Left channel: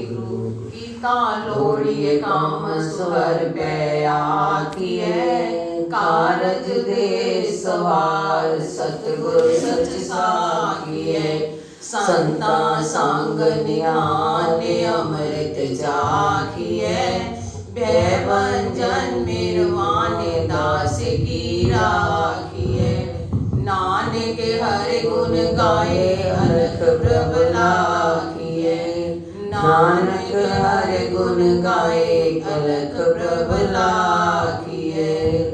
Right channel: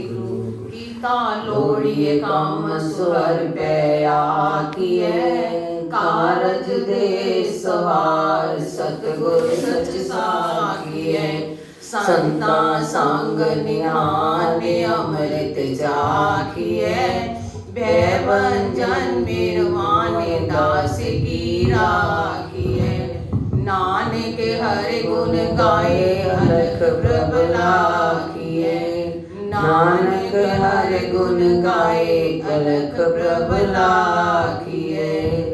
वाहिगुरु। कीता लोड़िए काम सुहर पे आखिए, कारज दे सवार सतगुर सच साखिए। संता संग निहाने अमृत चाखिए, भयभंजन मिरवाने दास की राखिए। नानक हरि गुण गाए अलख प्रभ लाखिए, नानक हरि गुण गाए अलख प्रभ लाखिए।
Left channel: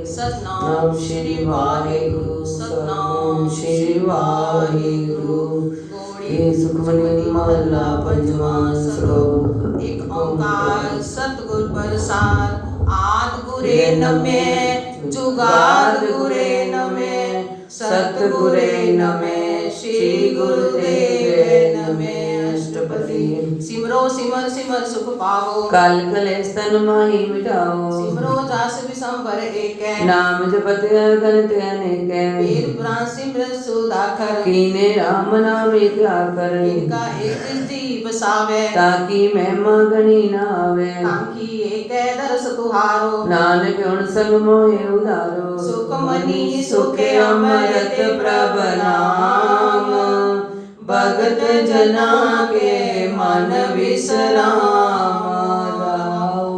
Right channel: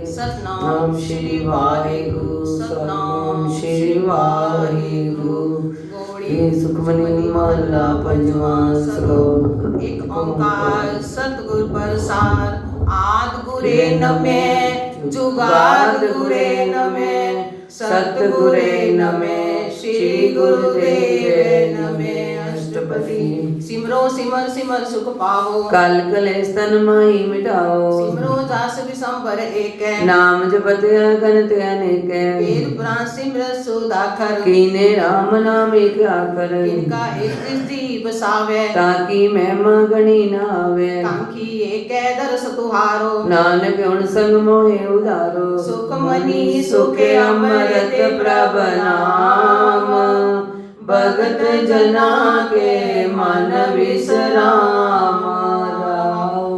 सतनाम श्री वाहिगुरु, सतनाम श्री वाहिगुरु। सुखमनी महला पंजवां श्लोक। एक ओंकार सतगुर प्रसाद, आद गुरे नमे जुगाद गुरे नमे, सतगुरे नमे श्री गुरुदेवे नमे। अष्टपदी। सिमरो सिमर सिमर सुख पाओ, कल कलेश तन माही मिटाओ। सिमरो जास विसंबर एक, नाम जपत गणत अनेक। वेद पुराण सिमरत सुधाकर, कीने राम नाम एक आकर। इनका एक दृष्टि बसावे, ताकि महिमा गणी न आवे। ताकि एक दरस तुहारो, नानक गुण संग मोहे उधारो। सुख मनी सुख अमृत प्रभ नाम, भगत जना के मन विश्राम।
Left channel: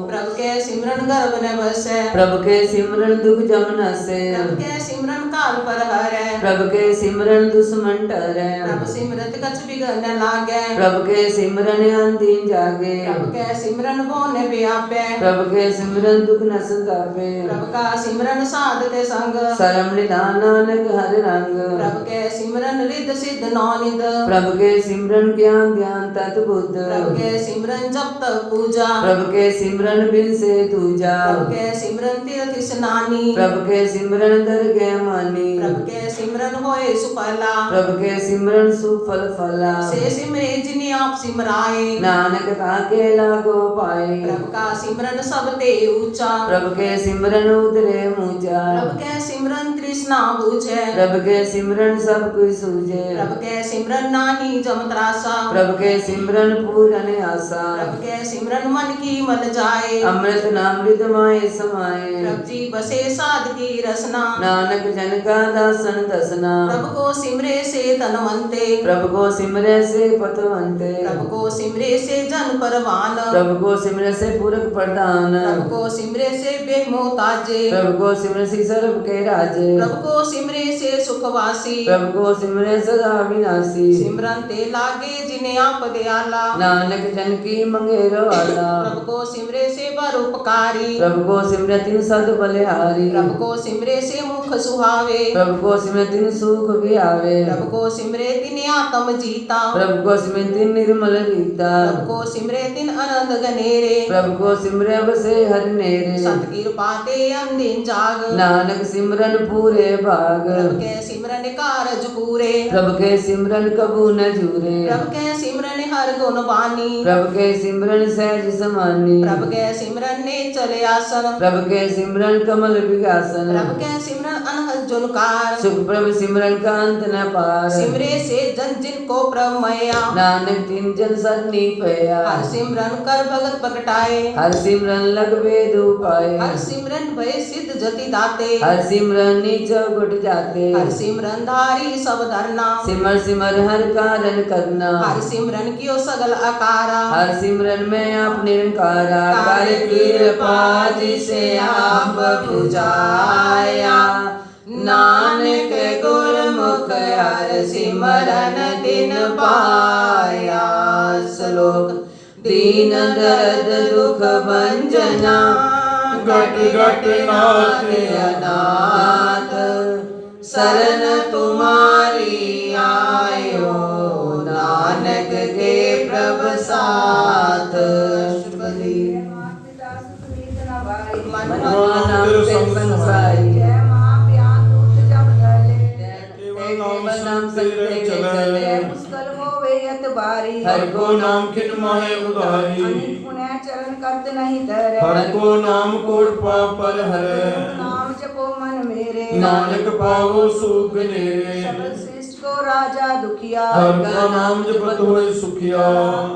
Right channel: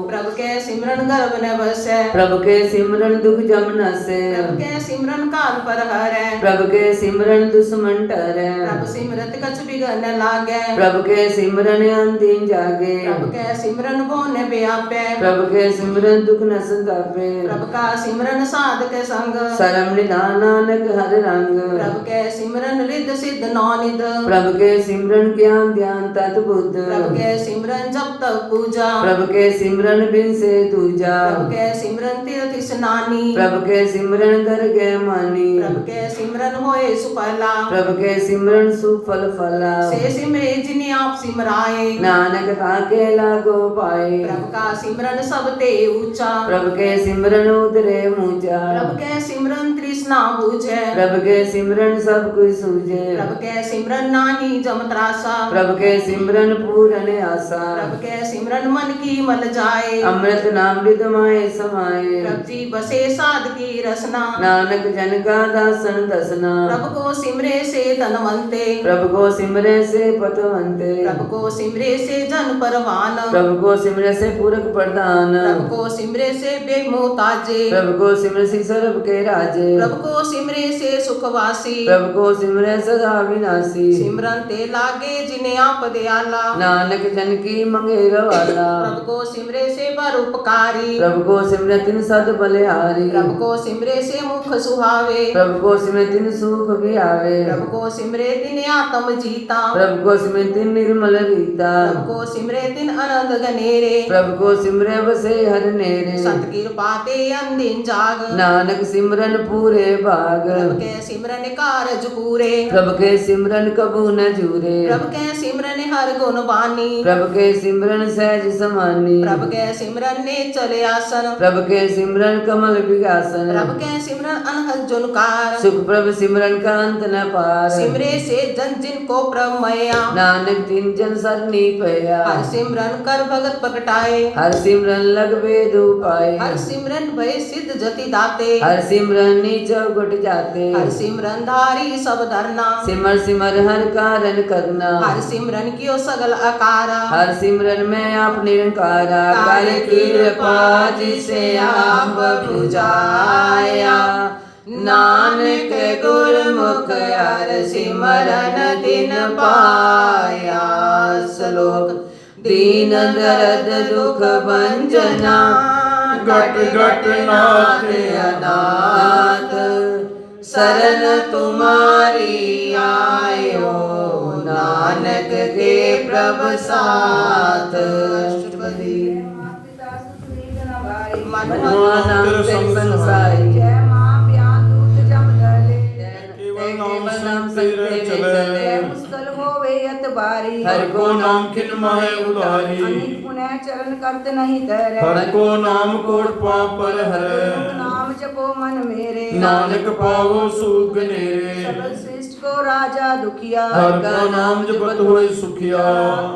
प्रभु के सिमरन गर्भ न बसै, प्रभु के सिमरन दुख जम नसै। प्रभु के सिमरन काल पर हरै, प्रभु के सिमरन दुश्मन डरै। प्रभु सिमरत कछ बिघन न लागै, प्रभु के सिमरन अंदीन जागे। प्रभु के सिमरन भुवन व्यापै, प्रभु के सिमरन दुख न संतापै। प्रभु का सिमरन साध के संग, सरम निधान नानक हर रंग। प्रभु के सिमरन रिद्ध सिद्ध नौनिध, प्रभु के सिमरन ज्ञान ध्यान तत् बुद्ध। प्रभु के सिमरन जप तप पूजा, प्रभु के सिमरन बिन से दूजा। प्रभु के सिमरन तीर्थ स्नानी, प्रभु के सिमरन दरगह मानी। प्रभु के सिमरन होए सुफला, प्रभु के सिमरन सुफल फला। से सिमरे जिन्हें आप सिमराए, नानक ताके लागो पाए। प्रभु का सिमरन सब ते ऊंचा, प्रभु के सिमरन उतरे ऊंचा। प्रभु के सिमरन तृष्णा बुझे, प्रभु के सिमरन सब कुछ सूझे। प्रभु के सिमरन नाहि जम त्रासा, प्रभु के सिमरन पूरन आशा। प्रभु के सिमरन मन की मल जाए, अमृत नाम मृत माए समाए। प्रभु जी बसे साध की रसना, नानक जन का दासन दसना। प्रभु को सिमरे से धनवंते, प्रभु को सिमरे से पतवंते। प्रभु को सिमरे से जन परवान, प्रभु को सिमरे से पूरक प्रधान। प्रभु को सिमरे से बेमोताजे, प्रभु को सिमरे से सर्व के राजे। प्रभु को सिमरे से सुखवासी, प्रभु को सिमरे सदा विनाशी। सिमरन ते लागे जिन्हें आप दयाला, नानक जन की मंगेर वाला। प्रभु को सिमरे से परोपकारी, प्रभु को सिमरे तिन सद बलिहारी। प्रभु को सिमरे से मुख सुहावे, प्रभु को सिमरे तिन सुख भी आवे। प्रभु को सिमरे तिन आत्म जीता, प्रभु को सिमरे तिन निर्मल रीता। प्रभु को सिमरे तिन अनंत गनेरे, प्रभु को सिमरे बसे हर नेरे। संत कृपा ते अंदिन जाग, नानक सिमरन पूरे भाग। प्रभु के सिमरन कारज पूरे, प्रभु के सिमरन कबू न जूरे। प्रभु के सिमरन हर गुण बानी, प्रभु के सिमरन सहज समानी। प्रभु के सिमरन ने चले आसन, प्रभु के सिमरन कमल विगासन। प्रभु के सिमरन अनहद जुनकार, सुख प्रभु सिमरन का अंत न पार। सिमरे से जन जिन को प्रभु मया, नानक तिन जन सरनी पया। हर सिमरन कर भगत प्रगटाए, हर सिमरन लग वेद पाए। हर सिमरन भय सिद्ध जति दाते, हर सिमरन नीच गुट जाते। हर सिमरन धारी सब धरना, सिमर सिमर हर कारण करना। हर सिमरन कियो सगल अकारा, हर सिमरन में आप निरंकारा। कर कृपा जिसे आप बुझाया, नानक गुरमुख हर सिमरन दिन पाया। श्लोक। दीन दर्द दुख भंजना, घट घट नाथ अनाथ। शरण तुम्हारी आयो, नानक के प्रभु साथ। मनवानाम संसारी, केवल नाम संग चले। मुश्किल होवे अत बारी, हर को नाम खिन माहे उधारी। अनेक पुण्य चरण करत नहीं धरे, हर को नाम कोट पाप पर हरै। नाम जपो मन मेरे, नानक पावो सुख नेरे। सबल श्रेष्ठ को राजा दुखिया हर का नाम जपत होए सुखिया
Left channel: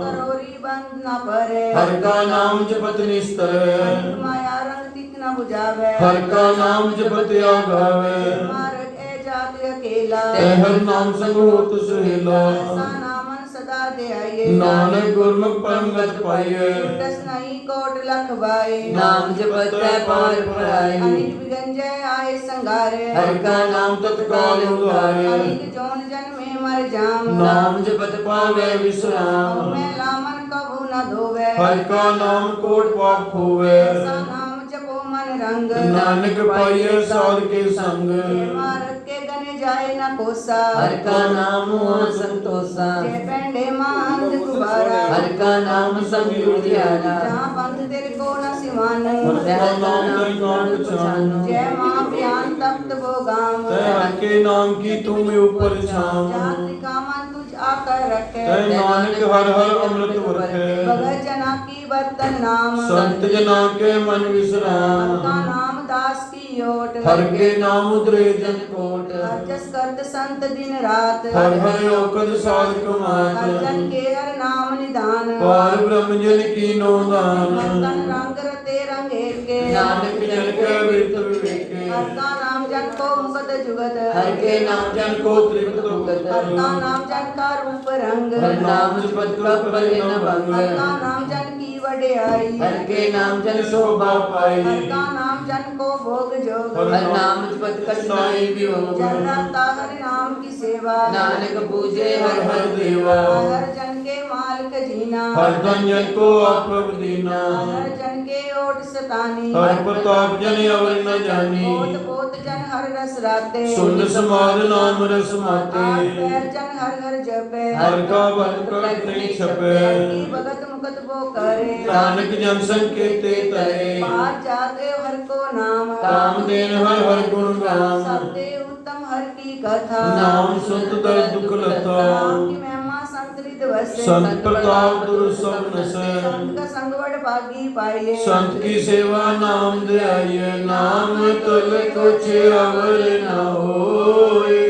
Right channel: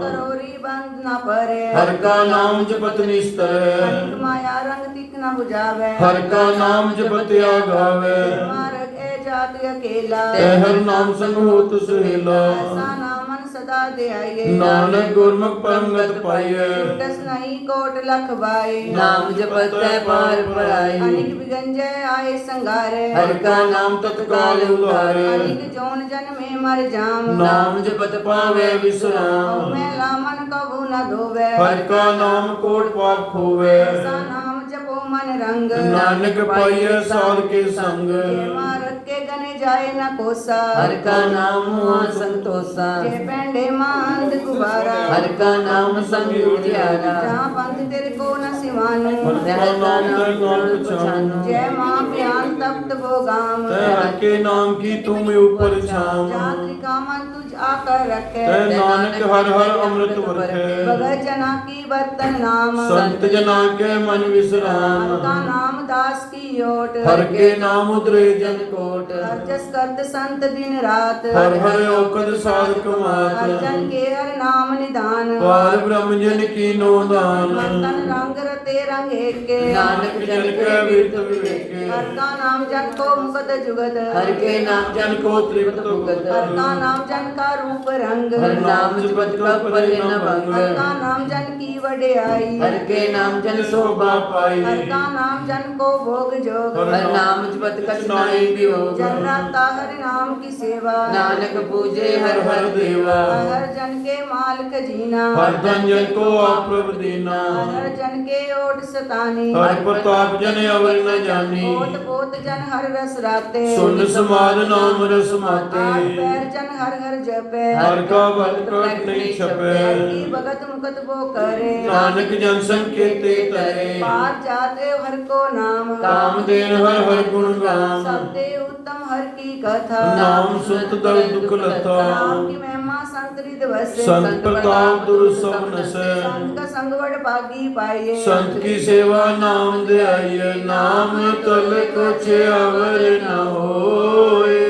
करोरी बंद न परे हर का नाम जपत निस्तर अनिक माया रंग तिक न बुझावे हर का नाम जपत आगावे मार्ग ए जात अकेला ते हर नाम संग होत सुहेला ऐसा नामन सदा दे आइए नानक गुरमुख परम गत पाइए दस नहीं कोट लख बाए नाम जपत है पार पराई अनिक विगंजय आए संगारे हर का नाम तत्काल उधारे अनिक जोन जन में मर जाम नाम जपत पावे विश्राम मैं लामन कबू न धोवे हर का नाम कोट पाप खोवे ऐसा नाम जपो मन रंग नानक पाइए साध के संग मारत के गने जाए न कोसा हर का नाम हुआ संतोषा के पेंडे मांद गुबारा हर का नाम संग उजियारा जहाँ पंथ तेरे को न सिवानु हर का नाम ते नाम पहचानो जय माँ प्यान तप्त वो गाम ते हर के नाम की तुम ऊपर छाम जाति का मन तुझ आकर रखे ते नानक हर हर अमृत वर्खे भगत जना की बर्तन नाम संत जना के मन विश्राम हर का नाम दास की ओट हर के नाम उतरे जन कोट हर जस करत संत दिन रात हर हर औकद साधक हर मात जन के हर नाम निदान पार ब्रह्म जन की नो दान तन रंग रते रंग एक के नानक जन के वित विवेके हर का नाम जन को मुकद जुगत हर के नाम जन को तृप्त भुगत हर का नाम जन का रूप रंग हर नाम जपत कब पले न भंग हर का नाम जन की वड्याई हर के नाम जन शोभा पाई हर का नाम जन को भोग जोग हर नाम जपत कठिनाई वियोग जन राता हर नाम की सेवा नानक पूजे हर हर देवा हर जन के मालिक जीना हर धन जन को आप प्रभु दीना हर जन के ओट सतानी हर प्रताप जन अवर न जानी ओट पोत जन हर रस राते सुन समाज नाम रस आठ माते पैर जन हर हर जपे हर का भक्त कट नहीं छपे हर की भगत मुकत वो करे नानक जन संकेते तरे पार जाते हर को नाम काम देन हर हर गुण गाम सबसे उत्तम हर की कथा नाम सुत दर दुख लता नाम की महिमा संत रिद वसे संत प्रताप दुर सब नसे संत का संगवड भागी पाइए संत की सेवा नाम दे आइए नाम तल कुछ अवर न होए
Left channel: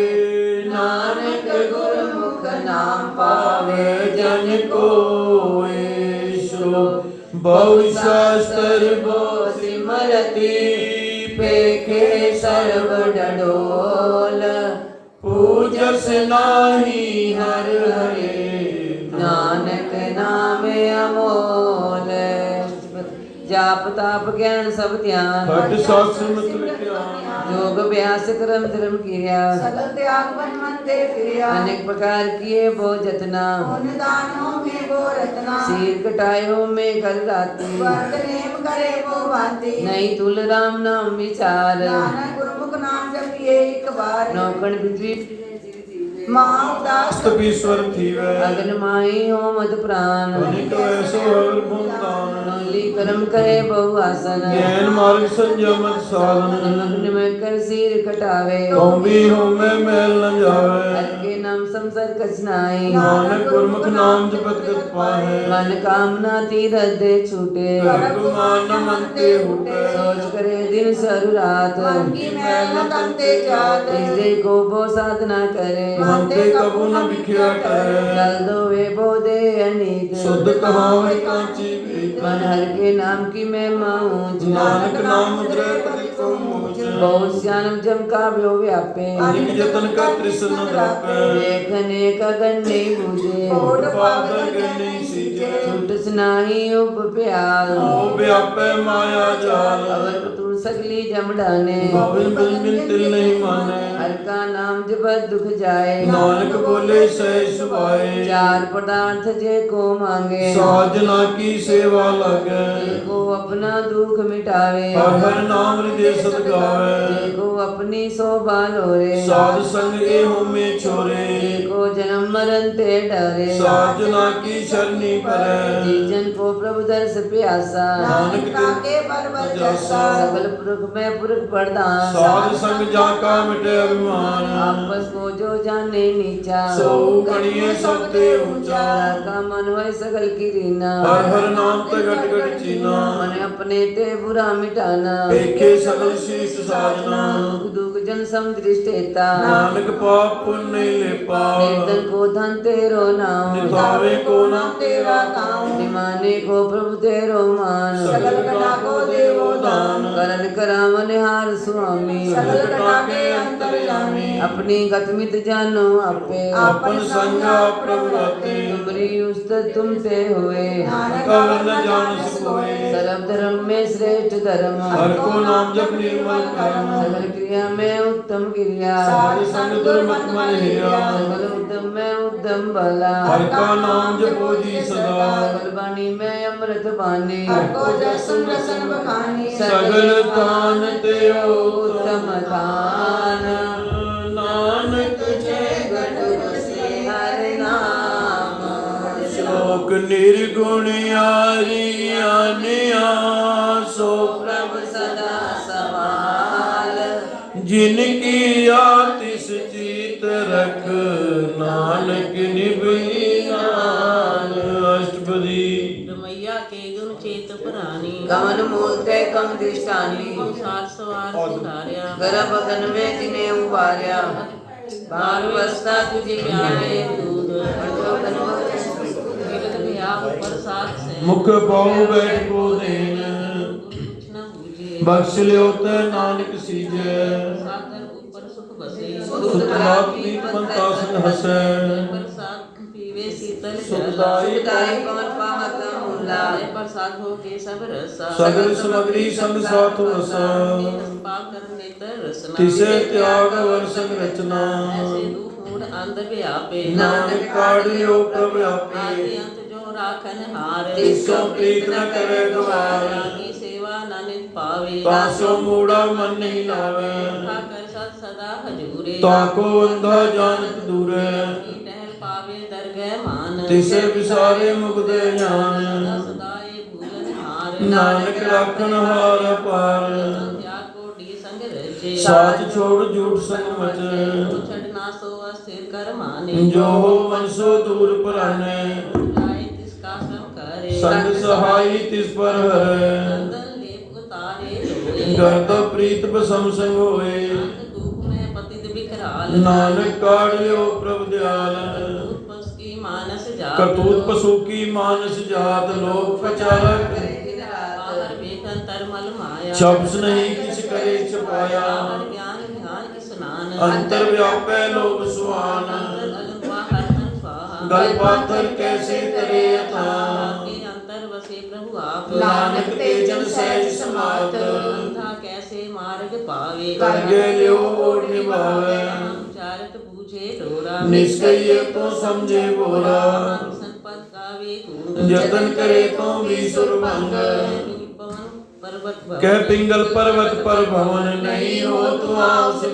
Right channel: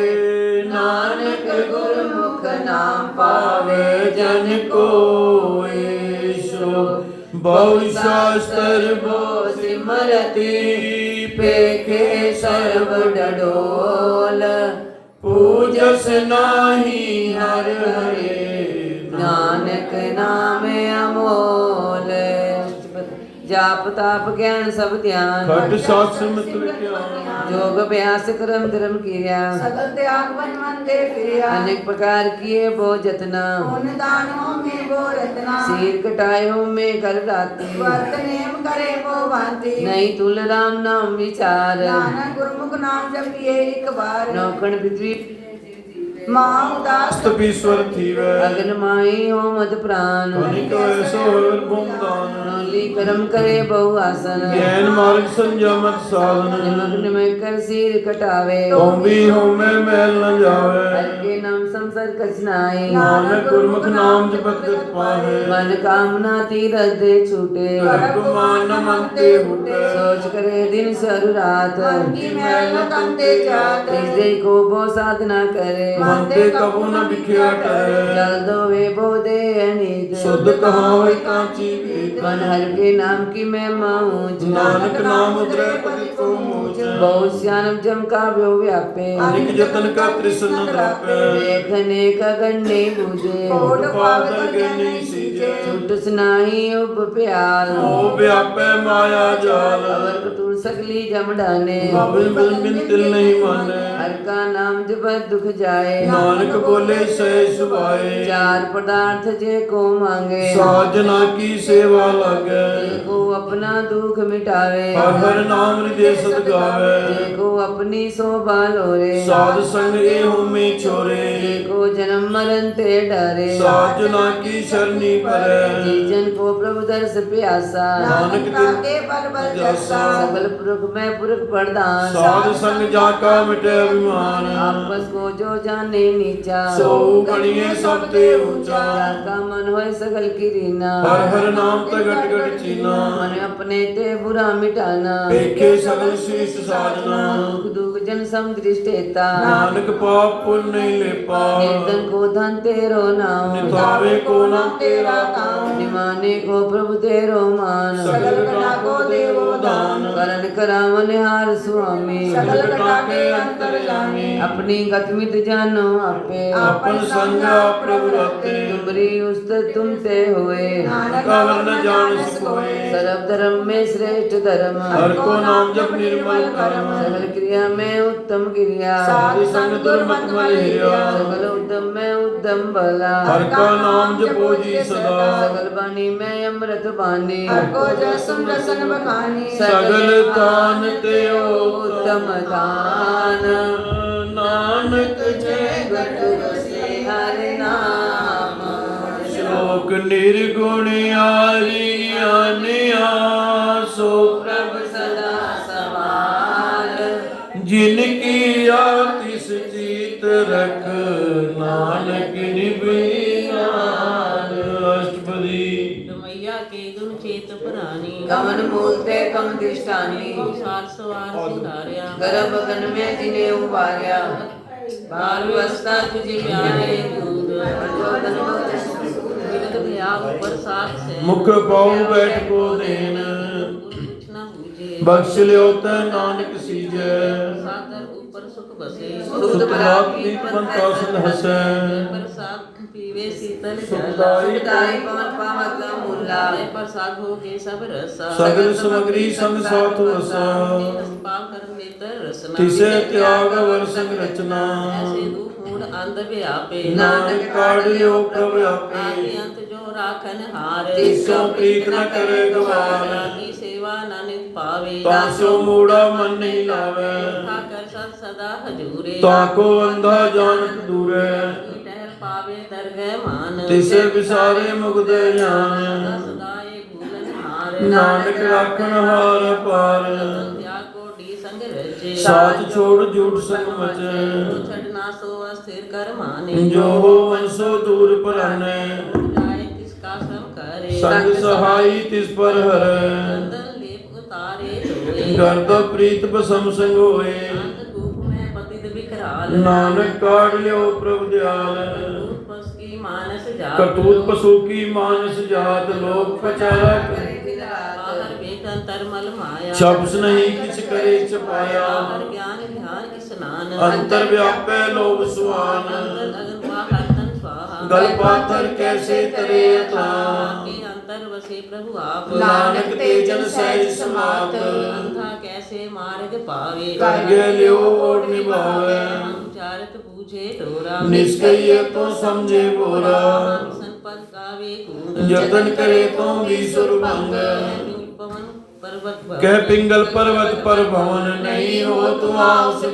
नानक गुरमुख नाम पावे जन कोए सो बहु शास्त्र बो सिमरति पेखे सर्व डडोल पूजस नाही हर हरे नानक नाम अमोल जाप ताप ज्ञान सब ध्यान खट शास्त्र मित्र ज्ञान योग अभ्यास कर्म धर्म क्रिया सगल त्याग बन मन दे क्रिया अनेक प्रकार किए बो जतना पुन दानों में वो रत्ना सिर कटायो में कर राती वर्त नेम करे वो भांति नहीं तुल राम नाम विचार नानक गुरमुख नाम जपिए एक बार नौकण पृथ्वी माँ उदास तपीश्वर थीवे अगन माई हो मद प्राण अनिक वैसो हर बुंदान नौली कर्म करे बहु आसन ज्ञान मार्ग संयमत साधन निमक निमक कर सिर कटावे तुम भी होमे मैल न जावे हर के नाम संसर कछनाई नानक गुरमुख नाम जपत गत पाहे मन कामना तीरथ दे छूटे गर्भ मान मनते हुटे सोच करे दिन सर रात मन की मैल न तंते जात हृदय को वो साधना करे मनते कबू न बिखिया टरे जल दो वे बो दे अनीत शुद्ध कहावे कांची भीत मन हर के नाम की मैं माऊच नानक नाम उतरे पति को मोच बहुत श्यानम जम का व्यो व्यापे अनिक जतन का तृष्ण द्रापे देखने का गन्ने बूझे कोट पादर गणी सीजे छुट सुनाई उब प्याल ओ व्यापे माया जाल अवर कतूर सकली जम डाने बिन बिन बिन तिल नहीं माने हर का नाम जपत दुख जाए नानक बोले सह सुभाए चार पदार्थ जे को मांगे साजना की सेवा लागे देखो अपना दुख मिटावे हर हर नाम हृदय सद गावे देखो अपनी शोभा लोरे साध संग ए में छोरे देखो जन्म मरण ते डरे साजना की शरणी परे जीजन को प्रभु दर्श प्यासा नानक के बल बल जैसा सकल पुरख में पुरख प्रधान साध संग जाका मिटे अभिमान आपस को जो जाने नीचा सो गणिये सबते ऊंचा जाका मन होय सगल की रीना हर हर नाम ते गट गट चीना मन अपने ते बुरा मिटाना देखे सगल शीश साजना दुख जन सम दृष्टेता नानक पाप पुण्य नहीं लेपा निर्धन को धन तेरो नाम निभावे को नाम तेरा काम निमाने को प्रभु तेरो मान सगल कला को देवो दान करण करावन हार स्वामी सगल कला के अंतर जाने अपनी गतमित जानो आपे अपन संग प्रभु रते तुमरी उस्त तुम ते हुए कवर न जान सकोए सर्व धर्म में श्रेष्ठ धर्म हर को नाम जप निर्मल कर्म सकल क्रिया में उत्तम क्रिया साधु संग दुर्मत मल हिया सकल उद्यम में उद्यम भला हर का नाम जपो जी सदा सकल वाणी में अमृत वाणी सगल तान ते उत्तम दान नानक जय गट बसे हर नाम शोक निर्गुण आरी अनिया सो प्रभु सदा समाल जिनकी आतिश जीत रख नानक निभियान अष्टपदी मैया के गुण चेत पुरानी कमन मूलते कम दिशानी सार सवार सुधार्या गर्भ गगन में तिने उबार्या बाल अवस्था तुझे आए दूध प्रचोदन विगत भया ऊपर साथ से मुख पाऊ बैठ को देन कुछ न बूझे बख्श लियो ते नानक सीजै सादर ऊपर सुख बसे सुत प्राप्ति पंता सन हसै प्रसाद पीवे शीतल जल सुखदाई सुखदाई पवन पावत मूला प्रसाद हो के सब रसा सगल सामग्री संग साथ रसा पाप कर नेत्र रसना तिसे त्याग वर संग रचना ऐसे रूप मूल अंध व्यापे नानक काढ़ लियो प्रभ आदि आपे अंत जो राखन हार तिसो प्रीत न करे गवार की सेवा नानित पावे तासो मूढ़ा मन नहीं लावे ठाकर सद सदा हजूरे ताको अंधा जानत दूरे की टहल पावे दरगह मान तिसे विसारे मुग्ध ज्ञान सदा सदा ये भूलन हार नानक राखन हार पार त्याग कोटि संग रचे साथ छोड़ झूठ संग मच छड़ना सो अस्थिर कर माने जो हो मन सो दूर पराने जाए किसका श्रम करे संग सहाई तिस पर हरै चंदन लेप उतारे धोए गर्द प्रीत बसम संग होए अंत धूप में पतित बिखराल नानक काढ़ लियो प्रभु दयाल दूत पस की मानस जा करतूत पशु की मानस जात लोक पचारा करे बाहर बेटन तरमल माया शब्द नहीं किछ करे छपाया बाहर ज्ञान ध्यान स्नान अंतर व्यापै लोभ सुहान अंतर अगन बाहर धन स्वाहा गल पाथर कैसे तरे था के अंतर बसे प्रभु आप नानक तेजन सहज समात अंधा कैसे मार्ग पावे करगे लियो और निभावे चारत बूझे तोरा निष्कय तो समझे बोरा संपद गावे गुण जतन करे तो विसुर भंग पवन पर्वत कह पिंगल पर्वत पर भवन नहीं हो तुम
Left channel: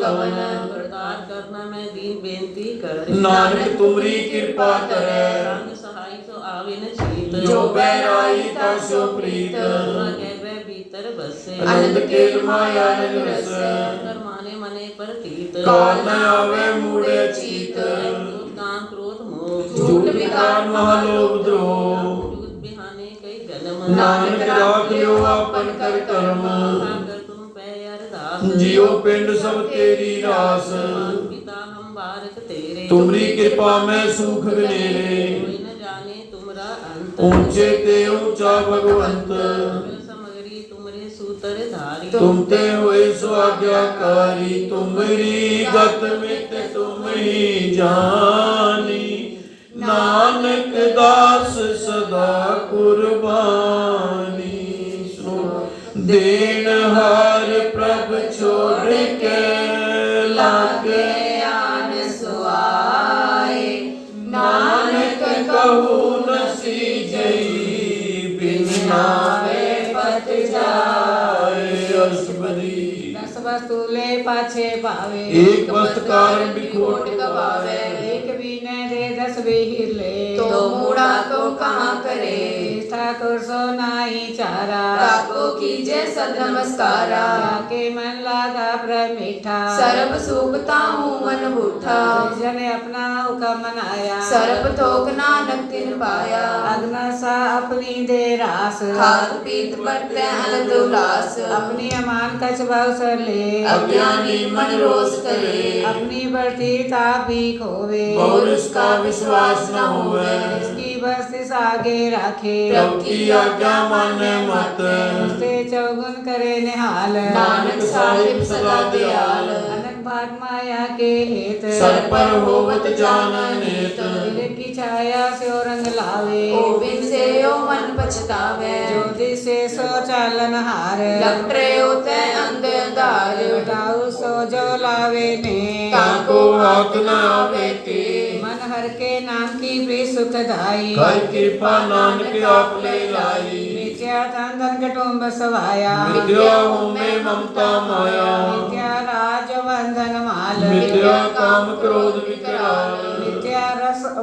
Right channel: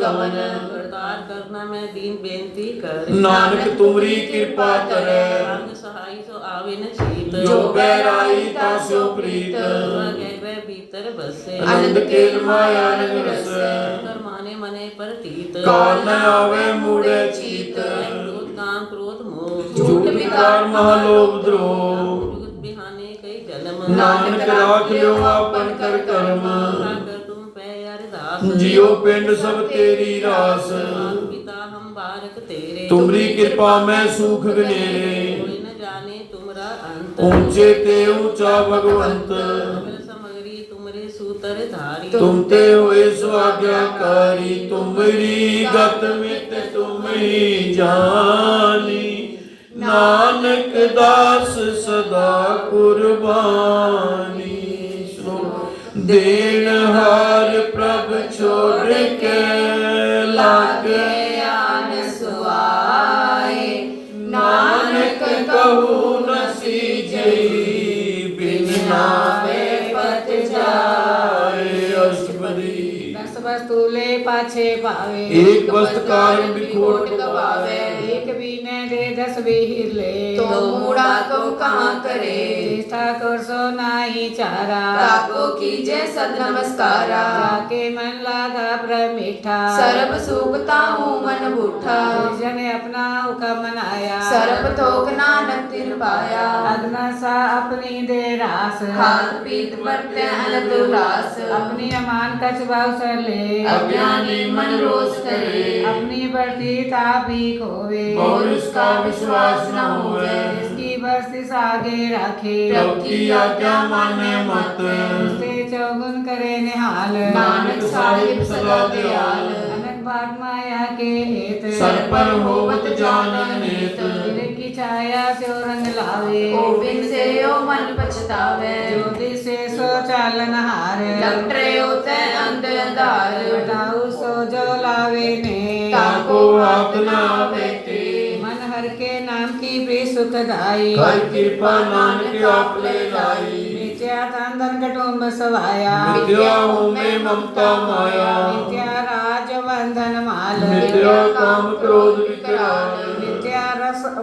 गमन करतार करना मैं दीन बेनती कर नानक तुमरी कृपा करे रंग सहाय तो आवे न छीत जो बैराई तासो प्रीत गए भीतर बसे आनंद केल माया नग रस कर माने मने प्रतीत काल न आवे मूढ़े चीत क्रोध काम क्रोध मोह झूठ विकार महालोभ द्रोह झूठ बिहाने कई जन्म नानक राख लियो आपन कर कर्म कर तुम पे अरदास जियो पिंड सब तेरी रास पिता हम बारक तेरे तुमरी कृपा में सुख गनेरे कोई न जाने तुमरा अंत ऊंचे ते ऊंचा भगवंत सकल सामग्री तुमरे सूतर धारी तुम ते हुए स्वाज्ञाकारी तुमरी गत मित तुम ही जानी नानक दास सदा कुर्बानी देन हार प्रभ छोड़ के लागे आन सुआए नानक कहू न सीजई बिन नावे पत जाए अष्टपदी दस वस्तुले पाछे पावे एक वस्त कारण बिखोट गवावे एक बीने दे जस विहिर ले। तो मूढ़ा तो कहाँ करे, ठाकुर सो नाई चारा। ताको कीजे सद नमस्कारा। जाके मन लागा प्रमीठा। सर्ब सुखता हूँ मन बूठा। जन अपना हुक्म मनाया। सर्प थोक नानक तिन पाया। अग्न सा अपनी दे रास। खाद पीत बरते अनंत उल्लास। अपनी अमान कछ बाउसर ले। अज्ञानी मन रोष करे। अपनी बढ़ती तापी खोवे। और इसका विश्वास न होवे। इसकी बस्तिस आगे राखे। प्रभु की आज्ञा माने मत। उससे चौगुन करे निहाल। नानक साहिब सदा दयाल। अनक भाग माया के हेत। सर पर होवत जान नेत। दिल की छाया से रंग लावे। गोविंद से यो मन पछतावे। ज्योति से सो चालन हार। लपटे होते अंधकार। बताऊ सो जो लावे ने। ताको हाथ न आवे ते। मन हर के नाम की प्रिय सुखदाई। कर कृपा नानक आप ले लाई। मिथ्या धन धन कटुम्ब सवाया। मिथ्या हो में ममता माया। मिथ्या राज बंधन माल। मिथ्या काम क्रोध विकराल।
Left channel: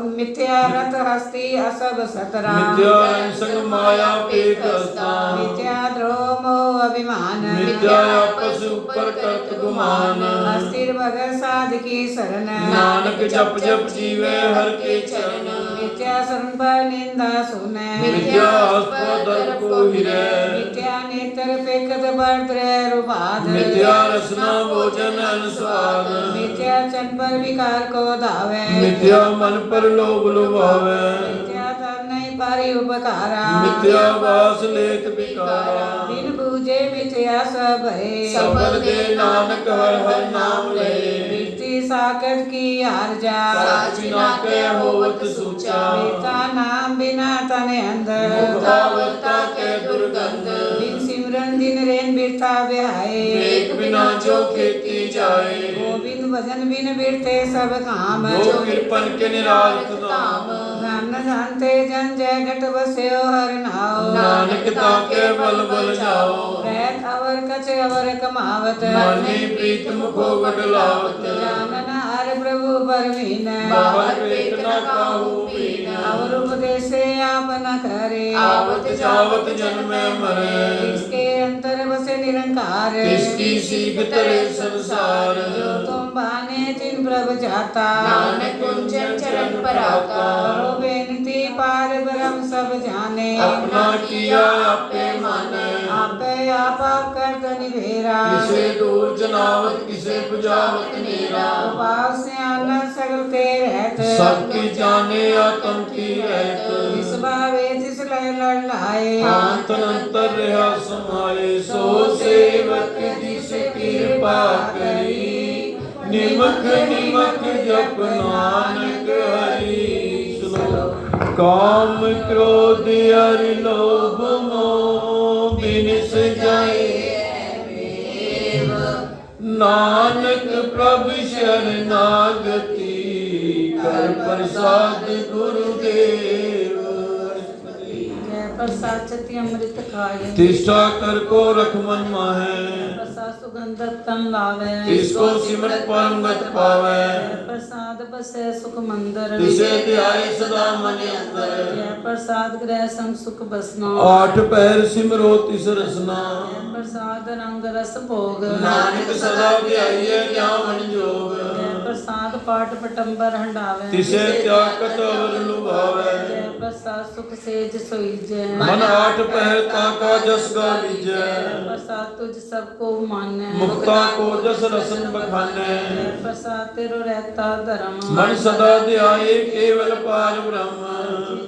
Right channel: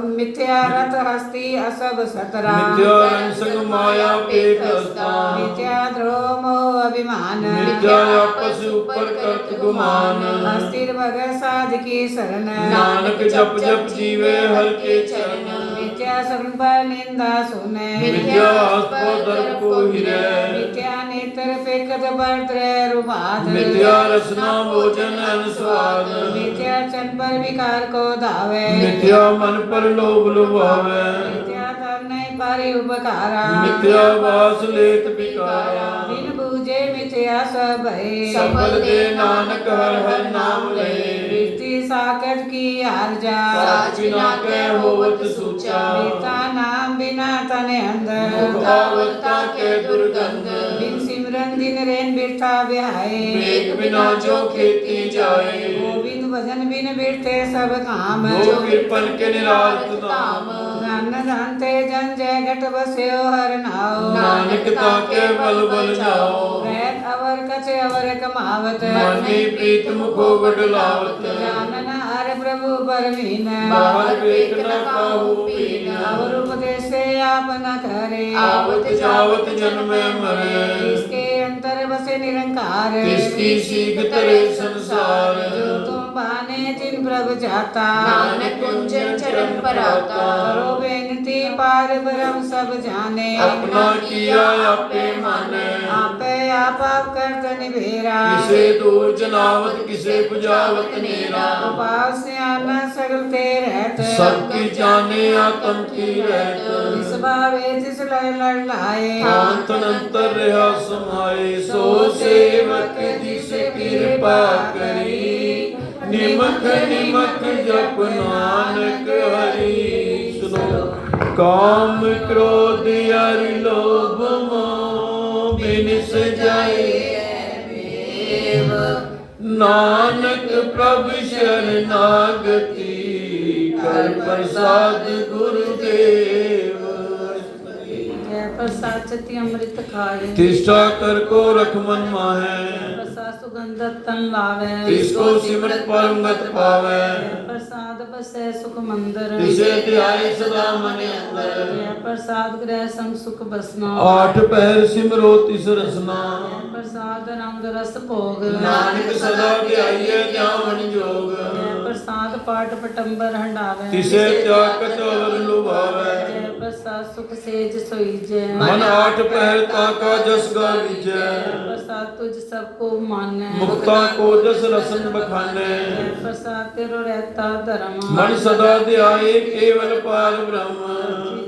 मिथ्या रथ हस्ती असब सतरा। मिथ्या रंग संग माया पेट स्थान। मिथ्या द्रोह मोह अभिमान। मिथ्या आपस ऊपर करत गुमान। अस्थिर भगत साध की शरण। नानक जप जप जीवे हर के चरण। मिथ्या शरण पर निंदा सुने। मिथ्या आस्पद दर्प को हिरे। मिथ्या नेत्र पेकत भद्र रूपाद। मिथ्या रसना भोजन अनुस्वाद। मिथ्या चन पर विकार को धावे। मिथ्या मन पर लोभ लुभावे। मिथ्या धन नहीं पारी उपकारा। मिथ्या वास लेत विकारा। बिन बूझे मिथ्या सब है। सफल दे नानक हर हर नाम ले। वृत्ति साकत की आर्जा। साच बिना के होवत सूचा। बेटा नाम बिना तने अंदर। मुखावता के दुर्गंध। बिन सिमरन दिन रेन बिरथा बिहाए। एक बिना जो खेती जाए। गोविंद भजन बिन बिरते सब काम। जो कृपन के निरालत नाम। धन जानते जन जगत बस्यो हर नाव। नानक ताके बल बल जाओ। रहत अवर कछ अवर कमावत। मनी प्रीत मुखो गडलावत। जानन हर प्रभु परमीन। बाहर पेट न काहू पीन। और उपदेश से आप न करे। आवत जावत जन्मे मरे। इसके अंतर बसे निरंकार। इसकी सीख तरे संसार। जो तुम बाने जिन प्रभु जाता। नानक कुंजन चरण पर आता। करो बेनती पार ब्रह्म सब जाने। अपना किया आपे माने। आपे आप करत निभेरा। किसे दूर जनावत किसे बुझावत नेरा। उपास से आनंद सगल ते रहत। सबकी जाने आत्म की रहत। जिस भावे जिस लय लड़ लाए। शांत अंतर रहा समाये। सो सेवक जिस कृपा करी। निमख निमख जप नानक हरि। सुनो। काम क्रोध अरि लोभ मोह बिनिस जाए। नानक प्रभु शरणागति। कर प्रसाद गुरुदेव। जय प्रसाद चति अमृत खाए। तिष्ठा कर को रख मन माहे। प्रसाद सुगंध तन लावे। इसको सिमरत परम गत पावे। जय प्रसाद बसे सुख मंदिर। तिसे ध्याय सदा मन अंदर। जय प्रसाद ग्रह संग सुख बसना। आठ पैर सिमरो तिस रसना। जय प्रसाद रंग रस भोग। नानक सदा ध्याइए ध्यान जोग। जय प्रसाद पाठ पटंबर हंडावे। तिसे त्याग कटवर लुभावे। जय प्रसाद सुख सेज सोईजै। मन आठ पहर ताका जस गालीजै। जय प्रसाद तुझ सबको मानै। मुक्ता को जस रसन बखाने। जय प्रसाद तेरो रहता धर्म। मन सदा ध्याये केवल पार ब्रह्म।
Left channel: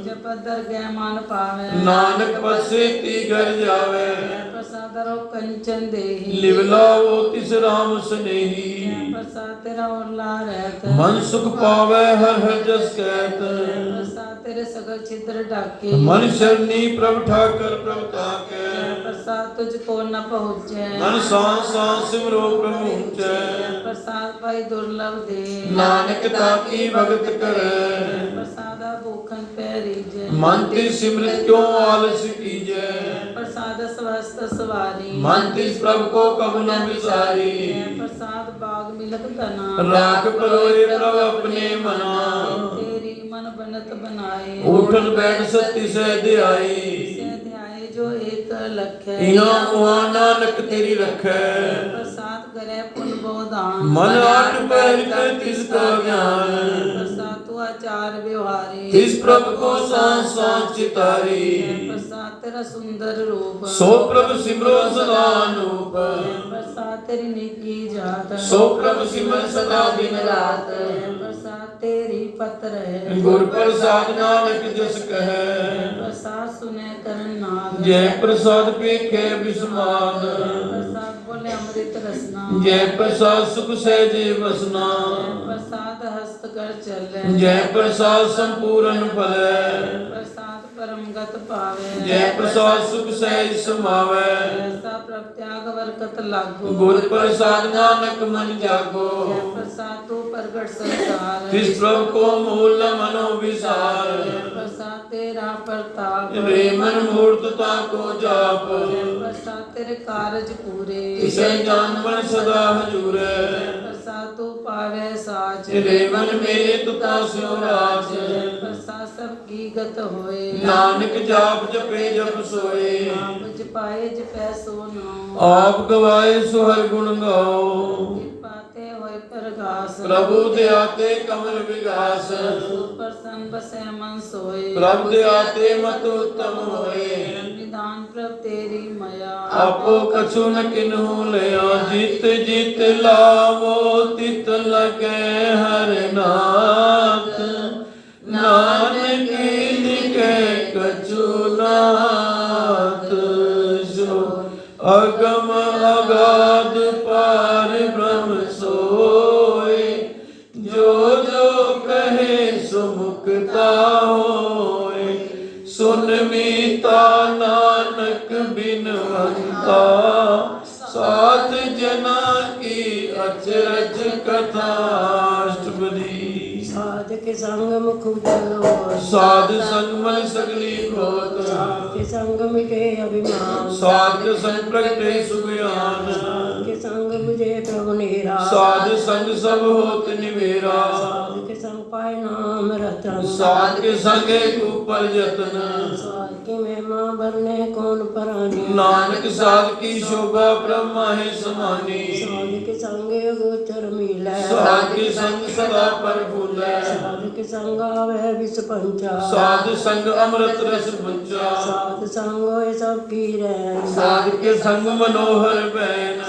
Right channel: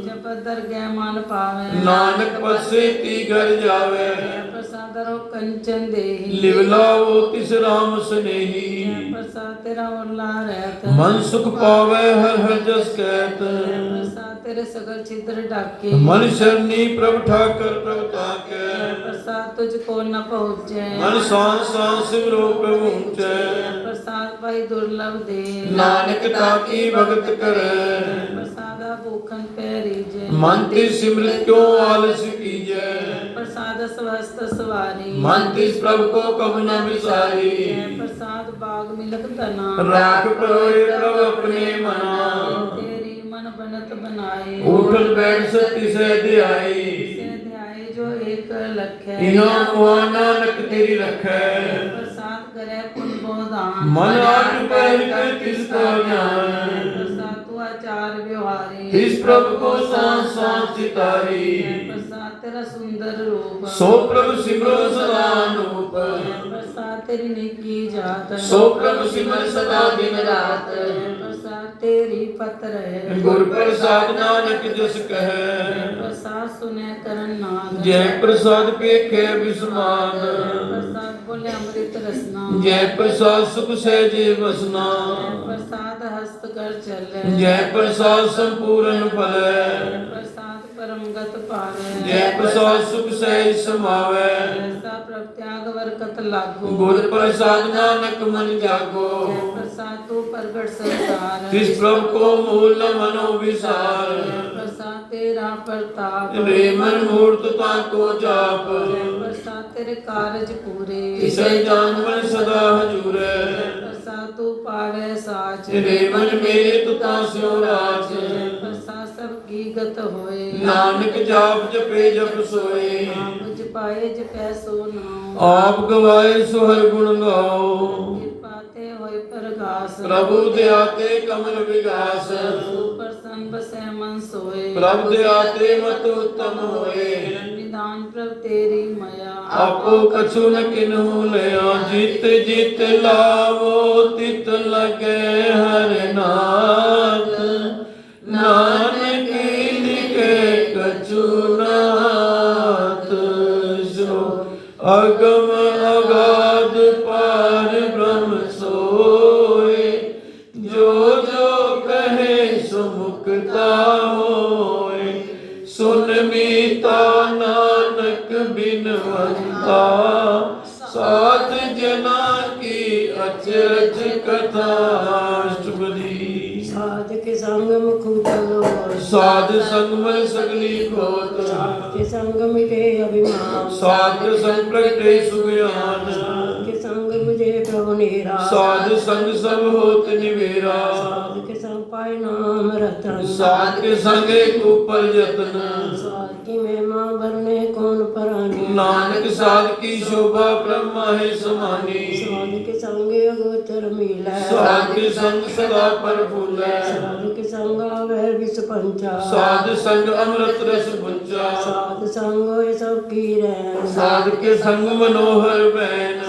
जप दरगह मान पावे। नानक पद से ती घर जावे। जय प्रसाद रो कंचन देहि। लिवलाओ तिस राम स्नेही। जय प्रसाद तेरा ओला रहत। मन सुख पावे हर हर जस कहत। जय प्रसाद तेरे सगल छिद्र ढाके। मन शरणी प्रभ ठाकर प्रभ ताके। जय प्रसाद तुझको न पहुँचे। मन सांस सांस सिमरो प्रभु ऊंचे। जय प्रसाद पाई दुर्लभ दे। नानक ताकी भगत करे। जय प्रसाद भूखन पैरीजै। मन तिस सिमरत क्यों आलस कीजै। जय प्रसाद स्वस्थ सवारी। मन तिस प्रभु को कब न विसारी। जय प्रसाद बाग मिलक तना। राख परोए प्रभु अपने मना। तेरी मन बनत बनाए उठन बैठ सती सहध्याई से ध्याए जो एक लख इहाँ उहाँ नानक तेरी रखै प्रसाद करे पुन बोधान मन आठ पैर कर तिसका ज्ञान प्रसाद तू आचार व्यवहारी तिस प्रभु को सांस सांस चितारी प्रसाद तेरा सुंदर रूप सो प्रभु सिमरो सदा अनूप प्रसाद तेरी निकी जात सो प्रभु सिमर सदा दिन रात प्रसाद तेरी पत्र है गुर प्रसाद नानक जस कहे प्रसाद सुने करन नाद जय प्रसाद पेखे बिस्माद प्रसाद बोले अमृत रसना जय प्रसाद सुख सहजे बसना प्रसाद हस्त कर चले जय प्रसाद संपूर्ण फलै प्रसाद परम गत पावे जय प्रसाद सुख सहज समावै ऐसा प्रत्याग बरकत लागो गुर प्रसाद नानक मन जागो प्रसाद तू प्रगट संसार तिस प्रभु को मूल न मनो विसार प्रसाद तेरा प्रताप रे मन मूर्तता को जाप प्रसाद तेरे कारज पूरे इसे जान मन सदा हजूरे प्रसाद तू पावे साच रे मन मेरे तुता स्यो राज प्रसाद सब की गत होए नानक जाप जपे जप सोए आप जपाए जपै सो नाम आप गवाए सो हर गुण गाओ पाते होए परगास प्रभु दयाते कमल विगास प्रसन्न बसै मन सोए प्रभु दयाते मत उत्तम होए निधान प्रभ तेरी मया आपो कछु न किन्हु लया जित जित लावो तित लगे हर नाथ नानक निके कछु नाथ सो अगम अगाध पार ब्रह्म सोए जो जो कहे सो मुक्ता होए सुन मीता नानक बिनवंता साध जना की अचरज कथा शुभदी साध के संग मुख उजलो साध संग मल सगली खोत के संग मिटे अभिमान साध संग प्रगटे सुज्ञान के संग मुझे प्रभु नेरा साध संग सब होत निवेरा साध के संग पाए नाम रतन साध के संग एक ऊपर जतन साध की महिमा भरने कौन परानी नानक साध की शोभा ब्रह्मा है समानी साध के संग गोचर मिले साध के संग सदा पर फूले साध के संग आवे विष पंचा साध संग अमृत रस पुंचा साध संग होए सब की रैन साध के संग मनोहर बैन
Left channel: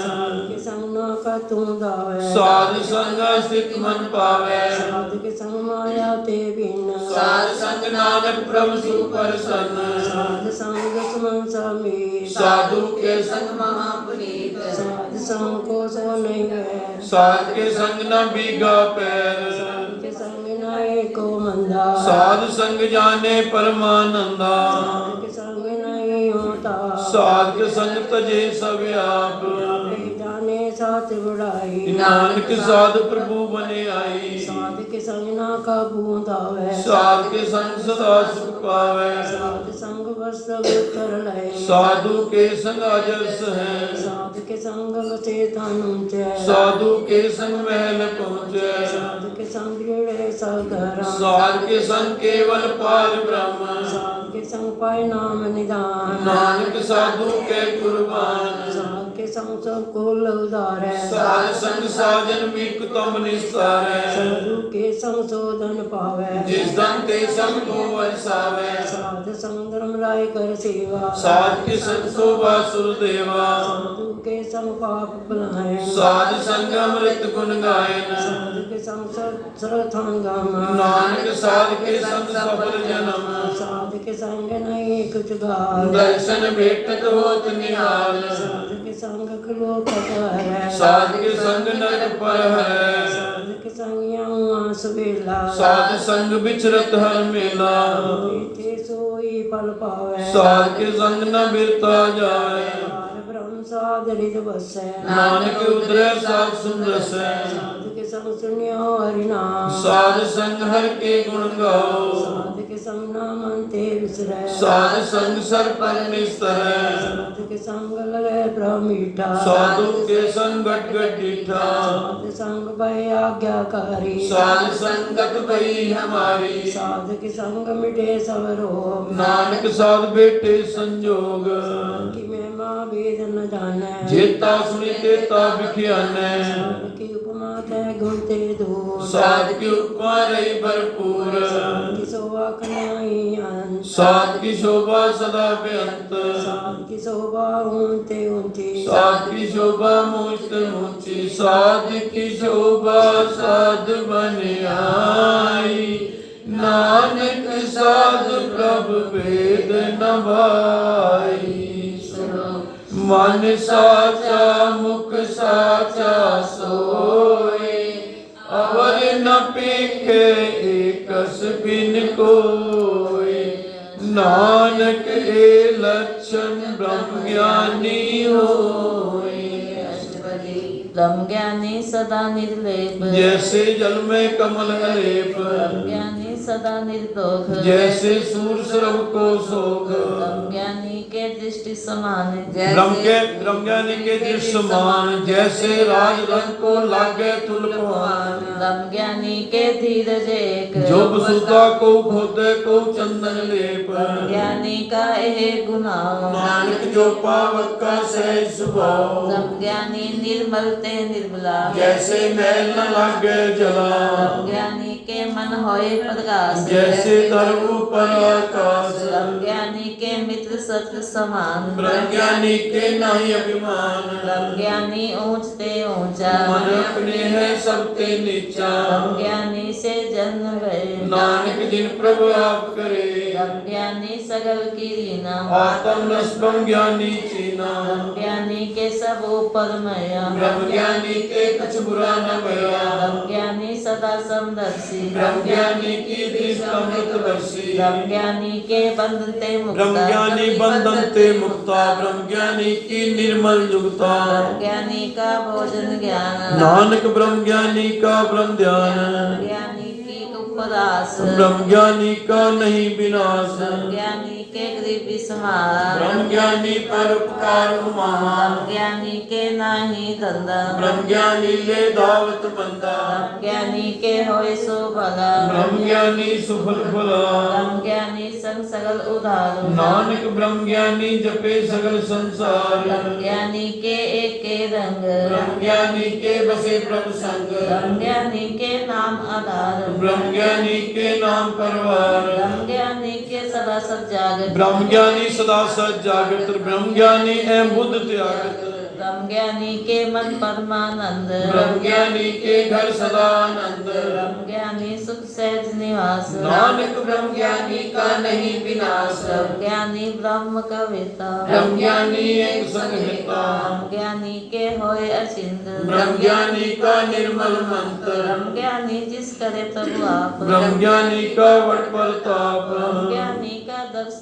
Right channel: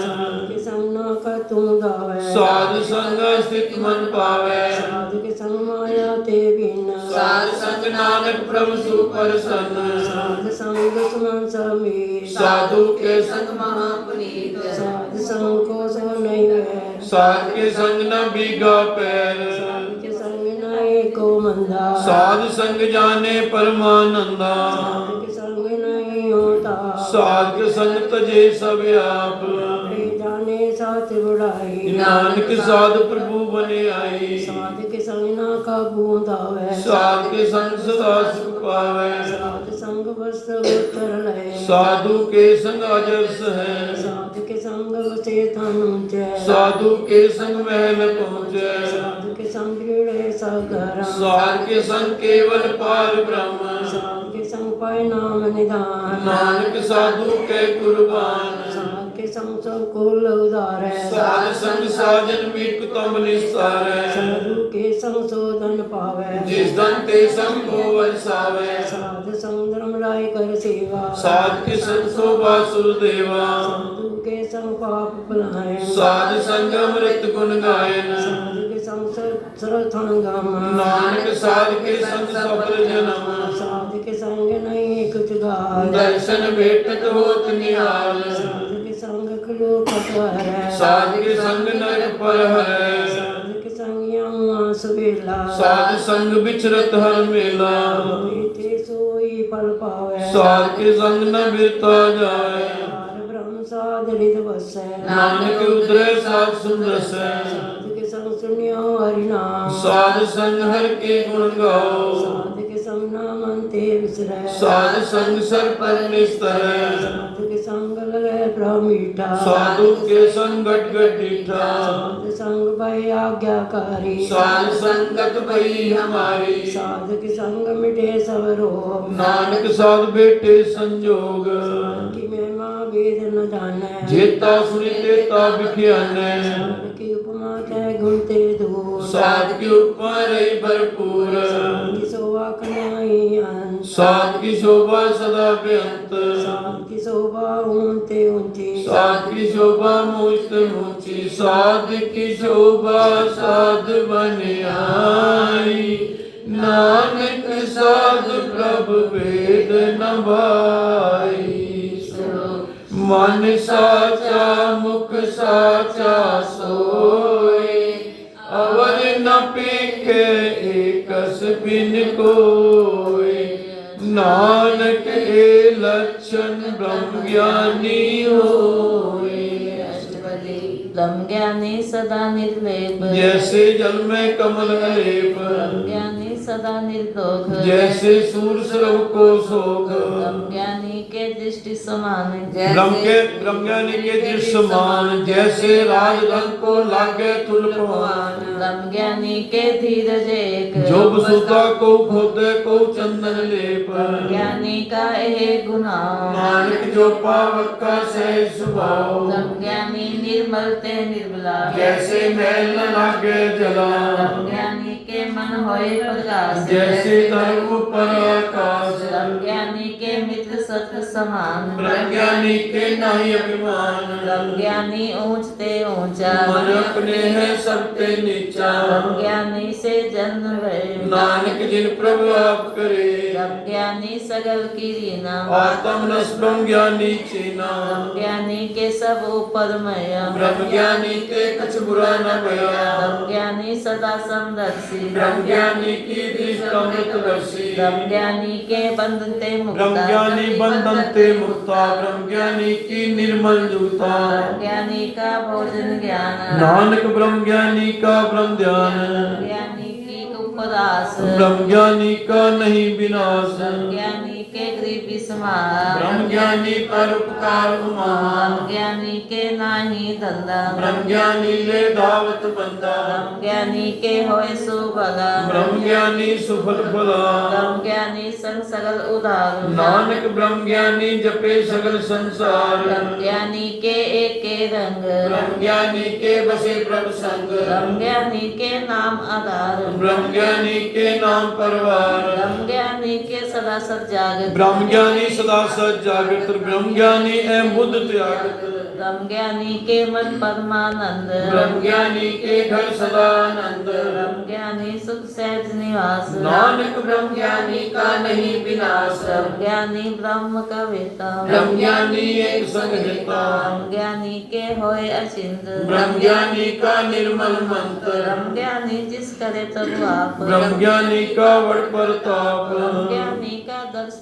के संग ना कर तुम दावे साध संग स्थित मन पावे साध के संग माया ते बिन साध संग नानक प्रभु सुप्रसन्न साध संग दुश्मन समीर साधु के संग महापुनीत साध संग को सो नहीं है साध के संग न बीगा पैर साध के संग न एको मंदा साध संग जाने परमानंदा साध के संग नहीं होता साध के संग तजे सब आप आपे जाने साथ बुढ़ाई नानक साध प्रभु बने आई साध के संग ना का बूंदावे साध के संग सदा सुख पावे साध संग बस कर ले साधु के संग अजस है साध के संग बसे तन ऊंचे साधु के संग महल पहुँचे साध के संग गिरे सब धर्म साध के संग केवल पार ब्रह्म साध के संग पाए नाम निदान नानक साधु के कुर्बान साध के संग सब कुल उदारे साध संग साजन मीक तम निस्तारे साधु के संग शोधन पावे जिस धन ते संग को वसावे साध संग धर्म राय कर सेवा साध के संग शोभा सुरदेवा साधु के संग पाप भुलाए साध संग अमृत गुण गायन साधु के संग सरथांगम नानक साध के संग सफल जन्म साध के संग नहीं कुछ गाल दर्शन भेटत होत निहाल साध के संग क्रो कटहर साध के संग नरक पर है साध के संग यहाँ सुबेला साध संग बिचरत हर मेला ते सोई फल पावे साध के संग न बिरता जाए पार ब्रह्म साध रिद बसै नानक उतरे साध सुंदर से साध के संग सुनियो हरि नाम साध संग हर के गुण गाओ साध के संग ना मन ते विसरै साध संग सर पर निस्तरै साधु के संग लगे प्रभु मीठा साधु के संगत गट डीठा साधु संग भय आज्ञाकारी साध संगत भई हमारी साधु के संग मिटे सब रोग नानक साध बेटे संजोग की महिमा वेद न जाने जेता सुनी तेता बिखियानै साध की उपमा तय गुण ते दूर साध की उपमा रही भरपूर की शोभा कनाई अंत साध की शोभा सदा बेअंत साध की शोभा ऊंचे ऊंची साध की शोभा मुझ ऊंची साध की शोभा साध बन आई नानक साध प्रभु वेद न भाई मन साचा मुख साचा सोए अवर न पेखे एकस बिन कोय नानक ए लक्षण ब्रह्म ज्ञानी होय ब्रह्म ज्ञानी सदा निर्लेप जैसे जल में कमल अलेप ब्रह्म ज्ञानी सदा निर्दोष जैसे सूर सरव को सोग ब्रह्म ज्ञानी के दृष्टि समान ब्रह्म ज्ञानी के दृश्य समान जैसे राज रंग को लागे तुलपवान ब्रह्म ज्ञानी के धीरज एक जो वसुधा को खोदे को चंदन लेप ज्ञानी का यह गुना नानक जो पावक का सहज स्वभाव ब्रह्म ज्ञानी निर्मल ते निर्मला जैसे मैल न लागे जला ब्रह्म ज्ञानी के मन होए प्रकाश जैसे धर्म पर आकाश ब्रह्म ज्ञानी के मित्र सत्य समान ब्रह्म ज्ञानी के नहीं अभिमान ब्रह्म ज्ञानी ऊंचते ऊंचा मन अपने है सबते नीचा ब्रह्म ज्ञानी से जन्म भय नानक जिन प्रभु आप करे ब्रह्म ज्ञानी सगल की रीना आत्म रस ब्रह्म ज्ञानी चीना ब्रह्म ज्ञानी के सब ऊपर मया ब्रह्म ज्ञानी के कुछ बुरा न भया ब्रह्म ज्ञानी सदा समदर्शी ब्रह्म ज्ञानी की दृष्टि अमृत वर्षी ब्रह्म ज्ञानी के बंधन ते ब्रह्म मुक्ता ज्ञानी बंधन ते मुक्ता ब्रह्म ज्ञानी की निर्मल जुगता ब्रह्म ज्ञानी का भोजन ज्ञान नानक ब्रह्म ज्ञानी का ब्रह्म ध्यान ज्ञानी की उपदास ब्रह्म ज्ञानी का नहीं विनाश ज्ञानी के गृह विस्मार ब्रह्म ज्ञानी पर उपकार महान ब्रह्म ज्ञानी के नाही धंधा ब्रह्म ज्ञानी ले दावत बंदा ब्रह्म ज्ञानी के होय सो भला ब्रह्म ज्ञानी सुफल फला ब्रह्म ज्ञानी संग सगल उधार नानक ब्रह्म ज्ञानी जपे सगल संसार ब्रह्म ज्ञानी के एक रंग ब्रह्म ज्ञानी के बसे प्रभु संग ब्रह्म ज्ञानी के नाम आधार ब्रह्म ज्ञानी के नाम परवार ब्रह्म ज्ञानी के सदा सब जागत ब्रह्म ज्ञानी सदा सच जागृत ब्रह्म ज्ञानी एवं बुद्ध त्यागत ब्रह्म ज्ञानी के मन परमानंद ब्रह्म ज्ञानी के घर सदा आनंद ब्रह्म ज्ञानी सुख सहज निवास नानक ब्रह्म ज्ञानी का नहीं विनाश ब्रह्म ज्ञानी ब्रह्म का वेता ब्रह्म ज्ञानी एक संहिता ब्रह्म ज्ञानी के होय अचिंत ब्रह्म ज्ञानी का निर्मल मंत्र ब्रह्म ज्ञानी जिस करे तब आप ब्रह्म ज्ञानी का वड़ प्रताप ब्रह्म ज्ञानी का दर्श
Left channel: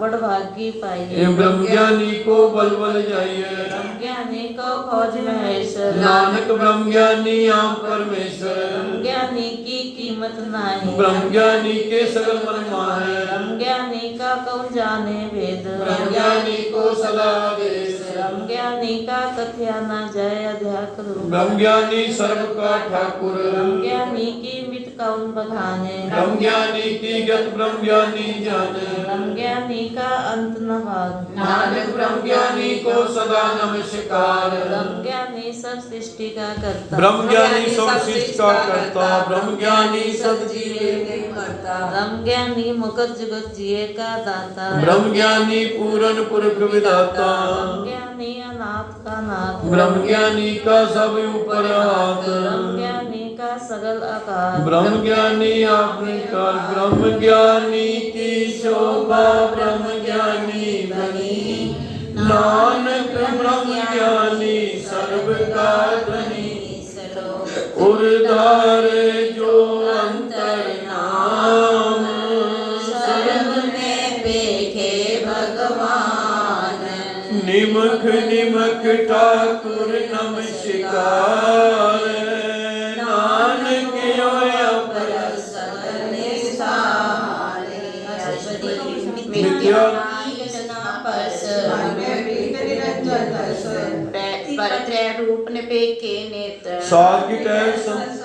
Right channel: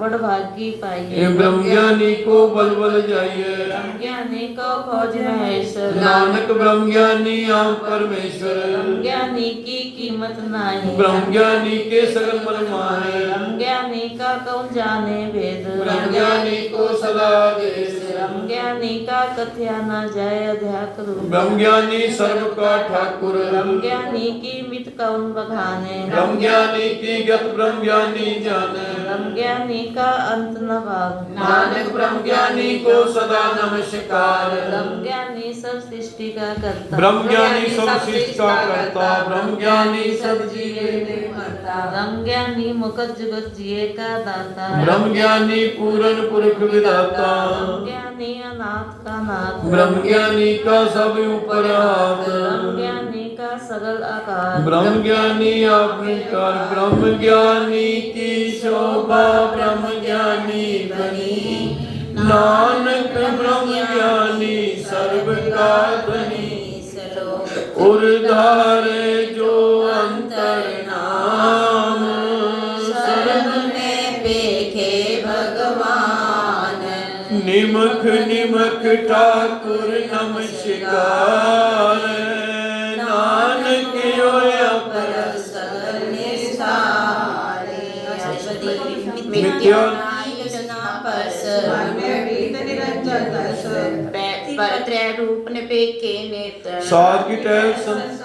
बड़ भागी पाइए ये ब्रह्म ज्ञानी को बल बल जाइए ब्रह्म ज्ञानी को खोज महेश्वर नानक ब्रह्म ज्ञानी आम परमेश्वर ब्रह्म ज्ञानी की कीमत नहीं ब्रह्म ज्ञानी के सगल मन माहे ब्रह्म ज्ञानी का कौन जाने वेद ब्रह्म ज्ञानी को सदा आदेश ब्रह्म ज्ञानी का कथ्या न जय अध्यात्म ब्रह्म ज्ञानी सर्व का ठाकुर ब्रह्म ज्ञानी की मित कौन बखाने ब्रह्म ज्ञानी की गत ब्रह्म ज्ञानी जाने ब्रह्म ज्ञानी का अंत न भाग नानक ब्रह्म ज्ञानी को सदा नमस्कार ब्रह्म ज्ञानी सब सृष्टि का करता ब्रह्म ज्ञानी सब सृष्टि का करता ब्रह्म ज्ञानी सब जीवे नहीं मरता ब्रह्म ज्ञानी मुकत जुगत जिए का दाता ब्रह्म ज्ञानी पूरन पुरख विधाता ब्रह्म ज्ञानी अनाथ का नाथ ब्रह्म ज्ञानी का सब ऊपर हाथ ब्रह्म ज्ञानी का सरल आकार ब्रह्म ज्ञानी आपने काल ब्रह्म ज्ञानी की शोभा ब्रह्म ज्ञानी बनी नानक ब्रह्म ज्ञानी सर्व का धनी उर्धारे जो अंतर नाम सर्व में देखे भगवान निमख निमख ठाकुर नमस्कार नानक होया पर सकल निसारे ਮਿਥਿਆ ਰਚਨਾ ਪਰਸ ਮਨ ਮੈਂ ਪ੍ਰੀਤ ਨਿਰੰਜਨ ਦਸ ਪਰ ਤ੍ਰੈ ਰੂਪ ਨਿਪੇਖੇ ਨੇਤਰ ਸਾਧ ਕੀ ਟਹਿ ਸੰਤ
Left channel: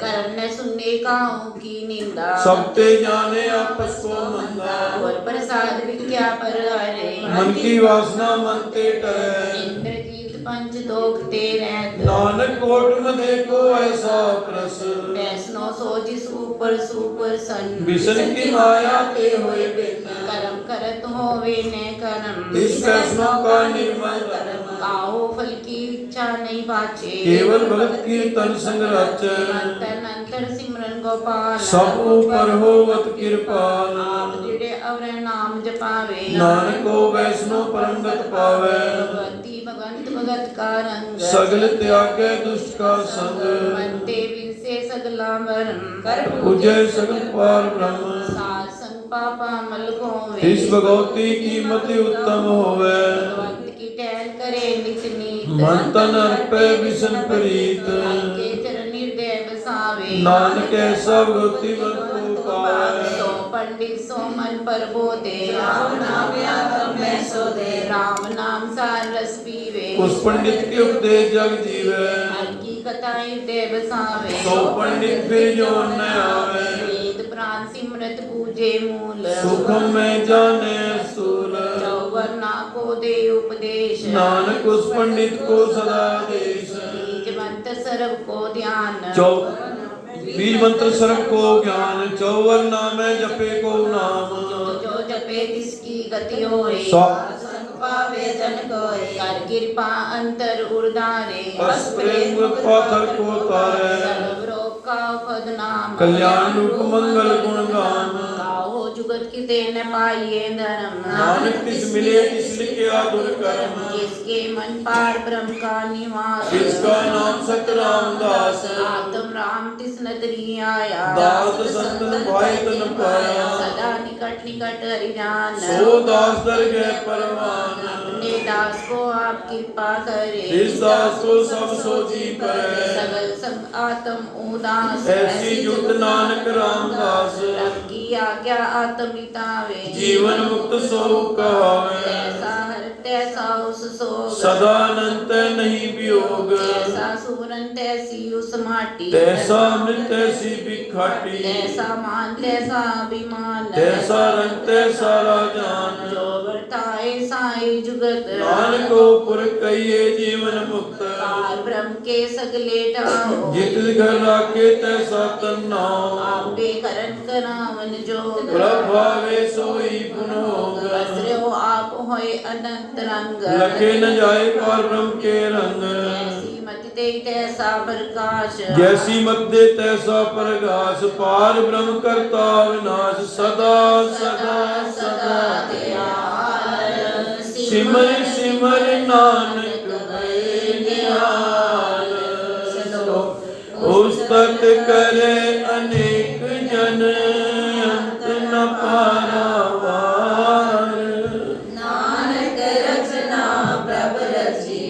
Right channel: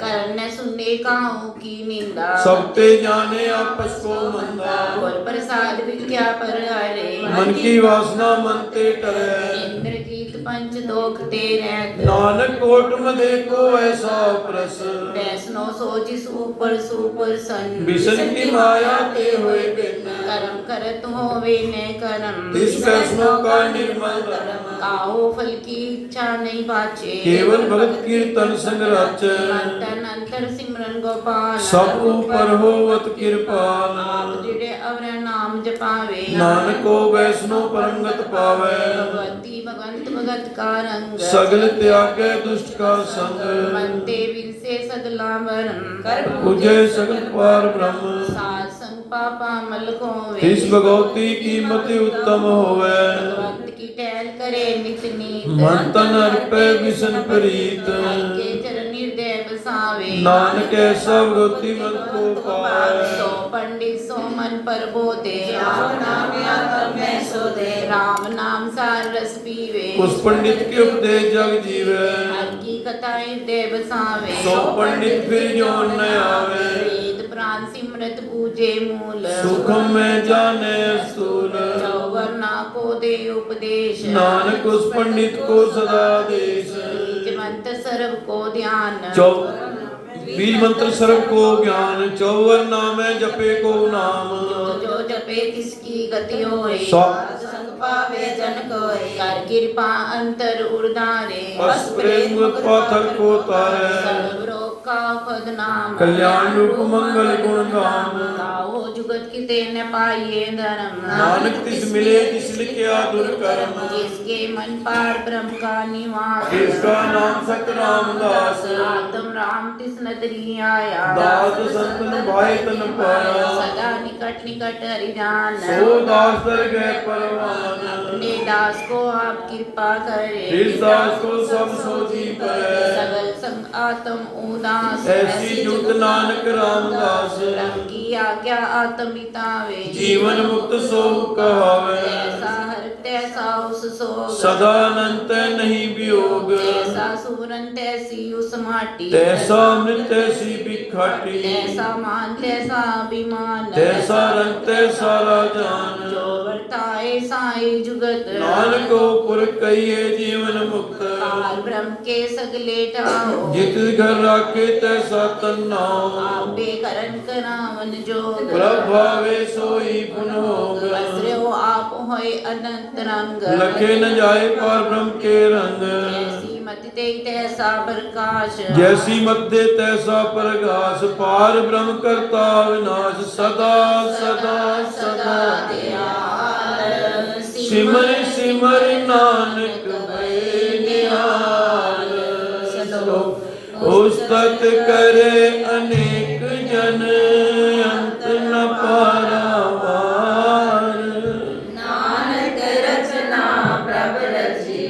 ਕਰਨ ਨੇ ਸੁਨੇ ਕਾਹੂ ਕੀ ਨਿੰਦਾ ਸਭ ਤੇ ਜਾਣੇ ਆਪਸ ਕੋ ਮੰਦਾ ਗੁਰ ਪ੍ਰਸਾਦ ਵਿਖਿਆ ਪਰ ਹਰੇ ਮਨ ਕੀ ਵਾਸਨਾ ਮਨ ਤੇ ਟਰੈ ਇੰਦਰ ਜੀਤ ਪੰਚ ਦੋਖ ਤੇ ਰਹਿਤ ਨਾਨਕ ਕੋਟ ਮਦੇ ਕੋ ਐਸਾ ਪ੍ਰਸ ਵੈਸਨੋ ਸੋ ਜਿਸ ਉਪਰ ਸੁਪਰ ਸੰ ਬਿਸ਼ਨ ਕੀ ਮਾਇਆ ਤੇ ਹੋਏ ਬਿਨ ਕਰਮ ਕਰਤ ਹੋਵੇ ਨੇ ਕਰਮ ਇਸ ਵੈਸਨੋ ਕਾ ਨਿਰਮਲ ਕਰਮ ਕਾਹੂ ਫਲ ਕੀ ਇੱਛਾ ਨਹੀਂ ਬਾਚੇ ਕੇਵਲ ਭਗਤ ਕੀਰਤਨ ਸੰਗ ਰਚ ਅੰਤਰ ਅੰਤਰ ਸਿਮਰਨ ਗੋਪਾਲ ਸਭ ਉਪਰ ਹੋਵਤ ਕਿਰਪਾਲ ਆਪ ਜਿਹੜੇ ਅਵਰ ਨਾਮ ਜਪਾਵੇ ਨਾਨਕ ਕੋ ਵੈਸਨੋ ਪਰੰਗਤ ਪਾਵੈ ਭਗਵੰਤੀ ਭਗਵੰਤ ਭਗਤ ਕਾ ਰੰਗ ਸਗਲ ਤਿਆਗੈ ਦੁਸ਼ਟ ਕਾ ਸੰਗ ਮਨ ਤੇ ਵਿਰਸੇ ਸਗਲਾ ਵਰਨ ਕਰ ਉਜੈ ਸਗਲ ਪਾਰ ਬ੍ਰਹਮ ਸਾਧ ਸੰਗ ਪਾਪਾ ਮਲ ਕੋਵੇ ਤਿਸ ਭਗਵਤੀ ਕੀਮਤੀ ਉੱਤਮ ਹੋਵੈ ਭਗਵੰਤ ਕੀ ਟਹਿਲ ਕਰੇ ਨਿਤ ਨੀਤ ਮਨ ਤਨ ਅਰਪੈ ਵਿਸ਼ਨ ਪ੍ਰੀਤ ਕੇ ਚਰਨ ਨਿਰਦੈ ਬਸਾਵੇ ਨਾਨਕ ਐਸਾ ਭਗਵਤੀ ਮਨ ਕੋ ਪਾਵੈ ਸੋ ਪੰਡਿਤ ਸੋ ਮਨ ਪਰਬੋਦੇ ਰਾਮ ਨਾਮ ਆਤਮ ਮੈਂ ਸੋ ਦੇ ਰਾਮ ਨਾਮ ਸਾਰ ਰਸ ਪੀਵੇ ਉਸ ਪੰਡਿਤ ਕੀ ਉਪਦੇਸ਼ ਜਗ ਜੀਵੈ ਹਰ ਕੀ ਕਥਾ ਹਿਰਦੈ ਬਸਾਵੇ ਸੋ ਪੰਡਿਤ ਫਿਰ ਜੋਨ ਨ ਆਵੈ ਵੇਦ ਪ੍ਰਾਨ ਸਿਮਰਤ ਪੂਜੇ ਮੂਲ ਸੁਖਮ ਮੈਂ ਜਾਣੈ ਸੂਲ ਚੌਵਰਨਾ ਕੋ ਦੇ ਉਪਦੇਸ਼ ਨਾਨਕ ਉਸ ਪੰਡਿਤ ਕੋ ਸਦਾ ਦੇਸ਼ ਬੀਜ ਮੰਤਰ ਸਰਬ ਕੋ ਧਿਆਨ बीज मंत्र सर्व को ज्ञान चौवन नामै जपे को नाम ਜੋ ਜਪੇ ਤਿਸ ਕੀ ਗति ਹੋਏ ਸੰਗ ਪਾਵੇ ਜਨ ਕੋਏ ਕਰ ਕਿਰਪਾ ਅੰਤਰ ਉਰਦਾਰੇ बस प्रेम पाथर को तारै ਸਰਬ ਰੋਗ ਕਾ ਪਦ ਨਾਮ कल्याण रूप मंगल गुण गाम ਕਾਹੋ जुगत किते न पाइए धर्म नानक तिस मिले तिस लिखिया दुर्कर्म जिसके मन पार ब्रह्म का निवास जिसका नाम सत रामदास आत्म राम तिस नदरी आया दास संतन भाई तन पाया सदा निकट निकट हरिजान सो दास दर गए परवान अपने दास को आप कृपा करे जिस दास को सब सोची करे सगल संग आत्म उदास ऐसी जुत नानक रामदास की आज्ञा आत्म बितावे जीवन मुक्त सो कहावे ऐसा हर तैसा उस सोग सदा अनंत नहीं वियोग ऐसा सुवरन तैसी उस माटी तैसा अमृत तैसी बिखाटी तैसा मान तैसा अभिमान तैसा रंग तैसा राजान जो वर्ताए साई जुगत नानक को पुर कहिए जीवन मुक्त काल ब्रह्म के सगले ठाओ जित घर राखे तैसा तन्नाओ आपे करन करावन जोग प्रभावे सोई पुन होग असरो आप होय अनंत रंग लखे न जाए पार ब्रह्म के रंग ऐसी मत ते तैसा प्रकाश जैसी मत दे तैसा प्रकाश पार ब्रह्म करता विनाश सदा सदा सदा दयाल सिमर सिमर नानक भय निहाल उस्तत करे अनेक जन अंत न पारावार नानक रचना प्रभ रची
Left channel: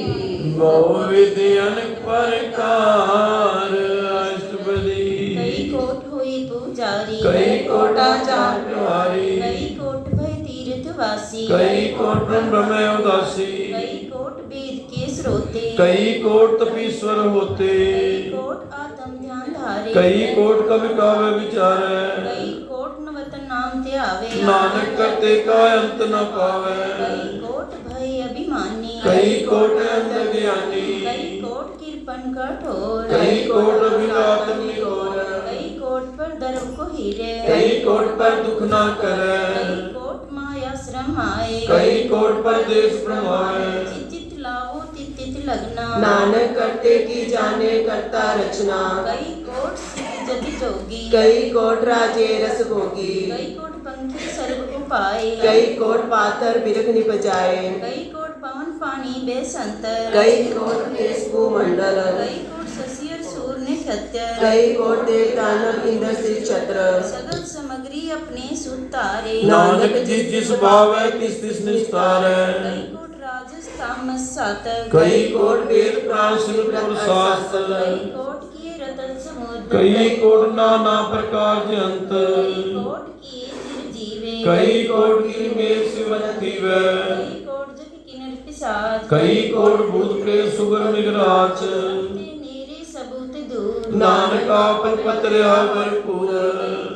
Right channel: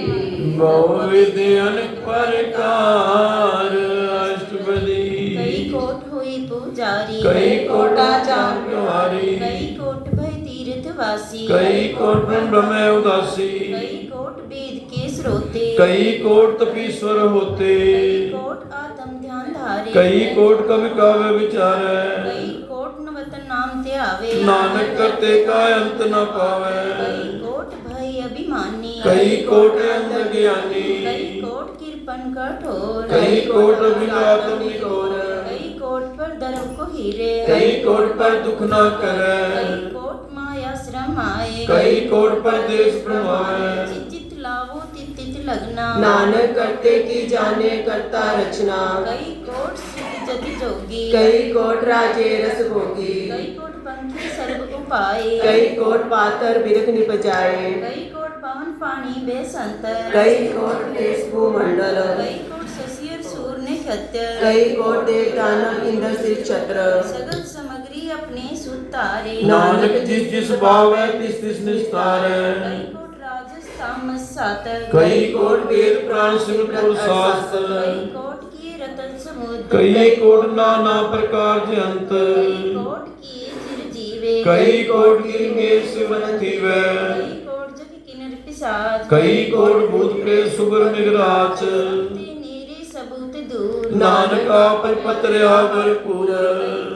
बहु विधि अनेक प्रकार अष्टपदी कई कोट हुई पुजारी कई कोटाचार तुम्हारी कई कोट भय तीर्थ वासी कई कोट ब्रह्म उदासी कई कोट वेद के स्रोते कई कोट तपीश्वर होते कई कोट आत्म ध्यान धारे कई कोट कवि काव्य विचारे कई कोट नवतन नाम ते आवे नानक करते का अंत न पावे कई कोट भय अभिमानी कई कोट अंध ज्ञानी कई कोट कृपन कठोर कई कोट विघातन निगोर कई कोट पर धर्म को हीरे कई कोट पर दुख न करे कई कोट माया श्रम आए कई कोट पर देश भ्रमाए चित लावो तित तित लगना नानक करते की जाने करता रचना कई कोट सिद्ध जति जोगी कई कोट राजे रस भोगी कई कोट पंखी सर्व उपाय कई कोट पातर बिरख निपजाए कई कोट पवन पानी बेसंतर कई कोट देश भूमंडल कई कोट शशि और सूर ने क्षत्य कई कोट देव दानव इंद्र श्री छत्र सगल सामग्री अपने सुतारे नानक जिस जिस भाव है तिस तिस निस्तार है कई कोट राजस तामस सातक कई कोट वेद प्राण शिवपुर शास्त्र कई कोट किए रतन समुद्र कई कोट नाना प्रकार जंत कई कोट किए फिर जीवे कई कोट की मेघ सिवंती वे कई कोट जग किन्नर पिशाच कई कोट भूत प्रेत सुगर मिगराच ते नीरे सबूत दूर नानका पत्रया भरपूर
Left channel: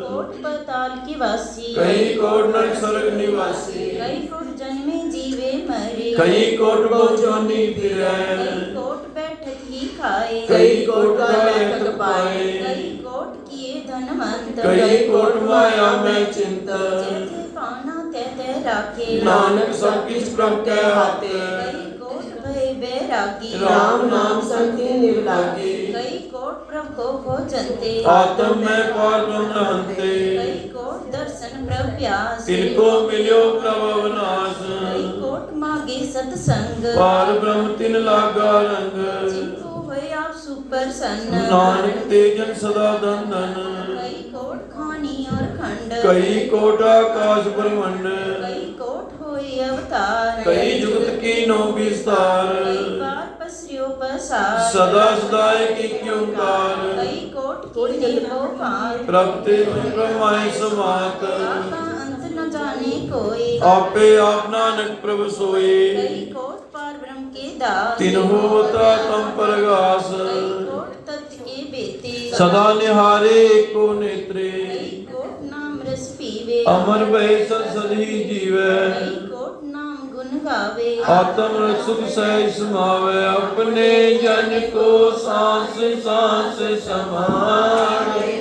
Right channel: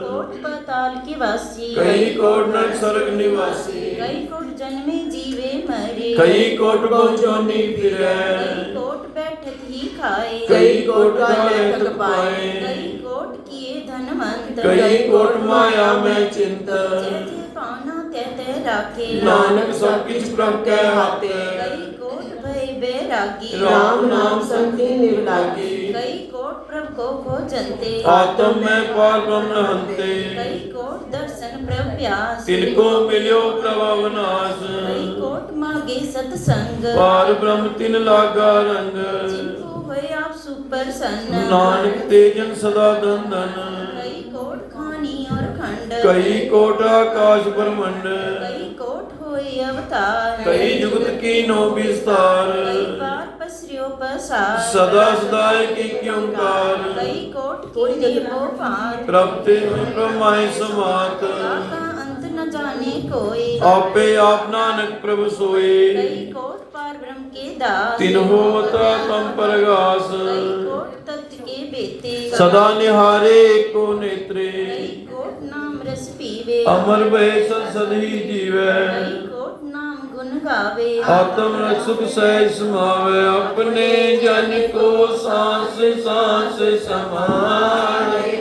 कोट पाताल की वासी कई कोट नरक स्वर्ग निवासी कई कोट जन्मे जीवे मरे कई कोट बहुजोनी फिरे कई कोट बैठक ही खाए कई कोट का लेखक पाए कई कोट किए धनवंत कई कोट माया में चिंत जैसे पाना कहते राखे नानक सब किछ प्रभ के हाथे कई कोट भय बैरागी राम नाम संति निवलागी कई कोट प्रभु को खोजंते आत्म में पार ब्रह्म हंते कई कोट दर्शन प्रभु प्यास तिनको मिल्यो प्रभव नाश कई कोट मागे सत्संग पार ब्रह्म तिन लागा रंग जिनको हुए आप सुप्रसन्न नानक तेजन सदा दंदन कई कोट खानी और खंड कई कोट आकाश ब्रह्मंड कई कोट होए अवतार कई जुगत की नो विस्तार कई बार पसरियो पसार सदा सदाए की क्योंकार कई कोट की वो पार प्रभते ब्रह्माय समात आपका अंत न जाने कोई आपे आप नानक प्रभु सोए कई कोट पार ब्रह्म के दास तिन होता तम परगास कई कोट तत्व के बेते सदा निहारे एको नेत्रे कई कोट नाम रस पीवे अमर भय सदी जीवे कई कोट नाम गुण गावे आत्म रस सुख सहज समावे अपने जन को सांस सांस समारे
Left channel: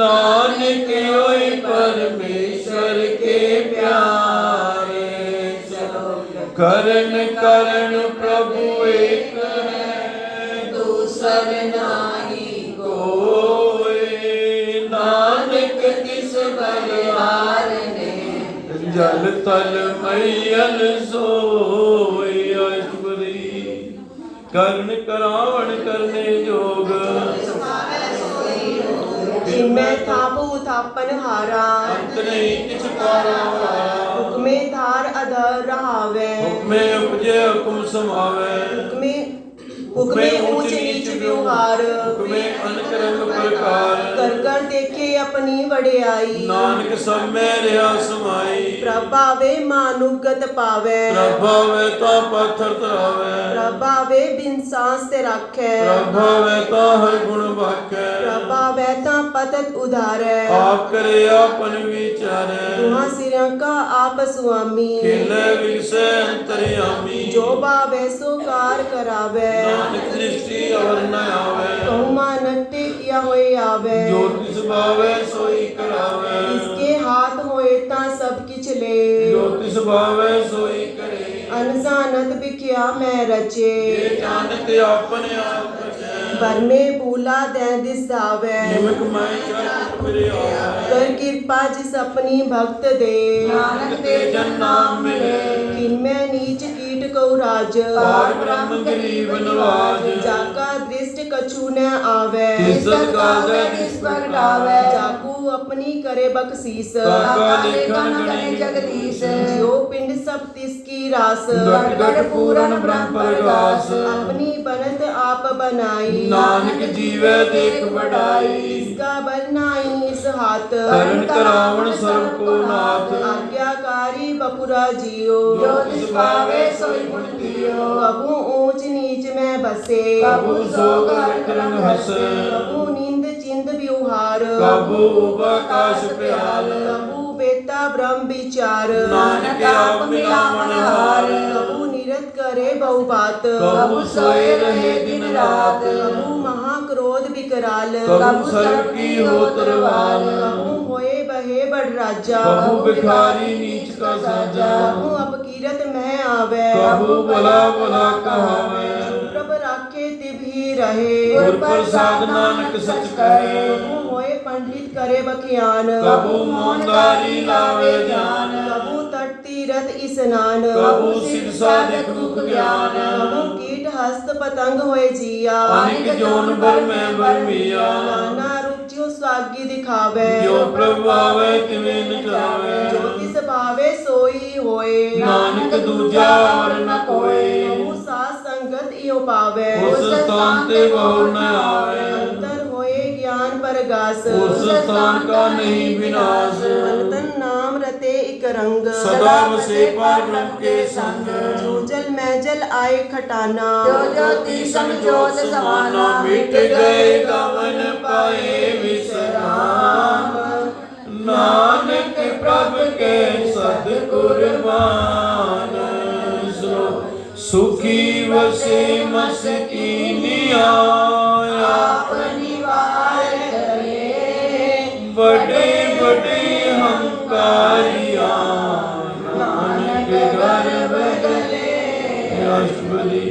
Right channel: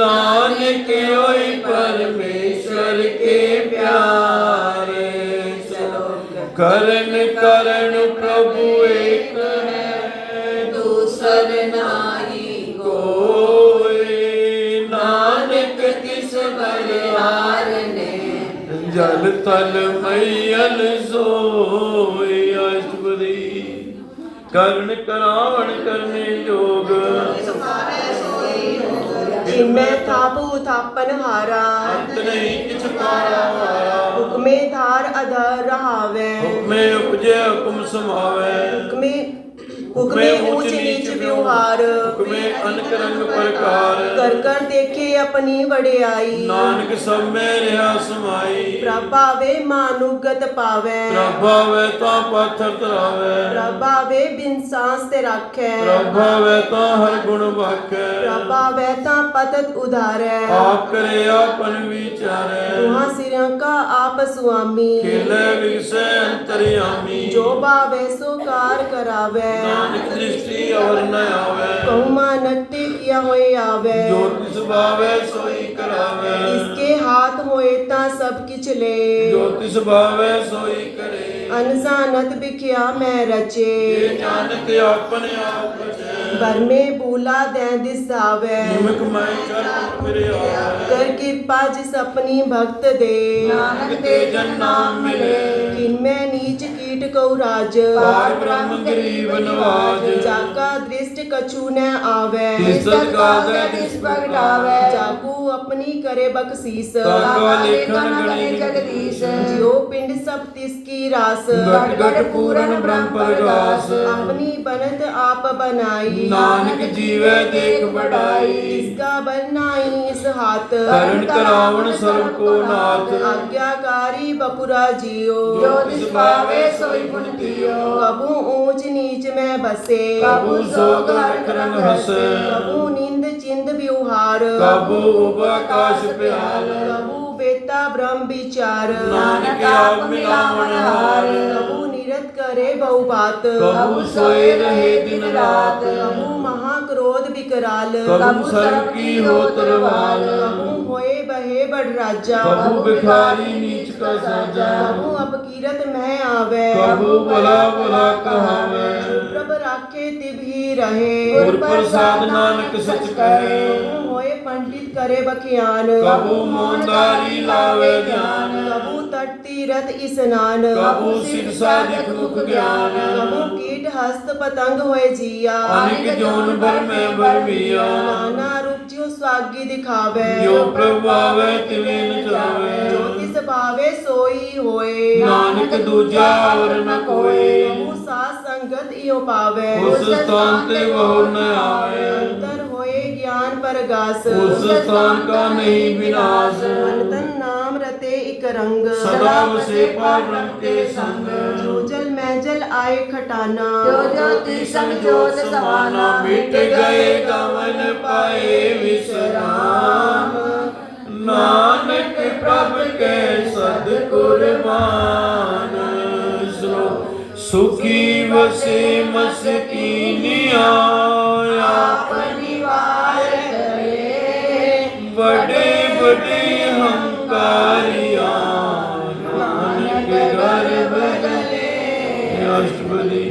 नानक होई परमेश्वर के प्यारे करण करण प्रभु एक है दूसर नाही कोई नानक किस बलिहारने जल तल मैयल सोई अश्वरी कर्ण करावण करने जोग जिनमें थाप उथापन हारा अंत नहीं किछ पारा हारा हुक्मे धार अधर रहावे हुक्मे उपजे हुकुम समावे हुक्मे ऊंच नीच व्यवहार हुक्मे अनक रंग प्रकार कर कर देखे अपनी वड़ियाई नानक सब में रहा समाई प्रभावे मानुगत पावे प्रभावे ता पाथर तरावे प्रभावे बिन सांस ते राखे प्रभावे ता हर गुण भाखे प्रभावे ता पतत उधारे आप करे आपन विचारे तुहा सिरों का आप स्वामी खेले विगसे अंतर्यामी जो भावे सो कार करावे नानक दृष्टि और न आवे कहुमा नट्टे किया होए आवे जो तिस भावे सोई करावे इसके हाथ होए ता सब किछ ले जो तिस भावे सोई करे अनजानत बिख्या मैं रचे ये जानत आपने आप बचे बर में भूला दे दिसावे निमक मैं चल मेरे आवे कर कृपा जिस अपनी भक्त दे नानक ते जन नाम मिले किनमें नीच कीट को राज पार ब्रह्म गरीब नवाज जाका दृष्ट कछु न आवे तिसत काजे तिस प्रगटावे जाकू अपनी करे बख्शीस ताका लेखन गणे जगदीश जो पिंड सब तिसकी रास घट घट पूरन ब्रह्म प्रगास अपनी बनत आप बनाई नानक जीवे देख बढ़ाई इसका बनाई इस हाथ करण करावण सर्व को नाथ आज्ञाकारी बपुरा जियो जो तिस पावे सोई पुन दियो कबू ऊंच नीच में बसे कबू सोग हरख रंग हसे कबू नींद चिंद व्यवहार कबू उबाकाश प्याल कबू बेता ब्रह्म विचार नानक आप मिलावण हार कबू निरत करे बहु बात कबू सोए रहे दिन रात कबू महाक्रोध विकराल कबू सर्व की हो तरवाल कबू होए बहे बड़ राजा कबू भिखारी नीच का साजा कबू अपकीरत में आवे कबू भला भला कहावे प्रभ राखे तिब ही रहे गुर प्रसाद नानक सच कहे कबू होए पंडित करे बख्यान कबू मोहनदारी लावे ध्यान कबू तट तीरथ स्नान कबू शिक्षा दिख मुख ज्ञान कबू कीट हस्त पतंग होए जिया अनिक जोन भर में भरमिया नाना रूप जो स्वागी दिखावे जो प्रभु आवे तिवें न जावे जो किस भावे सोई होए नानक दूजा और न कोई कबू साथ संगत इयो पावे उस स्थान ते बहु न आवे अंतर होए ज्ञान परगास उस स्थान का नहीं विनाश तन नाम रते इक रंग सदा वसे पार ब्रह्म के संग जो जल में जल आए खटाना जो ज्योति संजोत समाना मिट गए गवन पाए विश्राम नानक प्रभ के सद्गुरमान सुखी वसे मस्कीनिया आप निवार करे बड़े बड़े हंकारिया नानक गर्भ गले अष्टपदी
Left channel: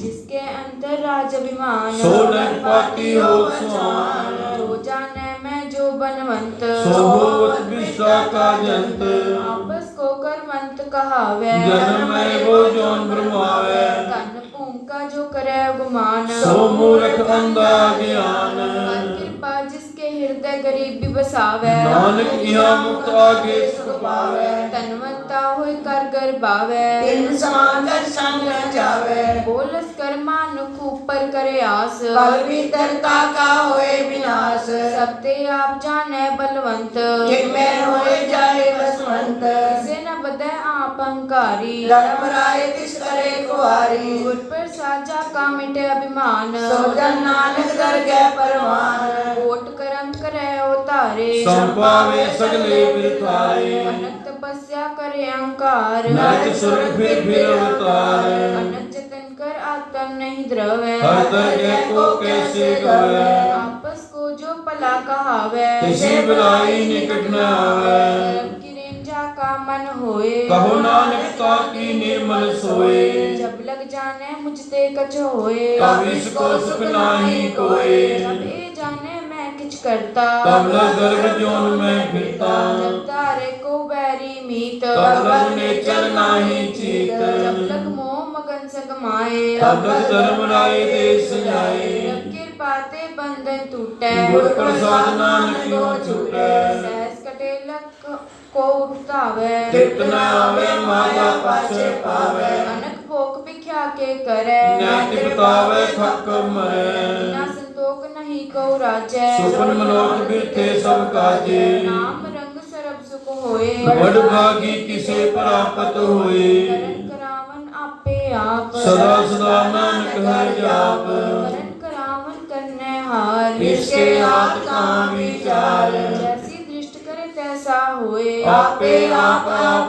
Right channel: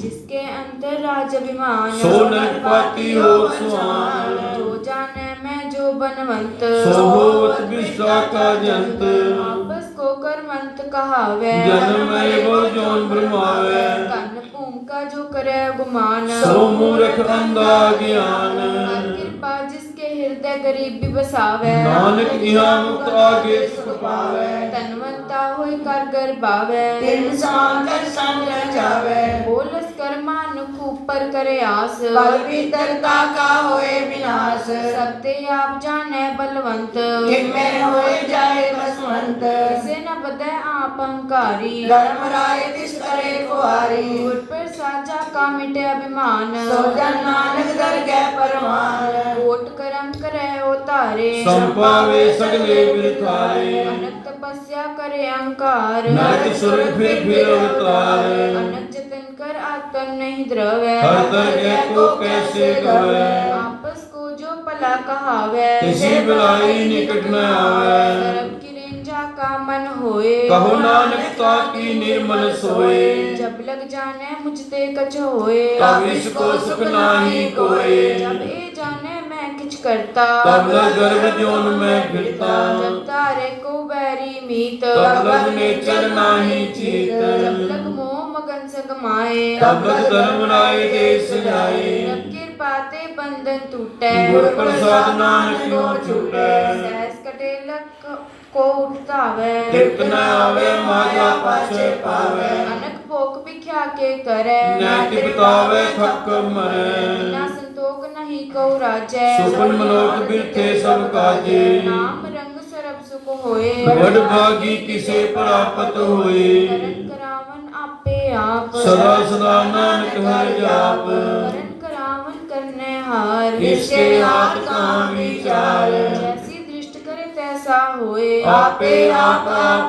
जिसके अंतर राज अभिमान सोनक पाती हो स्वान जो जाने मैं जो बनवंत सोभवत विश्वा का जंत आपस को करवंत कहावे जन्म है वो जौन ब्रह्मावे तन भूमिका जो करे गुमान सो मूर्ख अंधा ज्ञान हर कृपा जिसके हृदय गरीबी बसावे नानक यहाँ मुक्त आगे सुख पावे तनवंता होई कर गर्भावे तिन समान कर संग जावे बोलस कर मानुख ऊपर करे आस पल भीतरता का होए विनाश सबते आप जाने बलवंत जिनमें होए जाए बसवंत से न बदे आप अहंकारी धर्म राय तिस करे कुआरी गुर पर साजा का मिटे अभिमान सो जन नानक दर गए परमान कोट करम करे उतारे संपावे सगले बिरथारे अनंत तपस्या करे अहंकार नरक स्वर्ग फिर अवतार अनंत जतन कर आत्म नहीं द्रवे हर तरह को कैसे गवे आपस को जो पला कहावे किसी बुलाई निकट न आवे सर्व की रेंजा का मन होए कहो नानक ताकी निर्मल सोए जब लग जाने मुझते कछ होए तब इसको सुख नाही कोई जब ए जाने मैं किछ करता तब न गर्भ जोन में फिरता जब तारे को बैरी मीत तब लग नेचर नाही चीत जब लग मोह मगन से कमाए तब लग धर्म राय देश जाए कृपाते बंधन टूटे गुर प्रसाद नानक को छूटे सहस कटे लक को उठावे तृप्त न आवे माया पाछे पावे अनक भोग भिख्या के करे न तृप्तावे थक मरे ना संतोष नहीं को राजै सुपन मनोक बिरथे सब काजे नाम रंग सरब सुख होए बड़ भागी किसे प्राप्त होए करण करावन आपे आप सदा सदा नानक हर जाप करण करावन करने हार इसके हाथ का विचार जैसी दृष्ट करे तैसा होए आपे आप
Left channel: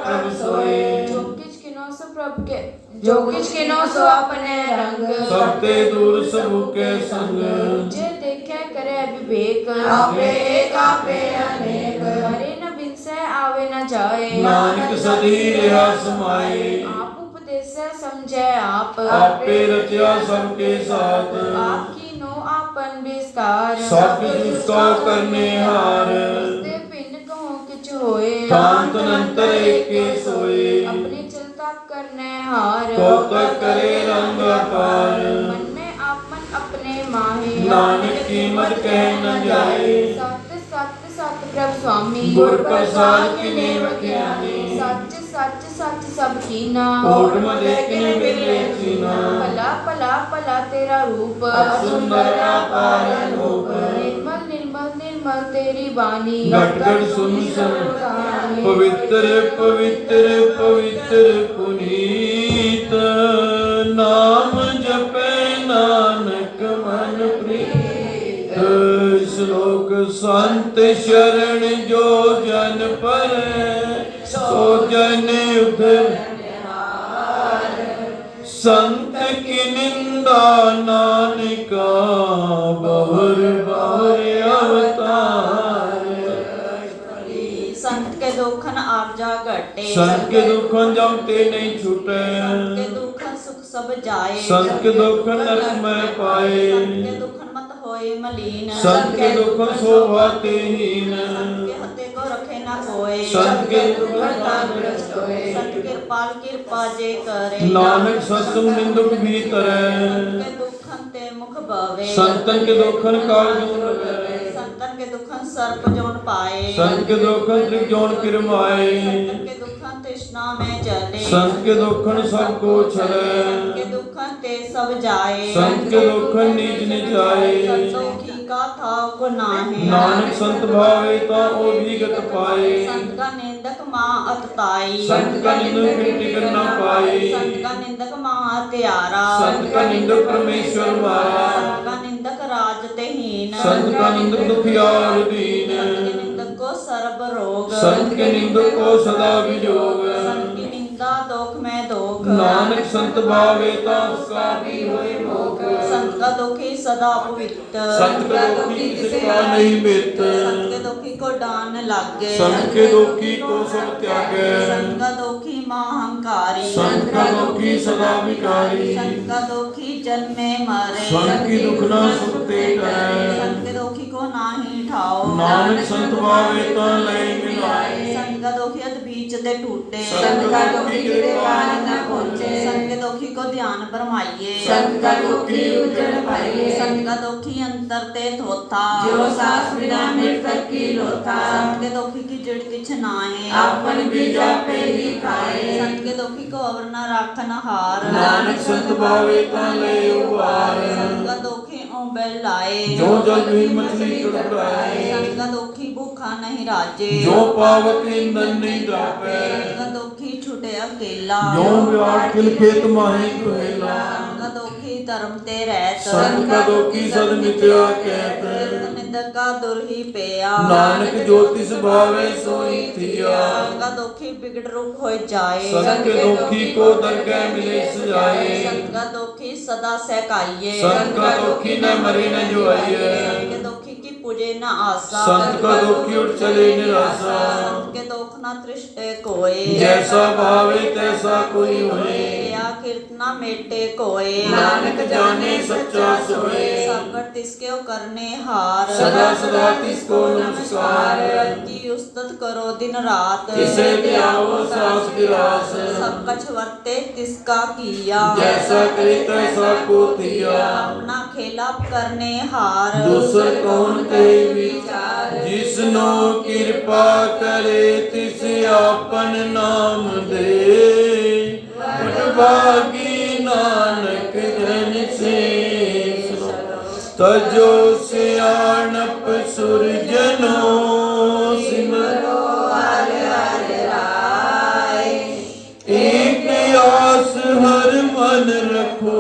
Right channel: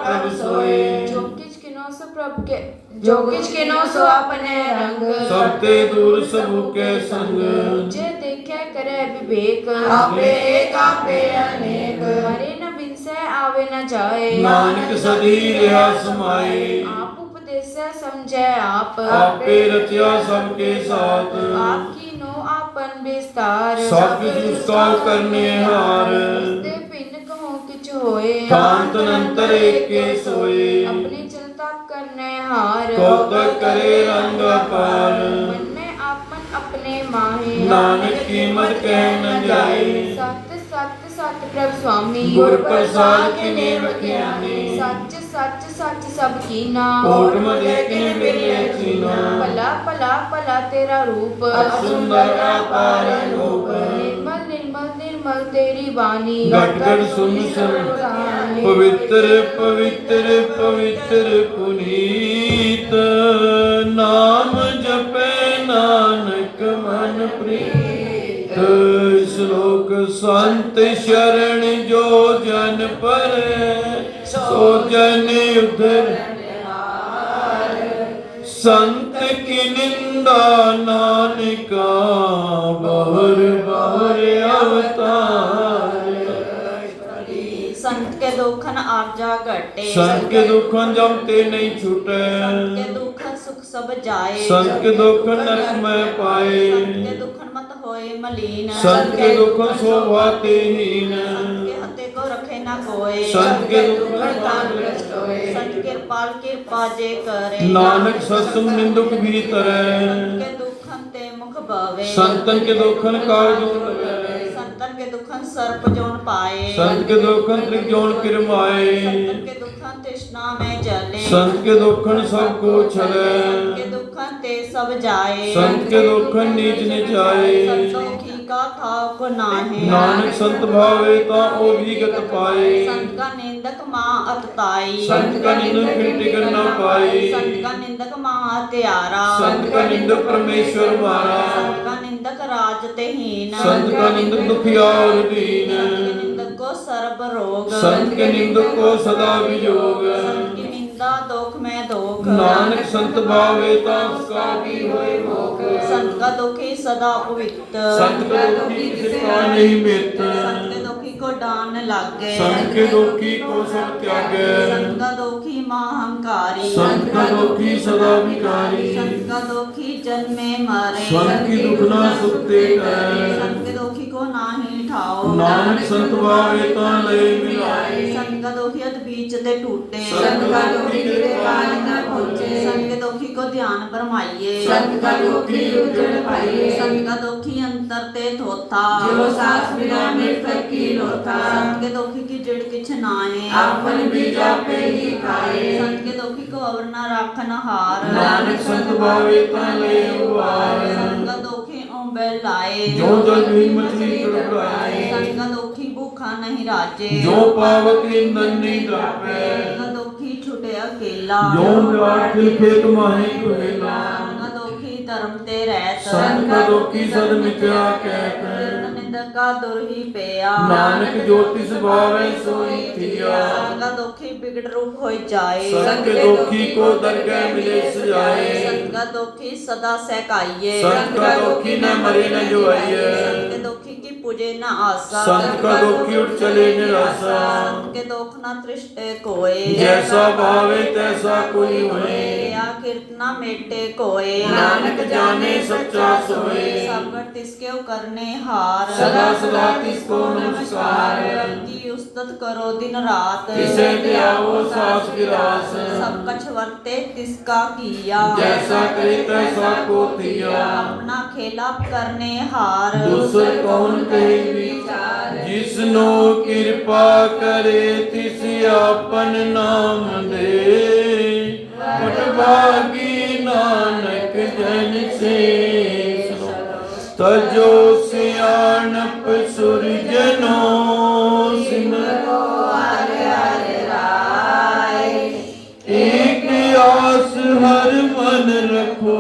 प्रभ सोए जो किछ किनो सो प्रभ के जो किछ किनो सो अपने रंग सबते दूर सबू के संग जे देखे करे विवेक आपे एक आपे अनेक मरे न बिनसे आवे न जाए नानक सदी रहा समाए आप उपदेश समझे आप आपे रचा सबके साथ आपकी नो आपन विस्तार सब उसका करने हार उसते पिन कहो किछ होए शांत अनंतर एक के सोए अपने चलता करने हार तो तक करे रंग पार मन में आपन अपने माहे नानक कीमत कह न जाए सत्य सत्य सत्य प्रभ स्वामी गुर प्रसाद की नेम ज्ञानी सच सच सच सब कीना कोट मजे के मिले चीना भला भला भला तेरा रूप सुंदर अपार रूप निर्मल निर्मल निर्मल तेरी वाणी घट घट सुन सुन पवित्र पवित्र पवित्र पुनीत नाम जपे नानक मन प्रीत श्लोक संत शरण जो जन पर सो जन उधर संत की निंदा नानका बहुर बहुर अवतार संत के दुखन आरजा घटे संत के दुखन जम ते नहीं छूटे संत के दुखन सुख सब जाए संत के दुखन नरक में पाए संत के दुखन मत होए मलीन संत के दुखन शोभाते हीन के हते को रखे न कोय संत के दुखन तंदुरुस्त होए संत कृपाल कृपा जे करे नानक सत्संग निंदुक भी तरे संत के दुखन ते मुख भावे संतन के दुखन काल जोन लगे संतन के दुखन सर्प जोन पाए संत के दुखन त्रिजोन किरमाए संतन के दुखन तृष्णा में जले संत के दुखन सबको छले संत के दुखन ते सब जाए संत के दुखन नीच निचाए संतों की का था को नाहे। ਨਾਨਕ ਸੰਤ ਭਾਵੇ ਤਾਂ ਉਹ ਵਿਗਤ ਪਾਏ संत का निंदक माँ अतताई। संत का निंदक मिट्टी कर ना पाए संत का निंदक माँ हत्यारा। संत का निंदक परमेश्वर मारा संत का निंदक राज तेहीन। संत का निंदक दुखिया और दीन संत के निंदक को सर्व रोग। संत के निंदक को सदा वियोग संत की निंदा दोख में दोख। नानक संत भावे ता उसका भी होए भोग संत का दुखी सदा पवित्र। संत का दुखी किसका नहीं मित संत के दुखी को डान लागे। संत के दुखी को सब त्यागे संत का दुखी महाअहंकारी। संत का दुखी सदा विकारी संत का दुखी जन्मे मरे। संत की दुख ना सुखते करे संत के दुखी को नाही ठाओ। नानक संत भावे ता लय मिलाए संत का दुखी अत बीच ते टूटे। संत का दुखी के पार न पहुंचे। संत के दुखी को ध्यान भरमाइए। संत का दुखी उजड़ पाइए। संत का दुखी अंतर ते थोथा। जो सास बिना मृतक की लोथा। संत के दुखी की जड़ किछ नाए। आपन बीजा पे ही खाए। संत के दुखी को अवर न राखन हार। नानक संत भावे ता लय उबार संत का दुखी ओंबे लाए। जो जल में मछली तड़पाए संत का दुखी भूखा नहीं राजे। जो पावक ईंधन नहीं डापे संत का दुखी छुटे अकेला। जो व्याट खिल खेत माहे कुहेला संत का दुखी धर्म ते रहत। संत का दुखी सद मिथ्या कहत कीर्तन निंदक का दुरही पेया। नानक ज्योतिष भावे सोई थिया संत का दुखी बिगड़ रूप हो जाए। संत के दुखी को दरगाह मिले सजाए संत का दुखी सदा सहकाइए। संत का दुखी न मरे न जो आइए संत के दुखी की पूजे न आशा। संत का दुखी उठ चले निराशा संत के दुख न तृष्टे कोय। जैसा भावे तैसा कोई होए या कीर्तना मेटे कोय। नानक जाने सच्चा सोए सबकर तिसके करने हार। सदा सदा तिसको नमस्कार की उस्तत करो दिन रात। किसे त्यागो सास गिरास सब कछ वर्ते तिसका किया। जैसा करे तैसा को थिया अपना खेला करने हार। दूसर कौन कहे विचार जिसनो कृपा करे तिस आपन नाम दे पटभागी नानक जन से तजो सियाणप सुरजनो सिमरो हरे हरे राय। एक आस हर मन रखो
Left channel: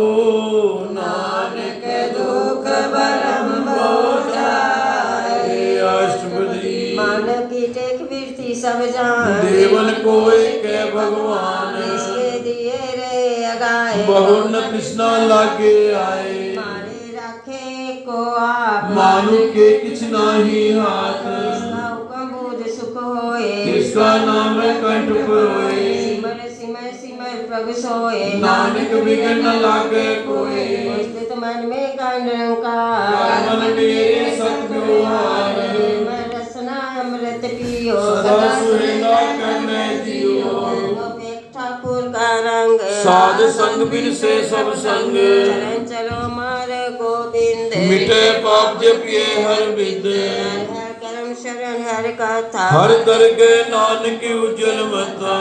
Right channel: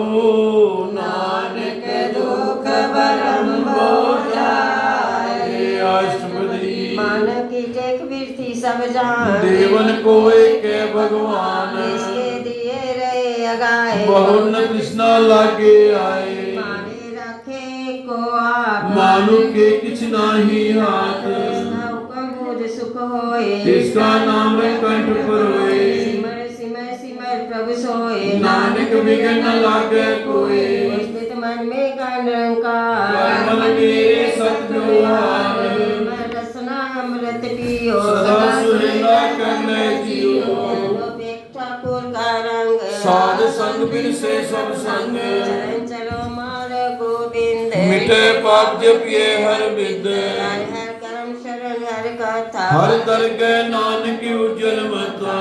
नानक दुख भरम हो जाए। अष्टपदी मन की टेक वीरती सब जान। देवन को एक भगवान इसके दिए रे अगाए। बहु न कृष्णा लागे आए मारे रखे को आप। मानु के किछ नाही हाथ हुक्म बुझ सुख होए। जिसका नाम है कंठ पर होए सिमर सिमर सिमर प्रभु सोए। नानक बिगड़ न लागे कोई स्थित मन में निरंकार। मन मेरे सतव्यवहार रसना अमृत पियो। सदा सुहेला करने जियो ठाकुर का रंग। साध संग बिन से सब संग चरण चलो मार गोविंद। मिटे पाप जपिए हर विद हर हर कर्म शरण हर कथा। हर दरगे नानक उज्जवल मता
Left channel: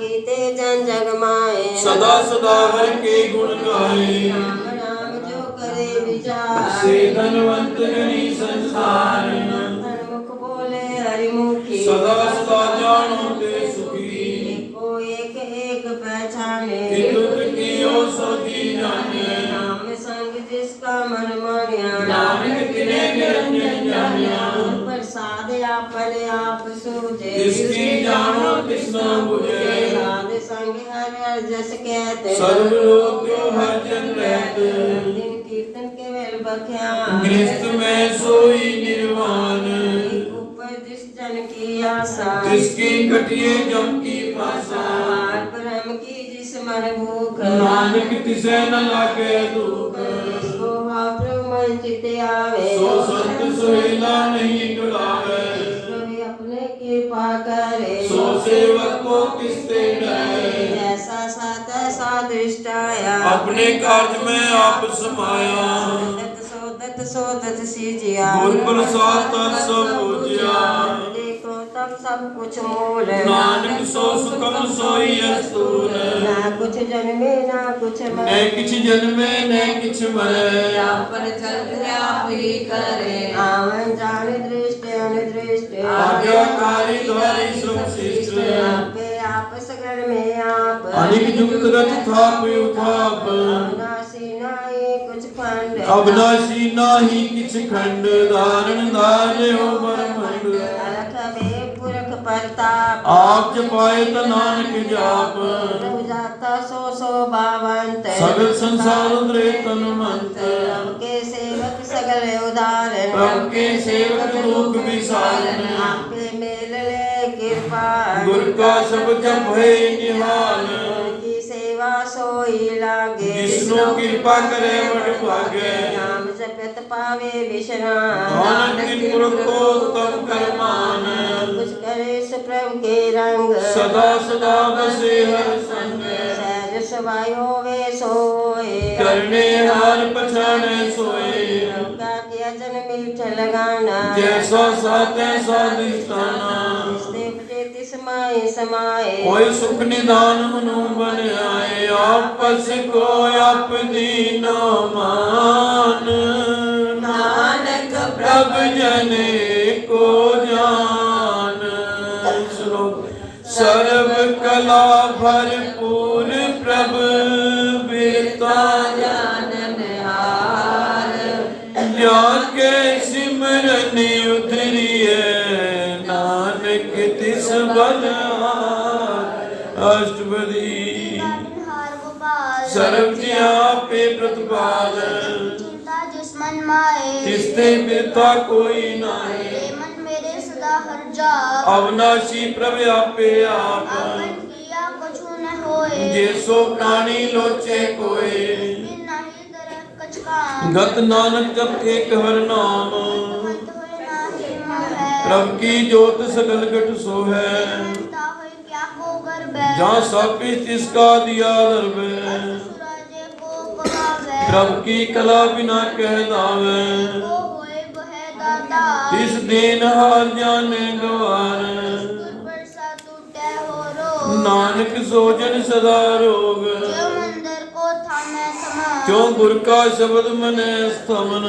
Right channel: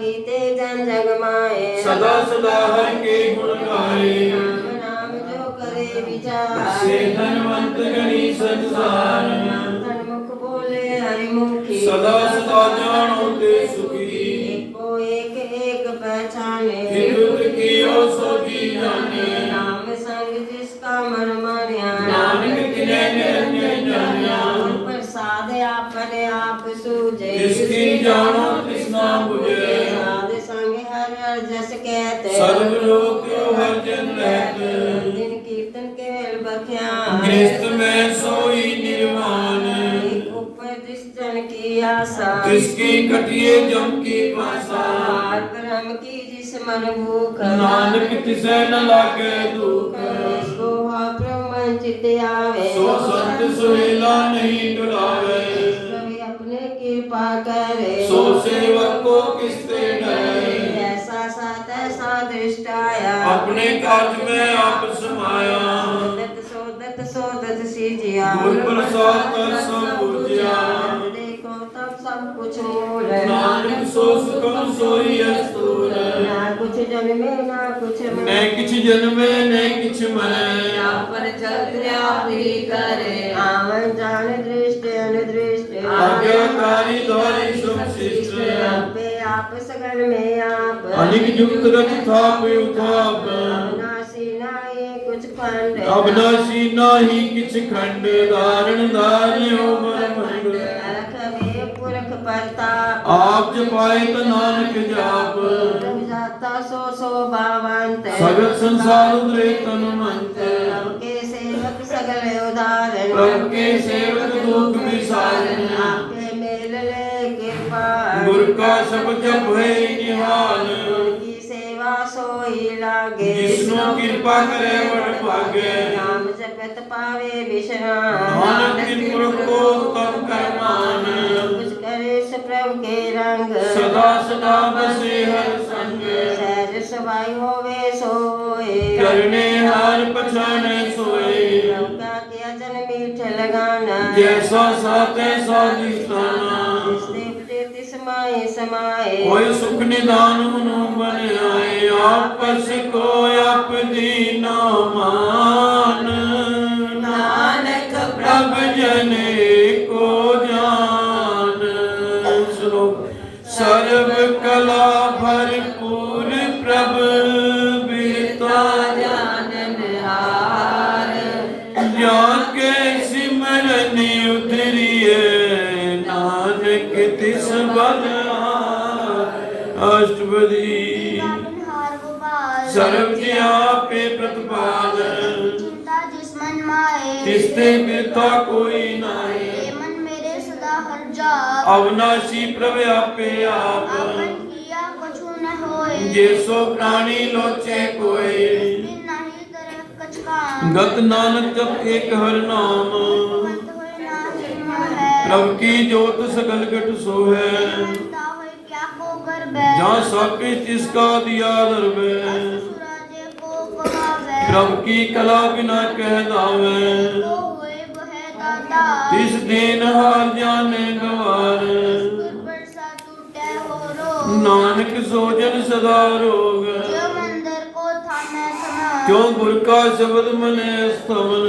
गीते जन जग माए। सदा सदा हर के गुण गाए राम राम जो करे विचार। से धनवंत गणी संसार मुख बोले हरिमुखी। सदा सदा जानो ते सुखी एको एक एक पहचाने। विद्युत की ओ सो जी जाने नाम संग जिसका मन मानिया। नानक किने निरंजन जानिया प्रसाद आपने आप सूझे। जिसकी जानो कृष्णा बुझे साध संग हर हर जस कहते। सर्व लोक को हर जन रहते दिन कीर्तन केवल बख्यान। गृहस्थ में सोई निर्वाण ऊपर जिस जन की आशा। जिसकी कटिए जम की पासा पार ब्रह्म की जिस मन भूख। नानक तिसे न लागे दुख सुहा ब्रह्मन चित आवे। सो संत सुहेला नहीं डरावे कोई अपने कृपा करे। सो सेवक को किससे डरे ऐसा साथ ऐसा दृष्ट आया। अपने काज में आप समाया सोदत सीजिया। गुर प्रसाद सब पूजिया देखो तब सब कुछ मूल। नानक सो सुखम सोई अस्तूर ना कुछ जन्मे ना कुछ न किछ जन्मे न किछ मरे आप पर चलते आप ही करे आवन जान दृष्ट अनुदृष्ट आज्ञाकारी द्वारी सुशिष्ट आपे आप सगल में आप अनिक जुगत रच थाप उठाप अविनाशी नाहि कुछ खंड अविनाशी नाही किछ खंड धारण धार्य हो ब्रह्मंड अलख में पुरख परताप आप जपाए त नानक जाप प्रभु जाता सो सो भावंत सगल संसार उदरे तनुमंत प्रभु के सेवक सगल उदाहरण प्रभु के सेवक दुख विसारण आपके मेल ले कृपा गुर का शब्द जप है निहाल की सेवा सोई लागे जिसनो कृपा करे बड़ भागे नाम जगत पावे विश्राम नानक की पुरख को तम करमान कुछ करे सो प्रभु के रंग सदा सदा बसे हर संग सहज सवाई होवे सोए करने हार पछाने सोए प्रभु का किया जन मीठ लगाना जैसा साथ ऐसा दिखाना समाए समाए कोई सुख निदान मनु बन आए आपस को आप दीना मान नानक प्रभ जने को जान श्लोक सर्व कला भरपूर प्रभ बिरता जानन हार जाके सिमरन उतरिए नानक तिस बलहार अष्टपदी हार गोपाल सर्व जी आपे प्रतिपाल चिंता जिस मन माए तिसते बिरता कोई नाई ये मन मेरे सदा हर जा अविनाशी प्रभु आपे आप आपन किया कछु न होए जे सो प्राणी लोचे कोई बिन नहीं तरह कछ कान गत नानक जप एक हर नाम अंत होए नाही मोह है प्रभु की ज्योत सकल घट सो है ता होए क्या को गर्भ है जहाँ सब कुछ तिसका दिया दर्भ सुराजे को कहावे प्रभु की कला बिना कह दावे को होए वह दाता तिस दीन हार जाने गवार बरसा टूटे हो रो नानक सोजन सदा रोग जो मंदिर को थामे थमा जो गुर का शब्द मने स्थवन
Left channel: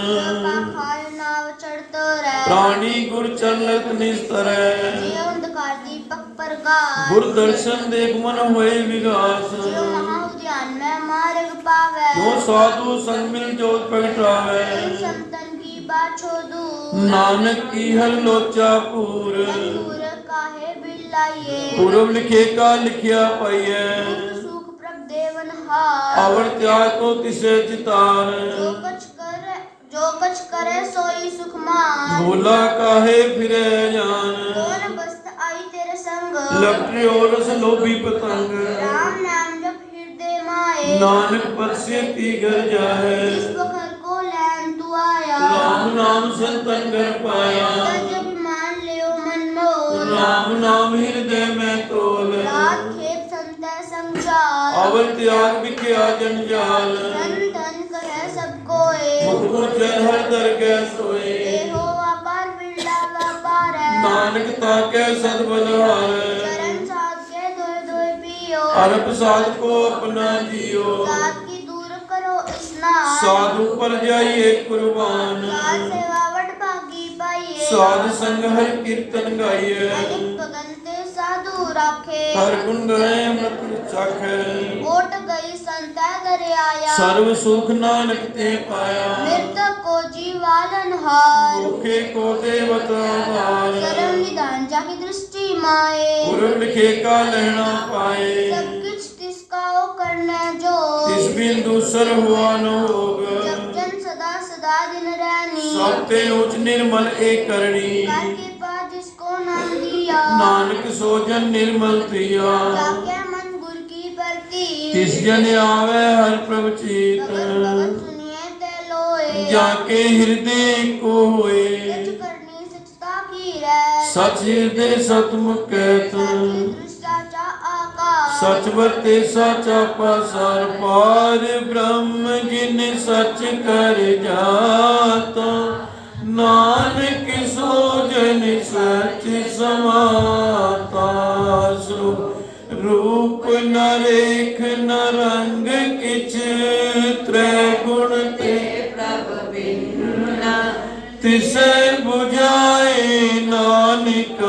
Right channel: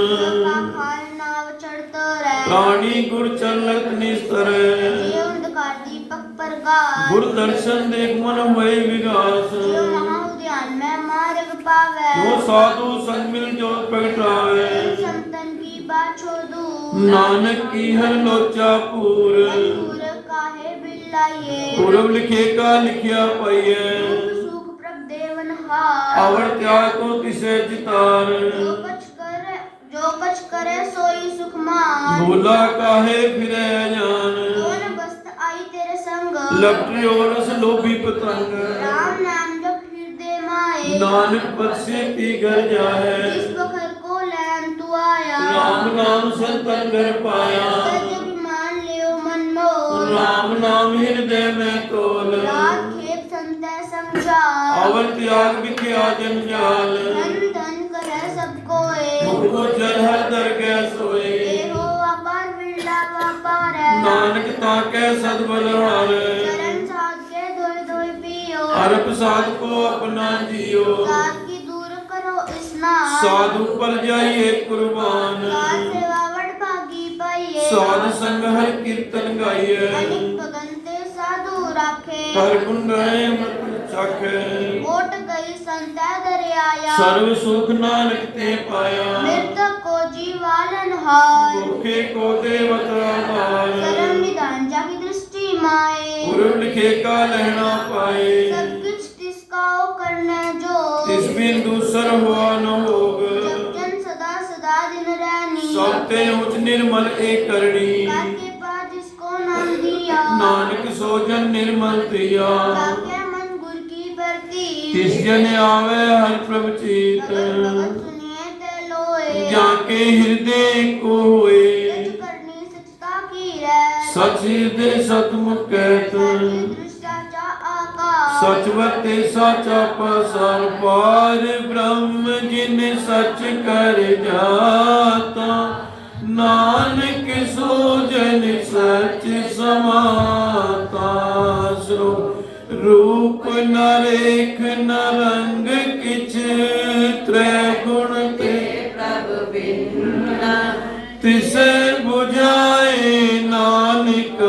खाल नाव चढ़ते रहे प्राणी गुर चरणक निस्तरे जो अंधकार दीपक पर गा गुर दर्शन देख मन होए विगास जो महाउद्यान में मार्ग पावे जो साधु संग मिल जो पैठावे संतन की बात छोड़ू नानक की हर लोचा पूर पूरे काहे बिल्लाये पूर्व लिखे का लिखिया पाइए सुख प्रभ देवन हार अवर त्याग को तिसे चितार जो कछ करे सोई सुख मान भोला काहे फिरे जान कौन बस्त आई तेरे संग लपटे और रस लोभी पतंग राम नाम जप हृदय माए नानक पर से ती घर जाए जिस बखर को लैन तू आया राम नाम संतन घर पाया जब मान लियो मन मोल राम नाम हृदय में तोल रात खेत संत समझा अवर त्याग विख्या जंजाल धन धन कहे सब कोए मुख जन हर दरगह सोए हो अपार बिरला व्यापार है नानक ताके सदबल हार चरण साध के धोए धोए पियो अरब साध को अपना जियो काल की दूर करो स्नान साधु पर जाइए कुर्बान काल सेवावट भागी पाइए साध संग हर कीर्तन गाइए अनिक तदंते साधु राखे हर गुण गए मत चाखे ओट गई संत दरियाया सर्व सुख नानक ते पाया मृतक को जीवालन हार भूखे को देवत हार शरण निदान जाकी दृष्टि माए गुरु लिखे का लहना पाए सब कुछ तिसकाओ करने जो इस बिन दूसर हुआ न होग जब जन सदा सदा दिन रहनी सब तेन उच निर्मल एक करणी काके पास जिसको नाम दिया नानक सोजन निर्मल प्रिया काके मन गुर की प्रति तिस जन आवे हर प्रभु चीत भगत सुनिए ते लोए जाके हृदय को होए सच करनी सचता की रह सच हृदय सतमुख कहत दृष्टाचा आकाश सच वर्ते साचा पासार पार ब्रह्म जिन सच कर जाता नानक सोजन सच समाता रूप नरेख नरंग ਤਿਸੈ 부ਝਾਏ ਨਾਨਕ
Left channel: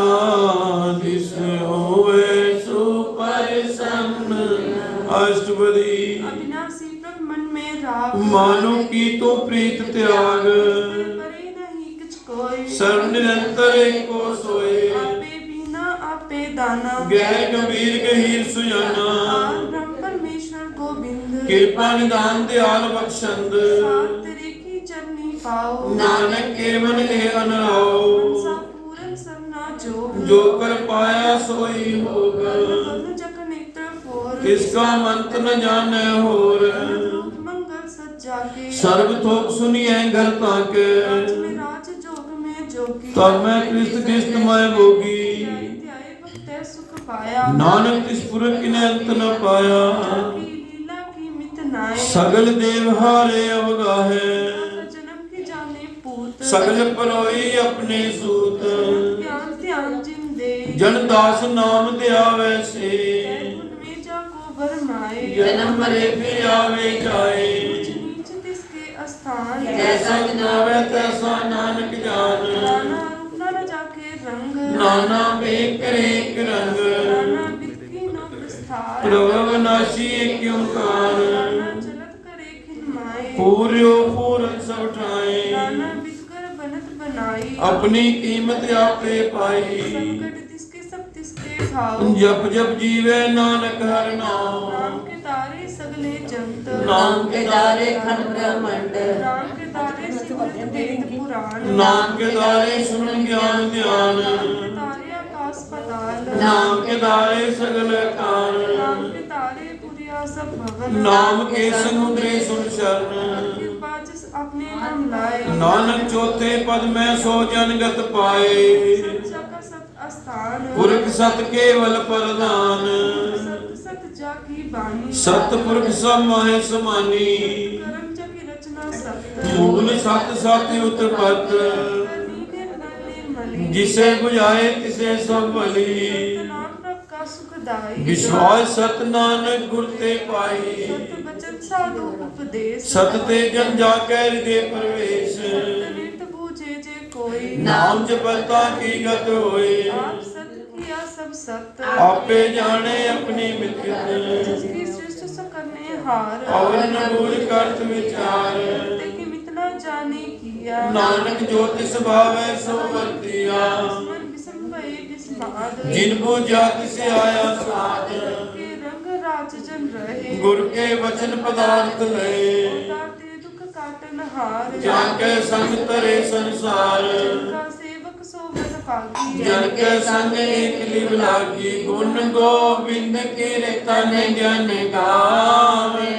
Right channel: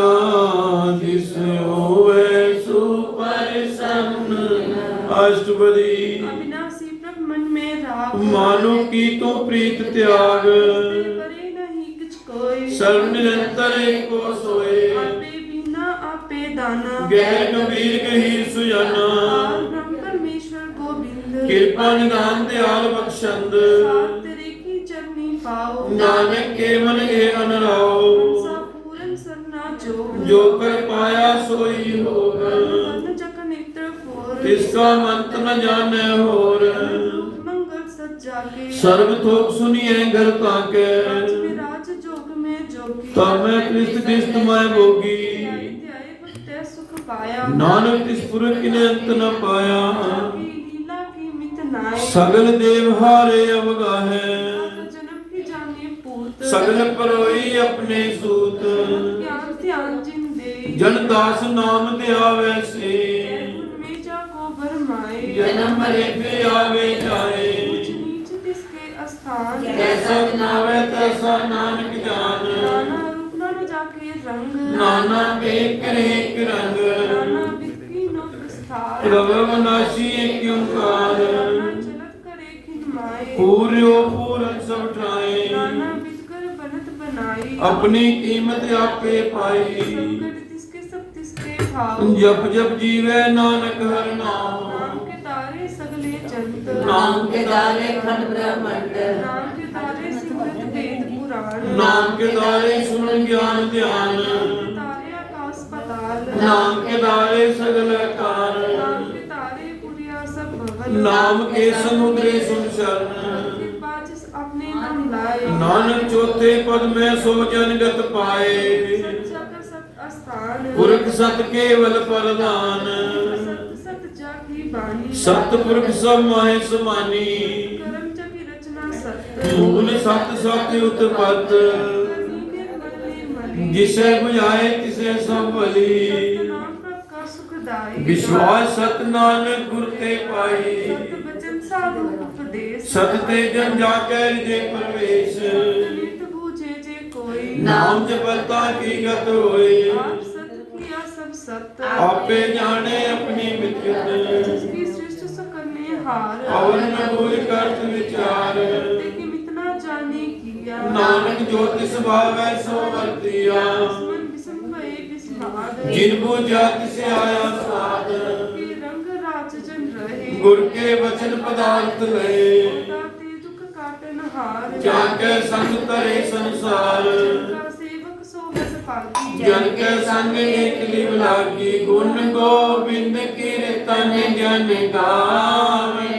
ਦਿਸ ਹੋਵੇ ਸੁਪਰਸੰਨ। ਅਸ਼ਟਪਦੀ अविनाशी प्रभ मन में राख ਮਾਨੋ ਕੀ ਤੂੰ ਪ੍ਰੀਤ ਤਿਆਗ परे नहीं किछ कोई ਸਰਬ ਨਿਰੰਤਰ ਏਕੋ ਸੋਏ। आपे बिना आपे दाना ਗਹਿ ਗੰਭੀਰ ਗਹੀਰ ਸੁਜਾਨਾ पार ब्रह्म परमेश्वर गोविंद ਕਿਰਪਾ ਨਿਦਾਨ ਦਿਆਲ ਬਖਸ਼ੰਦ। सात तेरे की चरनी पाओ ਨਾਨਕ ਕੇ ਮਨ ਇਹ ਅਨਰਾਓ मनसा पूरन सरना जोग ਜੋ ਕਰ ਪਾਇਆ ਸੋਈ ਹੋਗ। मन जग नेत्र फोर ਤਿਸ ਕਾ ਮੰਤ ਨ ਜਾਣੈ ਹੋਰ। रूप मंगल सज्जा के ਸਰਬ ਥੋਕ ਸੁਨੀਐ ਘਰ ਤਾਕੇ राज में राज जोग में जोगी ਤਬ ਮੈਂ ਕ੍ਰਿਸ਼ਟ ਕਿਸ਼ਤ ਮੈਂ ਭੋਗੀ। ध्याय भक्त सुख पाया ਨਾਨਕ ਤਿਸ ਪੁਰਖ ਕਿਨੇ ਅੰਤ ਨ ਪਾਇਆ। की लीला की मित नाय ਸਗਲ ਦੇਵ ਹਾਰੇ ਅਵਗਾਹੇ जन्म की जाने पूत ਸਗਲ ਪਰੋਈ ਆਪਣੇ ਸੂਤ। ज्ञान ध्यान जिन दे ਜਨ ਦਾਸ ਨਾਮ ਧਿਆਵੈ ਸੇ में जाको भरमाए ਜਨਮ ਮਰੇ ਫਿਰ ਆਵੇ ਜਾਏ। नीच किसके अस्थान ਜੈਸਾ ਜਨਾਵੈ ਤੈਸਾ ਨਾਨਕ ਜਾਨ। नाना रूप नाना जाके रंग ਨਾਨਾ ਵੇਖ ਕਰੇਕ ਰੰਗ नाना विधि नो विस्तार ਪ੍ਰਭਵ ਨਾਸੀ ਏਕ ਓੰਕਾਰ। नाना चलत करे खिन माए ਪੂਰਿਓ ਪੂਰਨ ਸਭ ਠਾਏ नाना विकर बनत बनाई ਆਪਣੀ ਕੀਮਤ ਆਪੇ ਪਾਈ। संकट तिसके सब तिसके भाव ਜਪ ਜਪ ਜੀਵੈ ਨਾਨਕ ਹਰਿ ਨਾਮ। नाम के तारे सगले जंत ਨਾਮ ਕੇ ਦਾਰੇ ਖੰਡ ਬ੍ਰਹਮੰਡ। नाम के तारे सिमरत वेद पुराण ਨਾਮ ਕੇ ਦਾਰੇ ਸੁਣ ਗਿਆਨ ਧਿਆਨ। तारे आकाश पताल ਨਾਮ ਕੇ ਦਾਰੇ ਸਗਲ ਕਾਲ। नाम के तारे पुरिया सब भवन ਨਾਮ ਕੇ ਸਮੁਦਰੇ ਸੁਨ ਸ਼ਰਨ। कृपा जिस अपने नाम लाए ਨਾਨਕ ਚੌਥੇ ਪਦ ਮੈਂ ਸੋ ਜਨਗਤ ਪਾਏ। सच्चा का सत अस्थान ਪੁਰਖ ਸਤ ਕੇਵਲ ਪ੍ਰਧਾਨ। सत सत जाकी बानी ਸਤ ਪੁਰਖ ਸਭ ਮੋਹਿ ਸਮਾਨੀ। कर्म जकी रचना सत ਮੂਲ ਸਤ ਸਤ ਉਤਪਤ। करनी निर्मल निर्मली ਜਿਸੈ 부ਝਾਏ ਤਿਸੈ ਸਭ ਭਲੀ। नाम प्रभ का सुखदाई ਵਿਸ਼ਵਾਸ ਸਤ ਨਾਨਕ ਗੁਰ ਤੇ ਪਾਈ। सत बचन साधु उपदेश ਸਤ ਤੇ ਜਨ ਜਾ ਕੈ ਰਿਜੇ ਪਰਵੇਸ਼। नित बूझे जे कोई ਨਾਮ ਜਪਤਾ ਕੀ ਗਤ ਹੋਈ। आप सत किया सब सत ਆਪੇ ਜਾਣੇ ਆਪਣੀ ਮਿੱਤਰ। जिसकी सृष्टि सकने हार ਔਰ ਨ ਭੂਲ ਕਰਤ ਵਿਚਾਰ। कि मितना जाने किया ਨਾਨਕ ਜੋ ਤਿਸ ਭਾਵੈ ਸੋ ਵਰਤਿਆ। मन विषम भये विस्माद ਜਿਨ ਬੂਝਾ ਤਿਸੇ ਆਇਆ ਸਾਧ। के रंग राज जन रहे ਗੁਰ ਕੇ ਵਚਨ ਪਦਾਰਥ ਲਏ। काटे दुख काटन हार ਜਾ ਕੈ ਸੰਗ ਤਰੇ ਸੰਸਾਰ। का सेवक सोवत पागी ਜਨ ਕੇ ਸੰਗ ਏਕ ਲਿਵ ਲਾਗੀ। ਗੁਣ ਗੋਬਿੰਦ ਕੀਰਤਨ ਜਨ ਗਾਵੇ।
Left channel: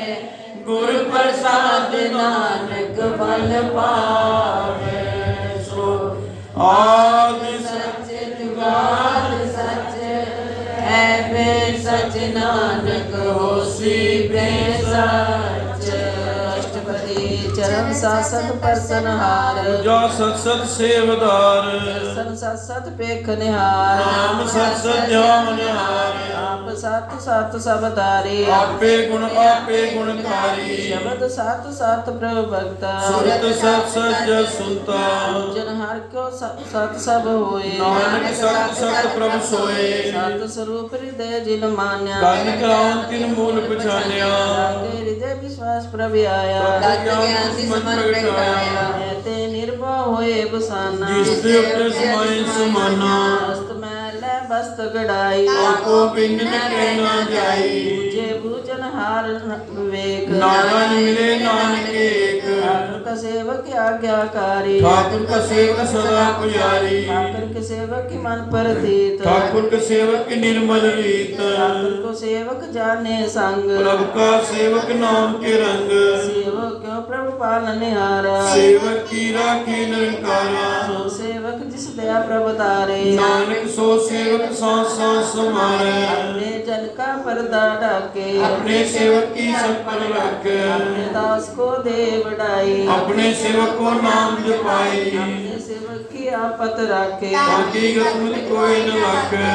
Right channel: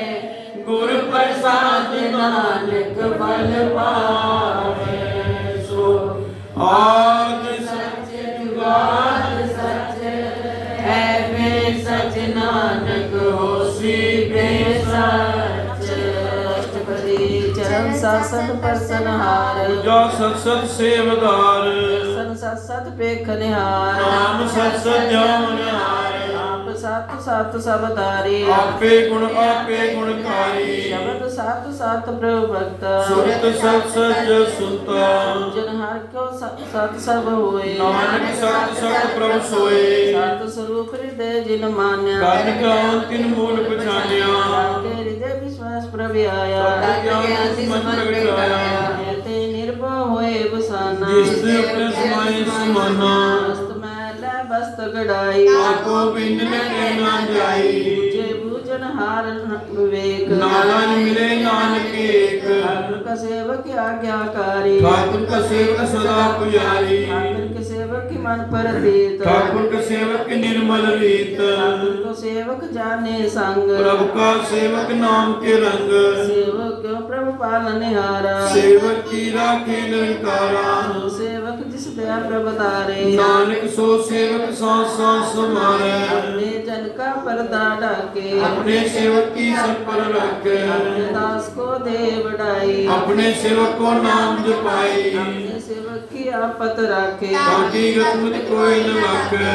ਗੁਰ ਪ੍ਰਸਾਦ ਨਾਨਕ ਫਲ ਪਾਵੇ। ਸੋ ਆਦ ਸੱਚ ਜੁਗਾਦ ਸੱਚ ਹੈ ਬੇ ਸਚ ਨਾਨਕ ਹੋਸੀ ਬੇ ਸਚ। ਅਸ਼ਟਪਦੀ ਚਰਨ ਸਾਸਤ ਪਰਸਨਹਾਰ। ਜਾ ਸਤ ਸਤ ਸੇਵਦਾਰ। ਸਨ ਸਤ ਸਤ ਪੇਖ ਨਿਹਾਰ। ਨਾਮ ਸਤ ਸਤ ਜਾਮਨ ਹਾਰ। ਆਪ ਸਤ ਸਤ ਸਬਦਾਰੇ। ਆਪੇ ਗੁਣਕਾਰੀ। ਸ਼ਬਦ ਸਤ ਸਤ ਪ੍ਰਭ ਭਗਤਾ। ਸੁਰਤ ਸਤ ਸਚ ਸੁਨਤਾ। ਜਨ ਹਰ ਕਿਉ ਸਤ ਸਭ ਹੋਏ। ਨਾਨਕ ਸਤ ਸਤ ਪ੍ਰਭ ਸੋਏ। ਸਤ ਸਰੂਪ ਹਿਰਦੈ ਜਿਨ ਮਾਨਿਆ। ਗਨ ਕਰਾਉ ਤਿਨ ਮੂਲ ਪਛਾਨਿਆ। ਕੇ ਹਿਰਦੈ ਵਿਸ਼ਵਾਸ ਪ੍ਰਭ ਆਇਆ। ਗਿਆਨ ਤਿਸ ਮਨ ਵਿਟਾਇਆ। ਤੇ ਨਿਰਭਉ ਹੋਏ ਬਸਾਨਾ। ਜਿਸ ਤੇ ਆਪਣੇ ਸਮਾਏ ਸਮਾਨਾ। ਬਸਤ ਮੈਲੈ ਬਸਤ ਗੜਾਈ। ਆਪੋ ਬਿਨ ਨ ਕਹਿਣਾ ਜਾਈ। ਜੇ ਬੂਝਨ ਹਾਰ ਵਿਵੇਕ। ਨਾਨਕ ਮਿਲੇ ਨਾਨਕ ਏਕ। ਠਾਕੁਰ ਕਾ ਸੇਵਕ ਆਗਿਆਕਾਰੀ। ਠਾਕੁਰ ਕਾ ਸੇਵਕ ਸਦਾ ਪੁਜਾਰੀ। ਠਾਕੁਰ ਕੇ ਸੇਵਕ ਕੀ ਮਨ ਪਰਤੀਤ। ਠਾਕੁਰ ਕਾ ਸੇਵਕ ਨਿਰਮਲ ਰੀਤ। ਠਾਕੁਰ ਕੋ ਸੇਵਕ ਜਾਣੇ ਸੰਗ। ਪ੍ਰਭ ਕਾ ਸੇਵਕ ਨਾਮ ਕੇ ਰੰਗ। ਸੇਵਕ ਕਿਉ ਪ੍ਰਭ ਪਾਲਨਿਹਾਰਾ। ਸੇਵਕ ਕੀ ਰਾਖੇ ਨਿਰੰਕਾਰਾ। ਸੋ ਸੇਵਕ ਜਿਸ ਦਇਆ ਪ੍ਰਭ ਤਾਰੇ। ਨਾਨਕ ਸੋ ਸੇਵਕ ਸਾਂਸ ਸਾਂਸ ਸਮਾਰੈ। ਆਪਣੇ ਜਨ ਕਾ ਪਰਦਾ ਢਾਕੇ। ਆਪਣੇ ਸੇਵਕ ਕੀ ਸਭ ਪਰ ਰੱਖੈ। ਆਪਣੇ ਦਾਸ ਕੋ ਦੇ ਵਡਾਈ। ਆਪਣੇ ਸੇਵਕ ਕੋ ਨਾਮ ਜਪਾਈ। ਆਪਣੇ ਸੇਵਕ ਕੀ आपत राखे ताकि गतमत कोई न लाखे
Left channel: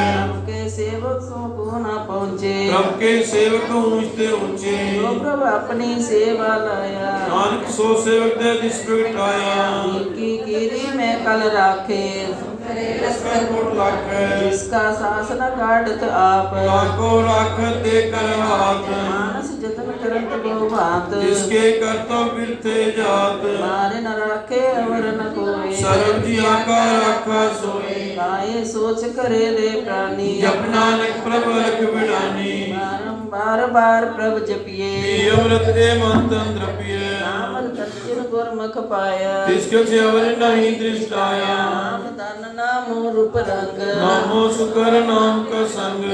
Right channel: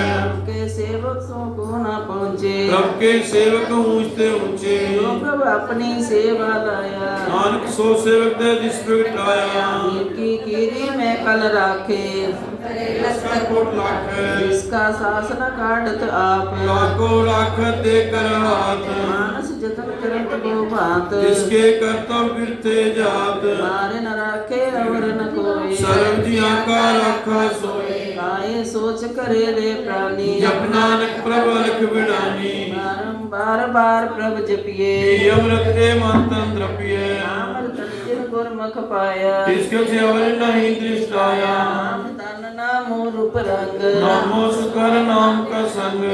के सेवकों को न पहुँचे प्रभु के सेवक ऊंचते ऊंचे तो प्रभु अपनी सेवा लाया नानक सो सेवक दे जिस बिठाया इनकी कीरी में कल राखे लस्कर कोट लाखे जिसका शासन काटत आप लाखों लाख दे कर हाथ मानस जतन करत वो बात जिसके कर्तव्य गिरते जात मारे न राखे अवर न कोई सर्व जिया का राखा सोए काये सोच करे रे प्राणी जप नानक प्रभु रख बिडानी बार बार प्रभ जपिए अमृत दे मंतन द्रपिए नाम सच्चिन गुरमुख पाया जिसके सेवर नहीं दृष्टाया नाम तन नाम रूप रंग नामो सुकर नाम का संग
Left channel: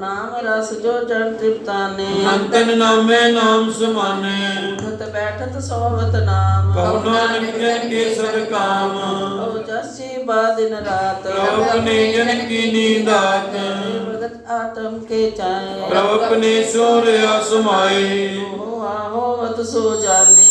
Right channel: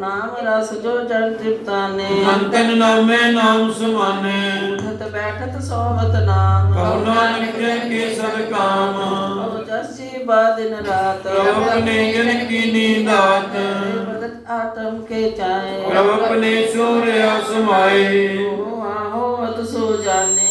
नाम रस जो जन तृप्ताने अंतन नामे नाम समाने उठत बैठत सोवत नाम कहो नानक जन के सर काम अब जसी बा दिन रात प्रभु अपने जन की नींद आत भगत आत्म के चाहे प्रभु अपने शौर्य समाए हो आहोवत सो जाने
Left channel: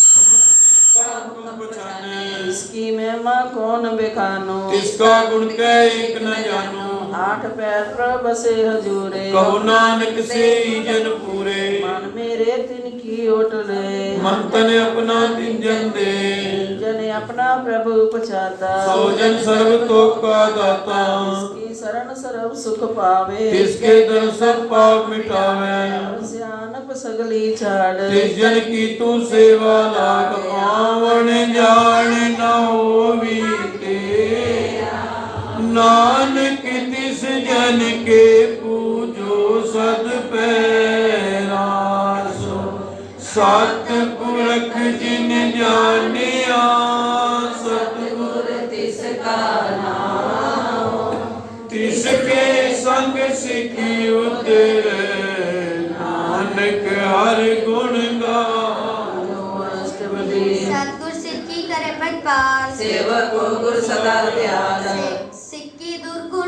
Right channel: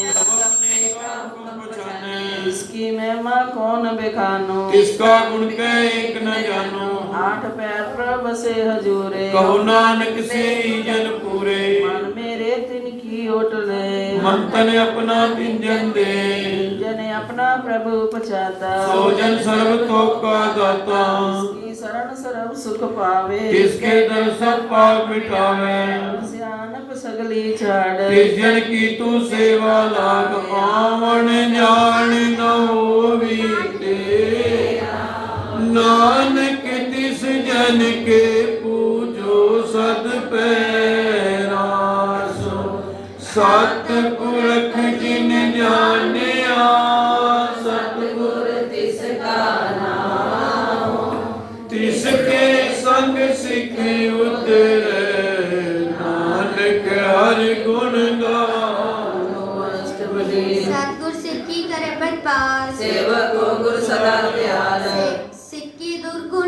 इसकी महिमा कौन बेखानो किसका गुण कह एक न जानो आठ पैर प्रभ से हजूरे कहो नानक से ही जन पूरे मन मेरे तिनकी ओटले मन तन अपना तिन जन दे जन अपना प्रभु पछाता सो जन सर्व तो का दाता इसकी शरण सर्व सुख पावे किसके दर्शन पाप मिटावे सियानप सगली छाड़ किस जन की तू सेवा लाग आवन जान न होवी तेरा नानक तिस जन के पूजो सद पैरासो सत पुरख जिन जानिया सतगुर तिसका नाम तिसके संग सिखी उतरे नानक हर गुण गानो अष्टपदी सतगुर सिक्की करे बदपार सेवक को गुर सदा प्यार सिक्की दुर्गुण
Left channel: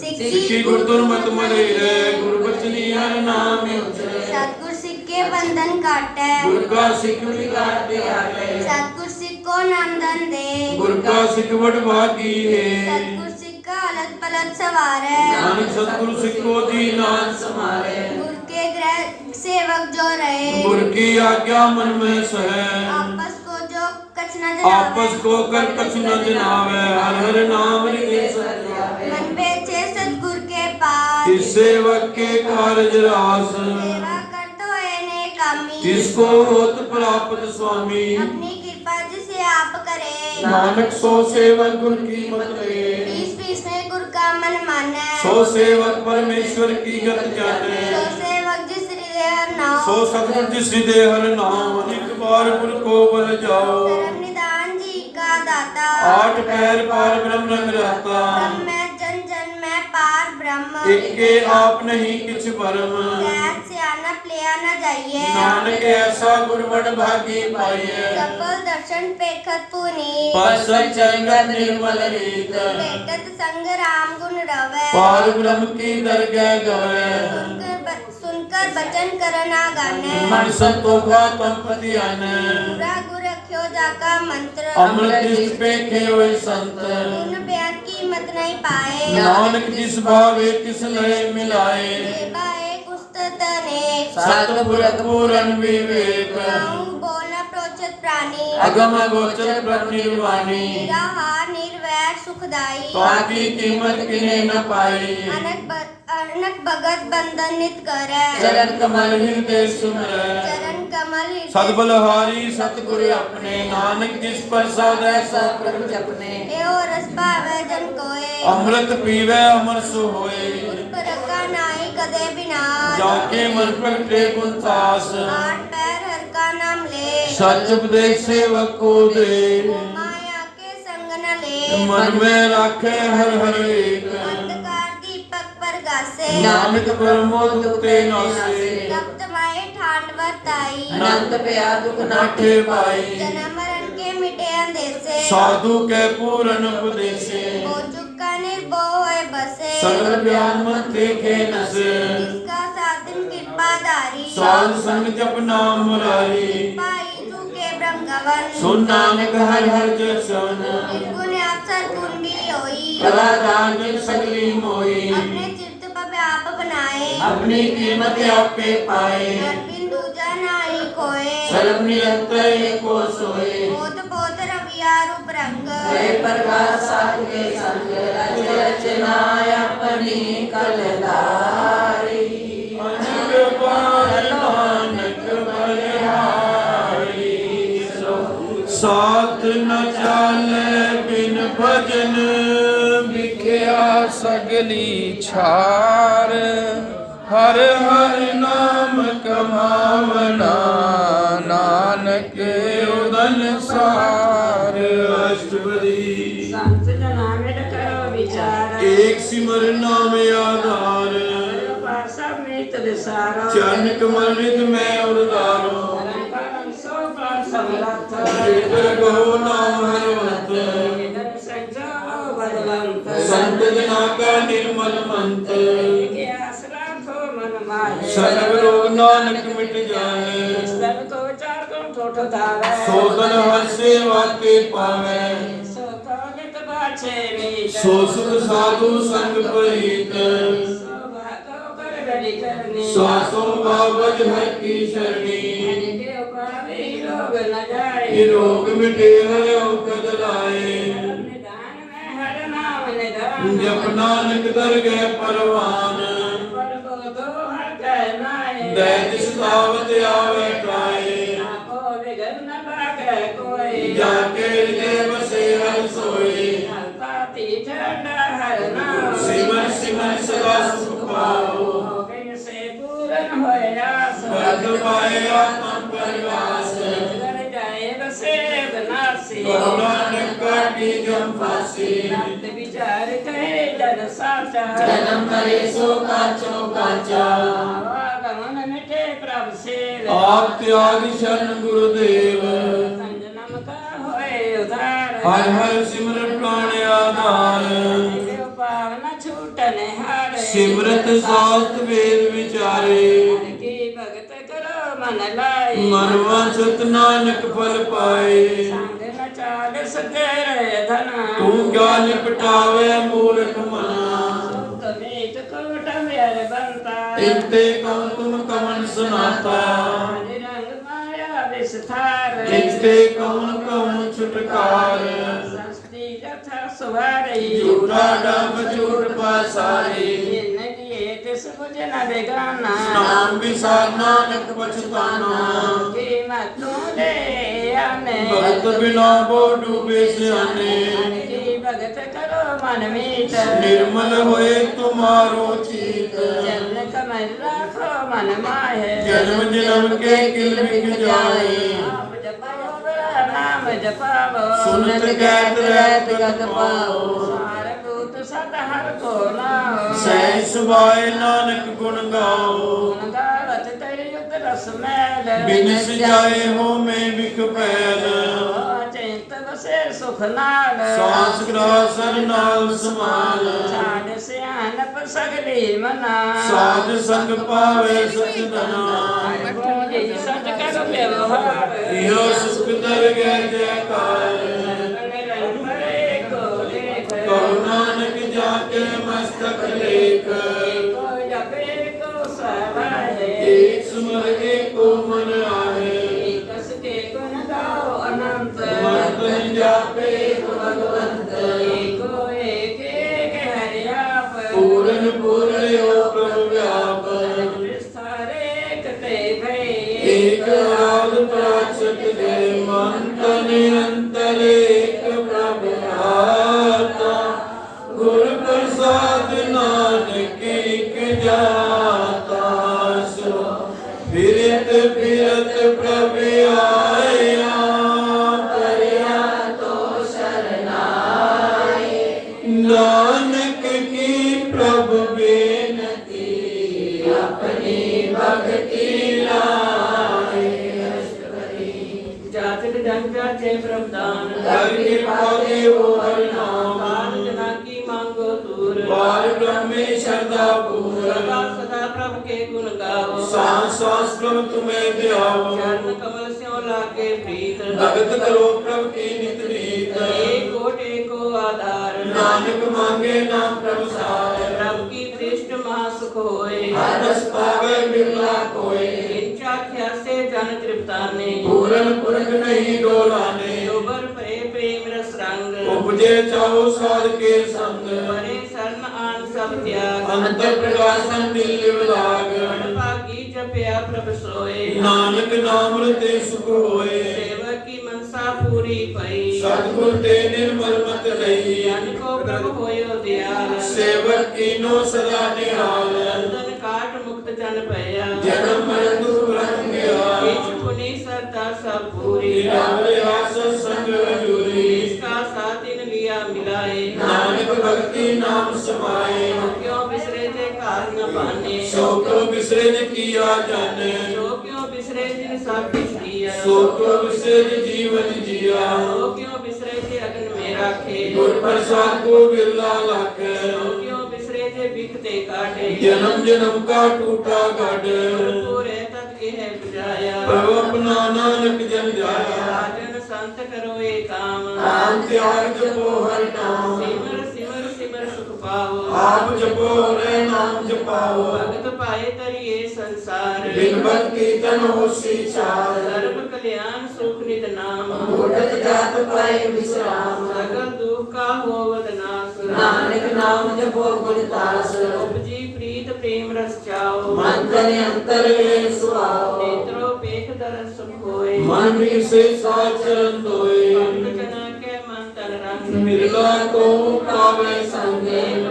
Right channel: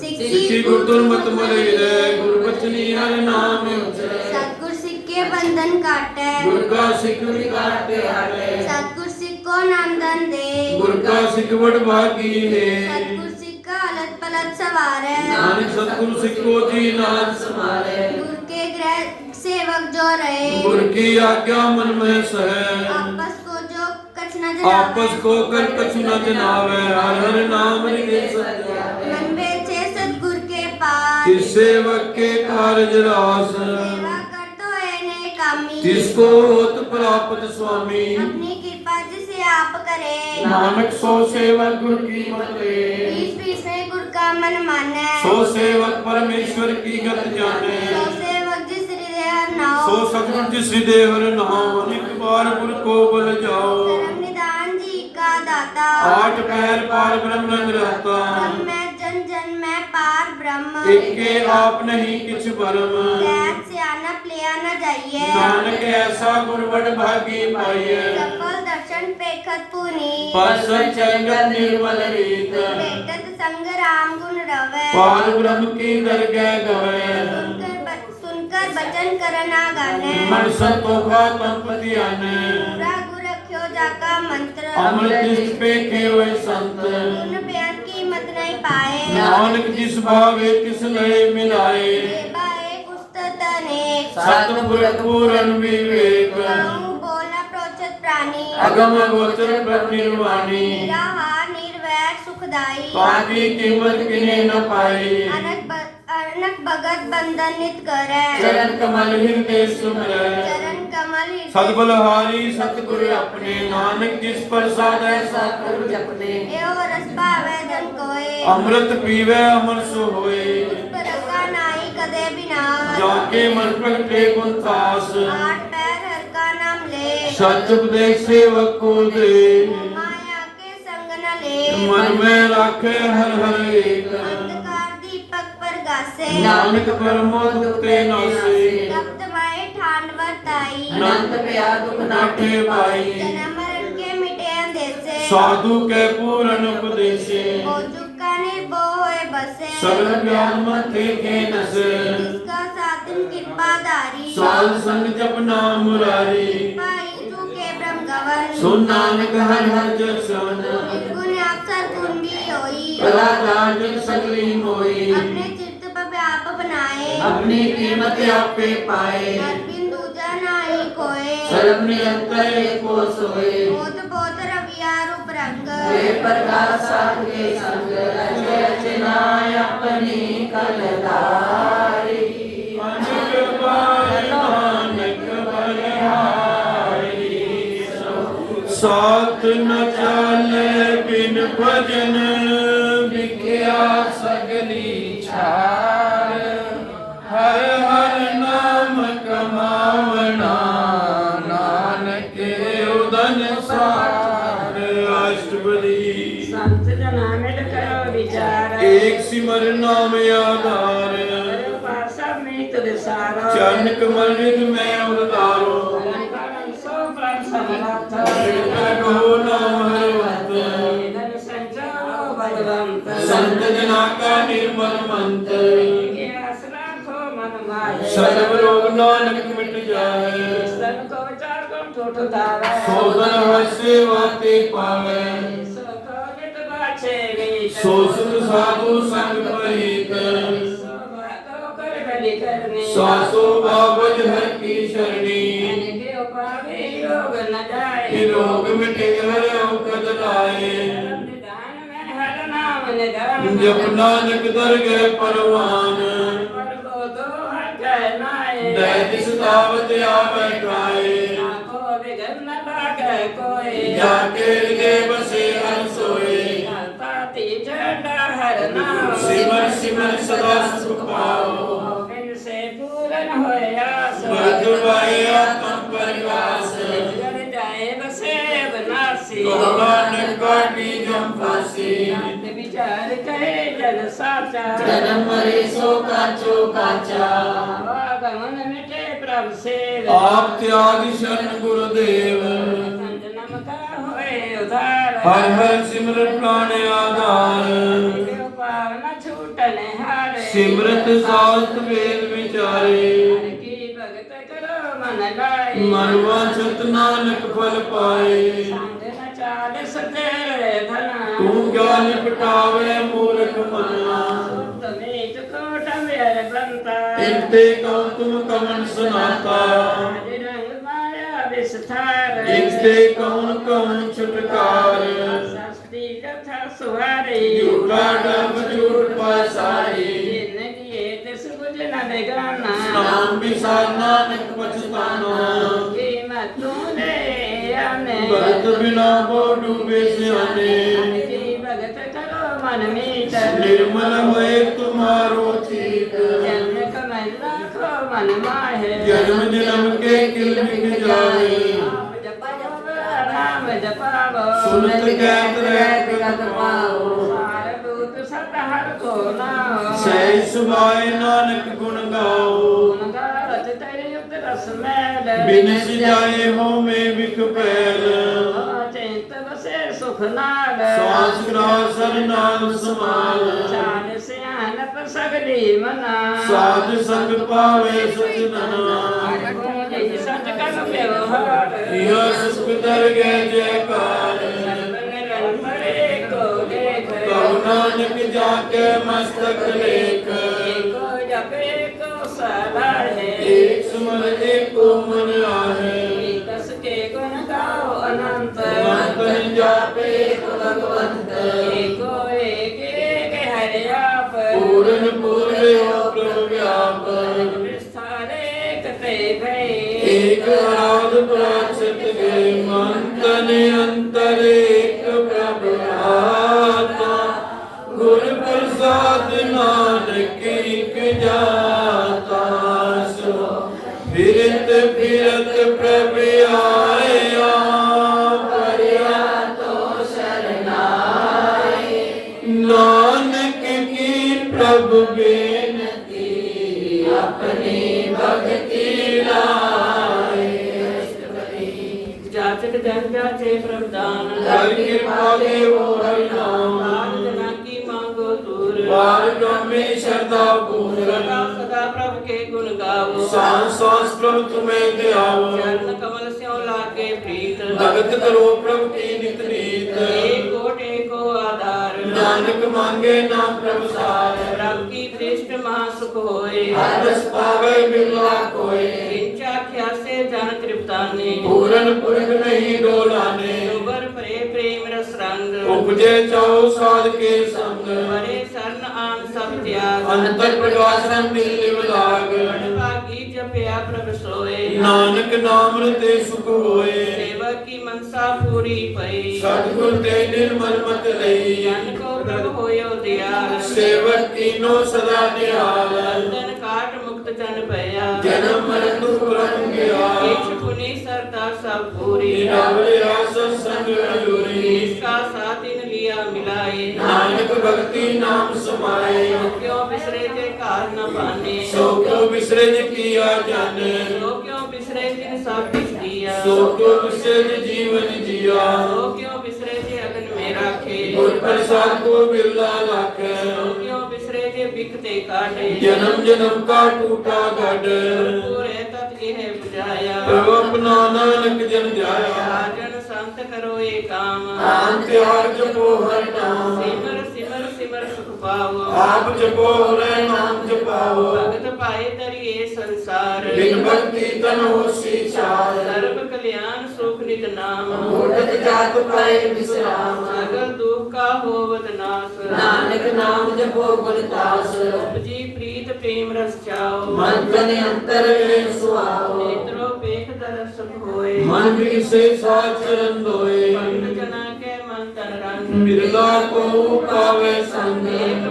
सिक्खी गुर दुर्मत मले रे गुर बचनी हर नाम उचरे सतगुर सिक्के बंधन काटे गुर का सिख काटे हाटे सतगुर सिक्को नामधन दे गुर का सिख बड़ भागी है सतगुर सिक्का अलग पलट सवारे नानक सतगुरु सिखो जी नाथ समारे गुर के ग्रह सेवक जो रहे गुर की आज्ञा मन में सहे आपस को जो कछ न आपस को कर कछ न जनावे हर हर नाम निके सत्यावे मन बेचे सतगुर के पास जिस सेवक के कारज रास सेवा कर तो एने कामी जिसको होत प्राप्त स्वामी अपनी कृपा जिसे आप करे नानक सो सेवक गुर की मत ले बीस बीस में गुर का मन माने सो सेवक परमेश्वर की गत जाने सो सेवक जिस हृदय नाम सो सतगुर जिस हृदय हर नाम अनेक बार गुर को बल जाओ धर्म निदान जी का दाता आठ पैर पार ब्रह्म रंग रहता ब्रह्म में जन जन में पार ब्रह्म एक के आप नहीं किछ भरम कैद से आना प्लिया न जाइए नानक ऐसा गुरबड़ भागी पाइए सकल दर्शन पेखत पुनी पार्षद चंगत निर्मल रीत पेखत संग राम गुण रवे पार ब्रह्म की दरगह गवे सुनकर बचन करना गाने मन संतोखा तुम पति आने पूरा गुर रख्यो जाका मंत्र अमृत जिस पे केवल संत गुण बयान की मत नहीं पाए नानक जिस भावे तिस लय मिलाए बाए पुस्तक ने सतगुर पूरन विवेक बोलना प्रोचत प्राणी अगम गोचर ब्रह्म निर्वाणी निराहार निर्वैर सुखदाई ताकि कीमत किने न पाई अनक भगत बंधन नित करे चरण कमल हृदय सुमरै चरण कमल सद्बलहारी सतगुरु अपने नानक जिस प्रसाद ऐसा प्रभु जपने एओ रस भावे जन कोए अमृत पीवे अमर सो होए दुष्ट रखा नाई कदे बिना जाके मन प्रगटे गुणतास आठ पैर हर का नाम ले सच उपदेश सेवक को दे माया के संग न ले मन में रखे हर हर एक अंधकार दीपक पर गासे नानक परमोद के नासे रक्त माए ठांड वर्ताई अनंत प्यार दुख नाठे पाई जन्म मरण के मिटे अंधेसे साधु के पूर्ण उपदेशे वो चुका निर्भो होए बसे सर्व ज्ञान मत देखे नसे इसका साधन कृपाधारी साध संग जप नाम मुरारी पाई चुके ब्रह्म गवन सुन नानक हर हर जसन निर्गुण अवसर गुण भी लोई कला दान जग सगली मोई अपने चित्त पर आप बनाए अपनी कीमत आपे पाए हरबिन दूजा नाई कोय सर्व निरंतर एको सोए ओत पोत रविया रूप रंग हे प्रकाश साध के संग रचना अपनी कलधारी अनेक बार नानक बलिहारी साथ न चाले बिन भजन विख्या सगली छार हर हर नाम कमावना नानक उदन सार अष्टपदी संत जना मिल करो विचार एक सिमर नाम आधार पासा मीत विसारो चरण कमल रिद में उदारो परम सो प्राण समरथ कहो नाम हरिवंत धन संजो भगवंत संत जना का निर्मल मंत्र के आसरा खो मन माहे सर्व रोग नानक मिट जाए स्तन को चार गुण ठोठ धावे सोदन हर सेवा के पावे सो कवित बाछे मीत सो सुख साधु संग परित सो बातो कर गली करनी सासो बाबज हर की शरणी के उपाधि योग न जाए ये रोग मिटे है औकद लाए निदान में हर नाम निदान जप नानक दर गए परवान पर को दो हर कहनाए दैत सतावत आवे काए आपो विघ्न न लागे कोई जाके हृदय बसे हर सोए ताती झंडा हर नाम सिमर सिमर सदा सुख पाओ बिन से पूरन होयास भद्रवाए आत्मा परिवास घर जाए बसे बनासी नानक काटी जम फांसी नाथ विचार कहे जन साचा जन्म मरे सो काचो काचा आगमन मिटे प्रभु से आप त्याग शरण गुरुदेव जन्म का होए उधार हर हर सिमरन प्राण आधार देव पावन छूटने हारे सिमरत शास्त्र वेद विचारे की भगत करो मन लाई मनवा सत नानक फल पाए संग न चालिस तेरे धना तू ज्ञान पटावे मूर्ख मना तमीत कोट मेरे बनता इनते कौन तुम कमन सुनाता रंग माया विस्तार इनते कौन कौन छुटकार सस्ती कथा सुहारी झूठा डम झूठ पासारी जिंदगी तिस बुझ न बेगाना नाम विसार नानक पछताना कीमत तू दे आने भगत बिना वो डूबे सियाने की भगत करो मन मीत निर्मल होए तुम्हारो चीत जन कमल राखो मन माहे जन्म जन्म के किल बिक जाए आप जपो बड़ा नाम जपावो सुनत गैत रहत गत पाओ सारभूत सत हर को नाओ सही सुभाए नानक गुण गाओ गुण गावत तयुग रस मैल बिनस जाए हो में विख पैल चिंत बसे सुख नाल सांस ग्रास हर नाम समाल साध सियानप सगली मना साध संग पावे सचदना बोली सच कर व्यवहार यह सुख दर गए जयकार निरंतर को देख कहो नानक जाके मस्तक लेख को जपे को सलाहे एक सुमन एक को मन आहे कस के गुण गाओ अनंत मन जापे भगवंत एको एक एक हरि आप पूर्ण पूर्ण हो प्रभु व्याप विस्तार एक ते भई एक आराध प्राचत गए मन तन अंतर एक प्रभु आता गुर प्रसाद नानक एक जाता सो फिरत फिरत प्रभु आया परिया तो शरणाए नानक की प्रभु बेनती अपनी भक्ति लाए जाचक जग जाचे प्रभुदान हर कृपा देवो हरि नाम दान जना की मांगो दूर पार ब्रह्मे श्रद्धा पूर सदा सदा प्रभु के गुण गाओ सांस सांस प्रभु तुम्हें ध्याओ चरण कमल स्यों लागे प्रीत भगत करो प्रभु की नित नीत एक कोट एको आधार नानक मांगे नाम प्रभुसार प्रभु की दृष्ट महासुख होए हर रस पावे बिरला कोय किंचा ख्या से जन तृप्ताने पूरन पुरख नहीं डोलाने दोबर परे प्रेम रस रंग उपजे चाओ साध के संग परे शरण आन सब त्याग अंतर प्रकाशन दिल लाग भागी जपया प्रभ सोए नानक नाम रते सुख होए सेवक की मनसा पूरी पई सतगुर ते निर्मल मत लई जन को प्रभु होयो दयाल सेवक कीनो सदा निहाल बंधन काट मुक्त जन भया जन्म मरण दुख रंग गया इच्छ पुनि सरता सब पूरी निरावया सत्संग अजूरी इसका साथ इन लिया मिलाए नानक भक्ति नाम समाए क्यों बिसरे जे काल न पाने सो क्यों बिसरे न किया जाने सो क्यों बिसरे जिन सब कुछ दिया सो क्यों बिसरे न जीवन जिया सो क्यों बिसरे जे अगन में राखे गुर प्रसाद को बिरला लाखे सो क्यों बिसरे जे बिखते काटे जन्म जन्म का टूटा गढ़ पूरे तत् यह बुझाया प्रभु अपना नानक जन जाया राजन संत करो ये काम नाम त्याग जपो हर नाम सिमर सिमर सिमर सुख पाओ आप जपो हरे नाम जपाओ भगत पाए तरिए संसार बिन भक्ति तन होसी चार सर्व कल्याण सुख नित नाम मूढ़त जात पाए विश्राम सगल दुख का होवत नाश नानक नाम जपो गुरदास उपजी प्रीत प्रेम रस चाओ मन तन अंतर में सुआओ नेत्रो पेख दरस सुख होए मन भी से साथ चरण धोए भक्त जना के मन तन रंग बिरला को पावे संग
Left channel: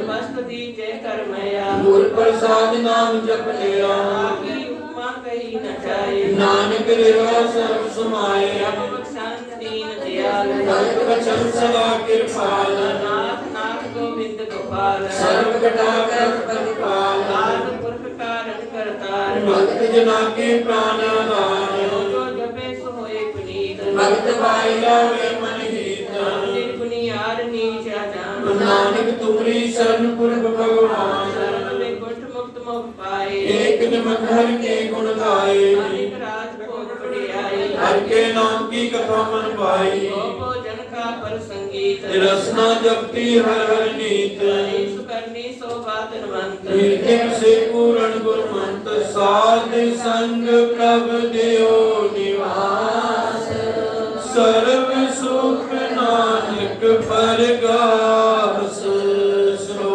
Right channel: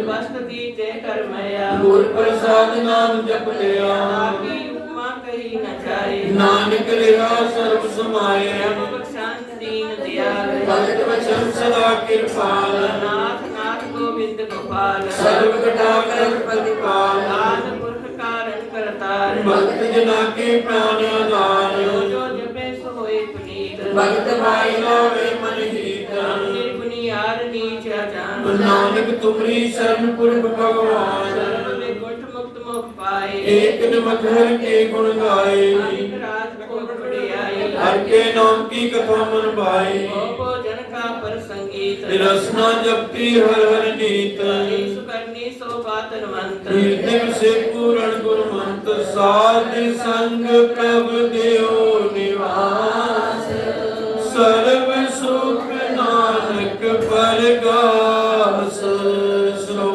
वस्त दीजे करमया गुर प्रसाद नाम जप लिया आपकी उपमा कही न जाए नानक लिया सर्व समाए प्रभु बख्शान दीन दयाल भक्त वचन सदा कृपाल नाथ नाथ गोविंद गोपाल सर्व कटा कर प्रतिपाल आद पुरख कारण करतार भक्त जना के प्राण आधार जो जपे सो होए पुनीत भक्त भाई लावे मन हित निर्गुनियार नीच अजान नानक तुम्हारी शरण पुरख भगवान सर्व में गुट मुक्त मोक्ष पाए एक नमक हर के गुण गाए अनेक राज भोग बढ़ियाई हर के नाम की कथा मन पाई को जन का पर संगीत रसना जपती हर हर नीत ईसु करनी सो बातनवंत कीर्तन से पूर्ण गुरमंत साध संग प्रभ देव निवास सर्व सुख नानक परगास सो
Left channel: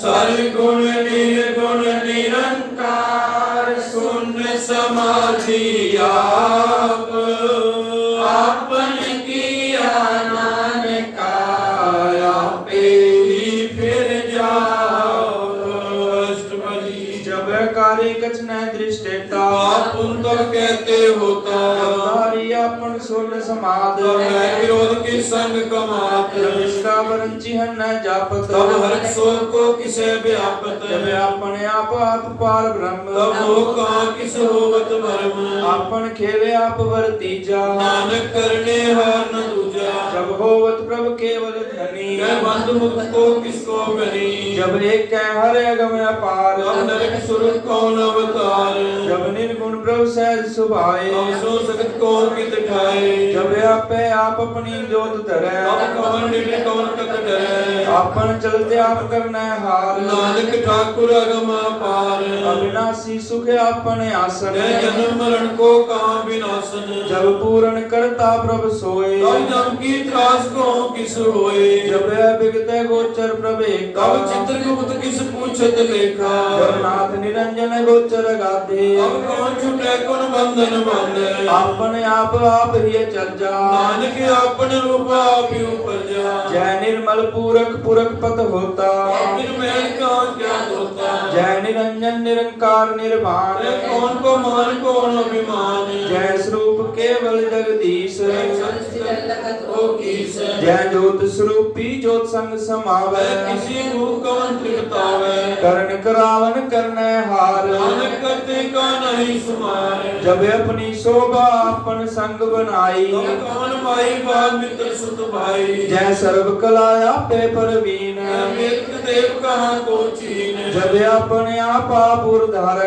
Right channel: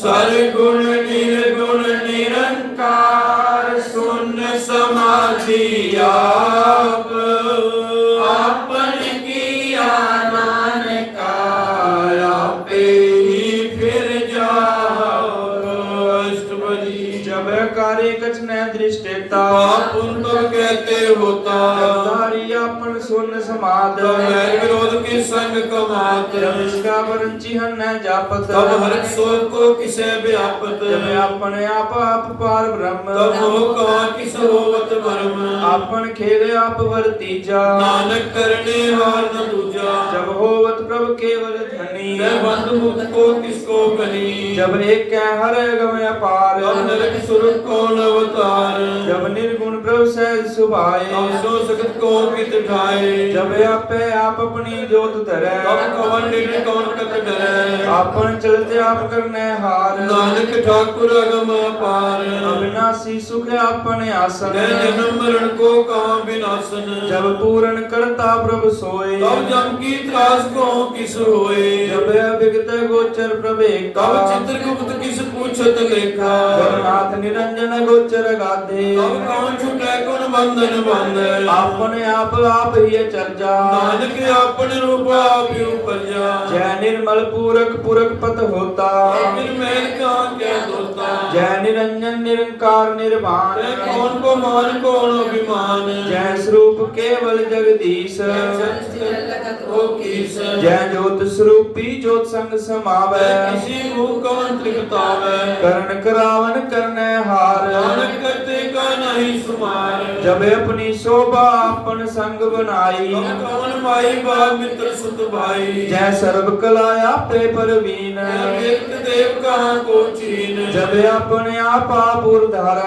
सर गुण निर्गुण निरंकार शून्य समाधि आप आपन किया नानका आपे ही फिर जाओ अष्टपदी जब कार्य कछ न दृष्टेता पाप उन तो कहते होता धारी अपन सुन समाद तो मैं विरोध के संग कमात जब इसका वरंची हम न जापत तब हर सोच को किसे व्यापत जब अपने आप पार ब्रह्म तब वो कहाँ किस होवत मर्म अपन खेले आप वर्तीजा नानक करने हार न दूजा जब होवत प्रभु केवल धनी मैं बंधु मुक्त को किसको करी जब एक हर अगम अपार तब नरक सुरत कौन अवतार जब निर्गुण प्रभु सहज सुभाए तब सो सकत को कित ठाए जब आपे आप अपनी जोत धरे तब कौन निर कौन कत डरे अपन चलते आप करने हार नानक ठाकुर अगम अपार अविनाशी सुख अपने आसन मैं जन्म मरण को कहाँ विनाशन जब पूर्ण करता प्रभु सोए तब जम की त्रास को किस होए जब विगत गोचर प्रभे तब चित्रगुप्त किस पूछत लेखा जगन्नाथ निरंजन गोचर गाधे तब कौन छुटे कौन बंधन बंधे अपने आप ही चल जा नानक अपन रूप आप ही ऊपर जा जय निर्मल पूरक पूरक पत होता फिर मैं कहाँ क्या होता जय निरंजन निरंकार निर्वाण मैं कौन को मान कौन अभिमान जय स्वरूप केवल जगदीश ओ किस जय ज्योत स्वरूपी ज्योत संग समावै किसी मुख कौन त्रिकतावे करण करावन करने हार नानक करते का नहीं सुमार जब अपनी शोभा अपन संग बनाई तब कौन भाई बाल मित्र सुत भाई जय सर्व कलाया पे परवीन कीर्त देव कहाँ को चीन जब अपने आप आपुर धर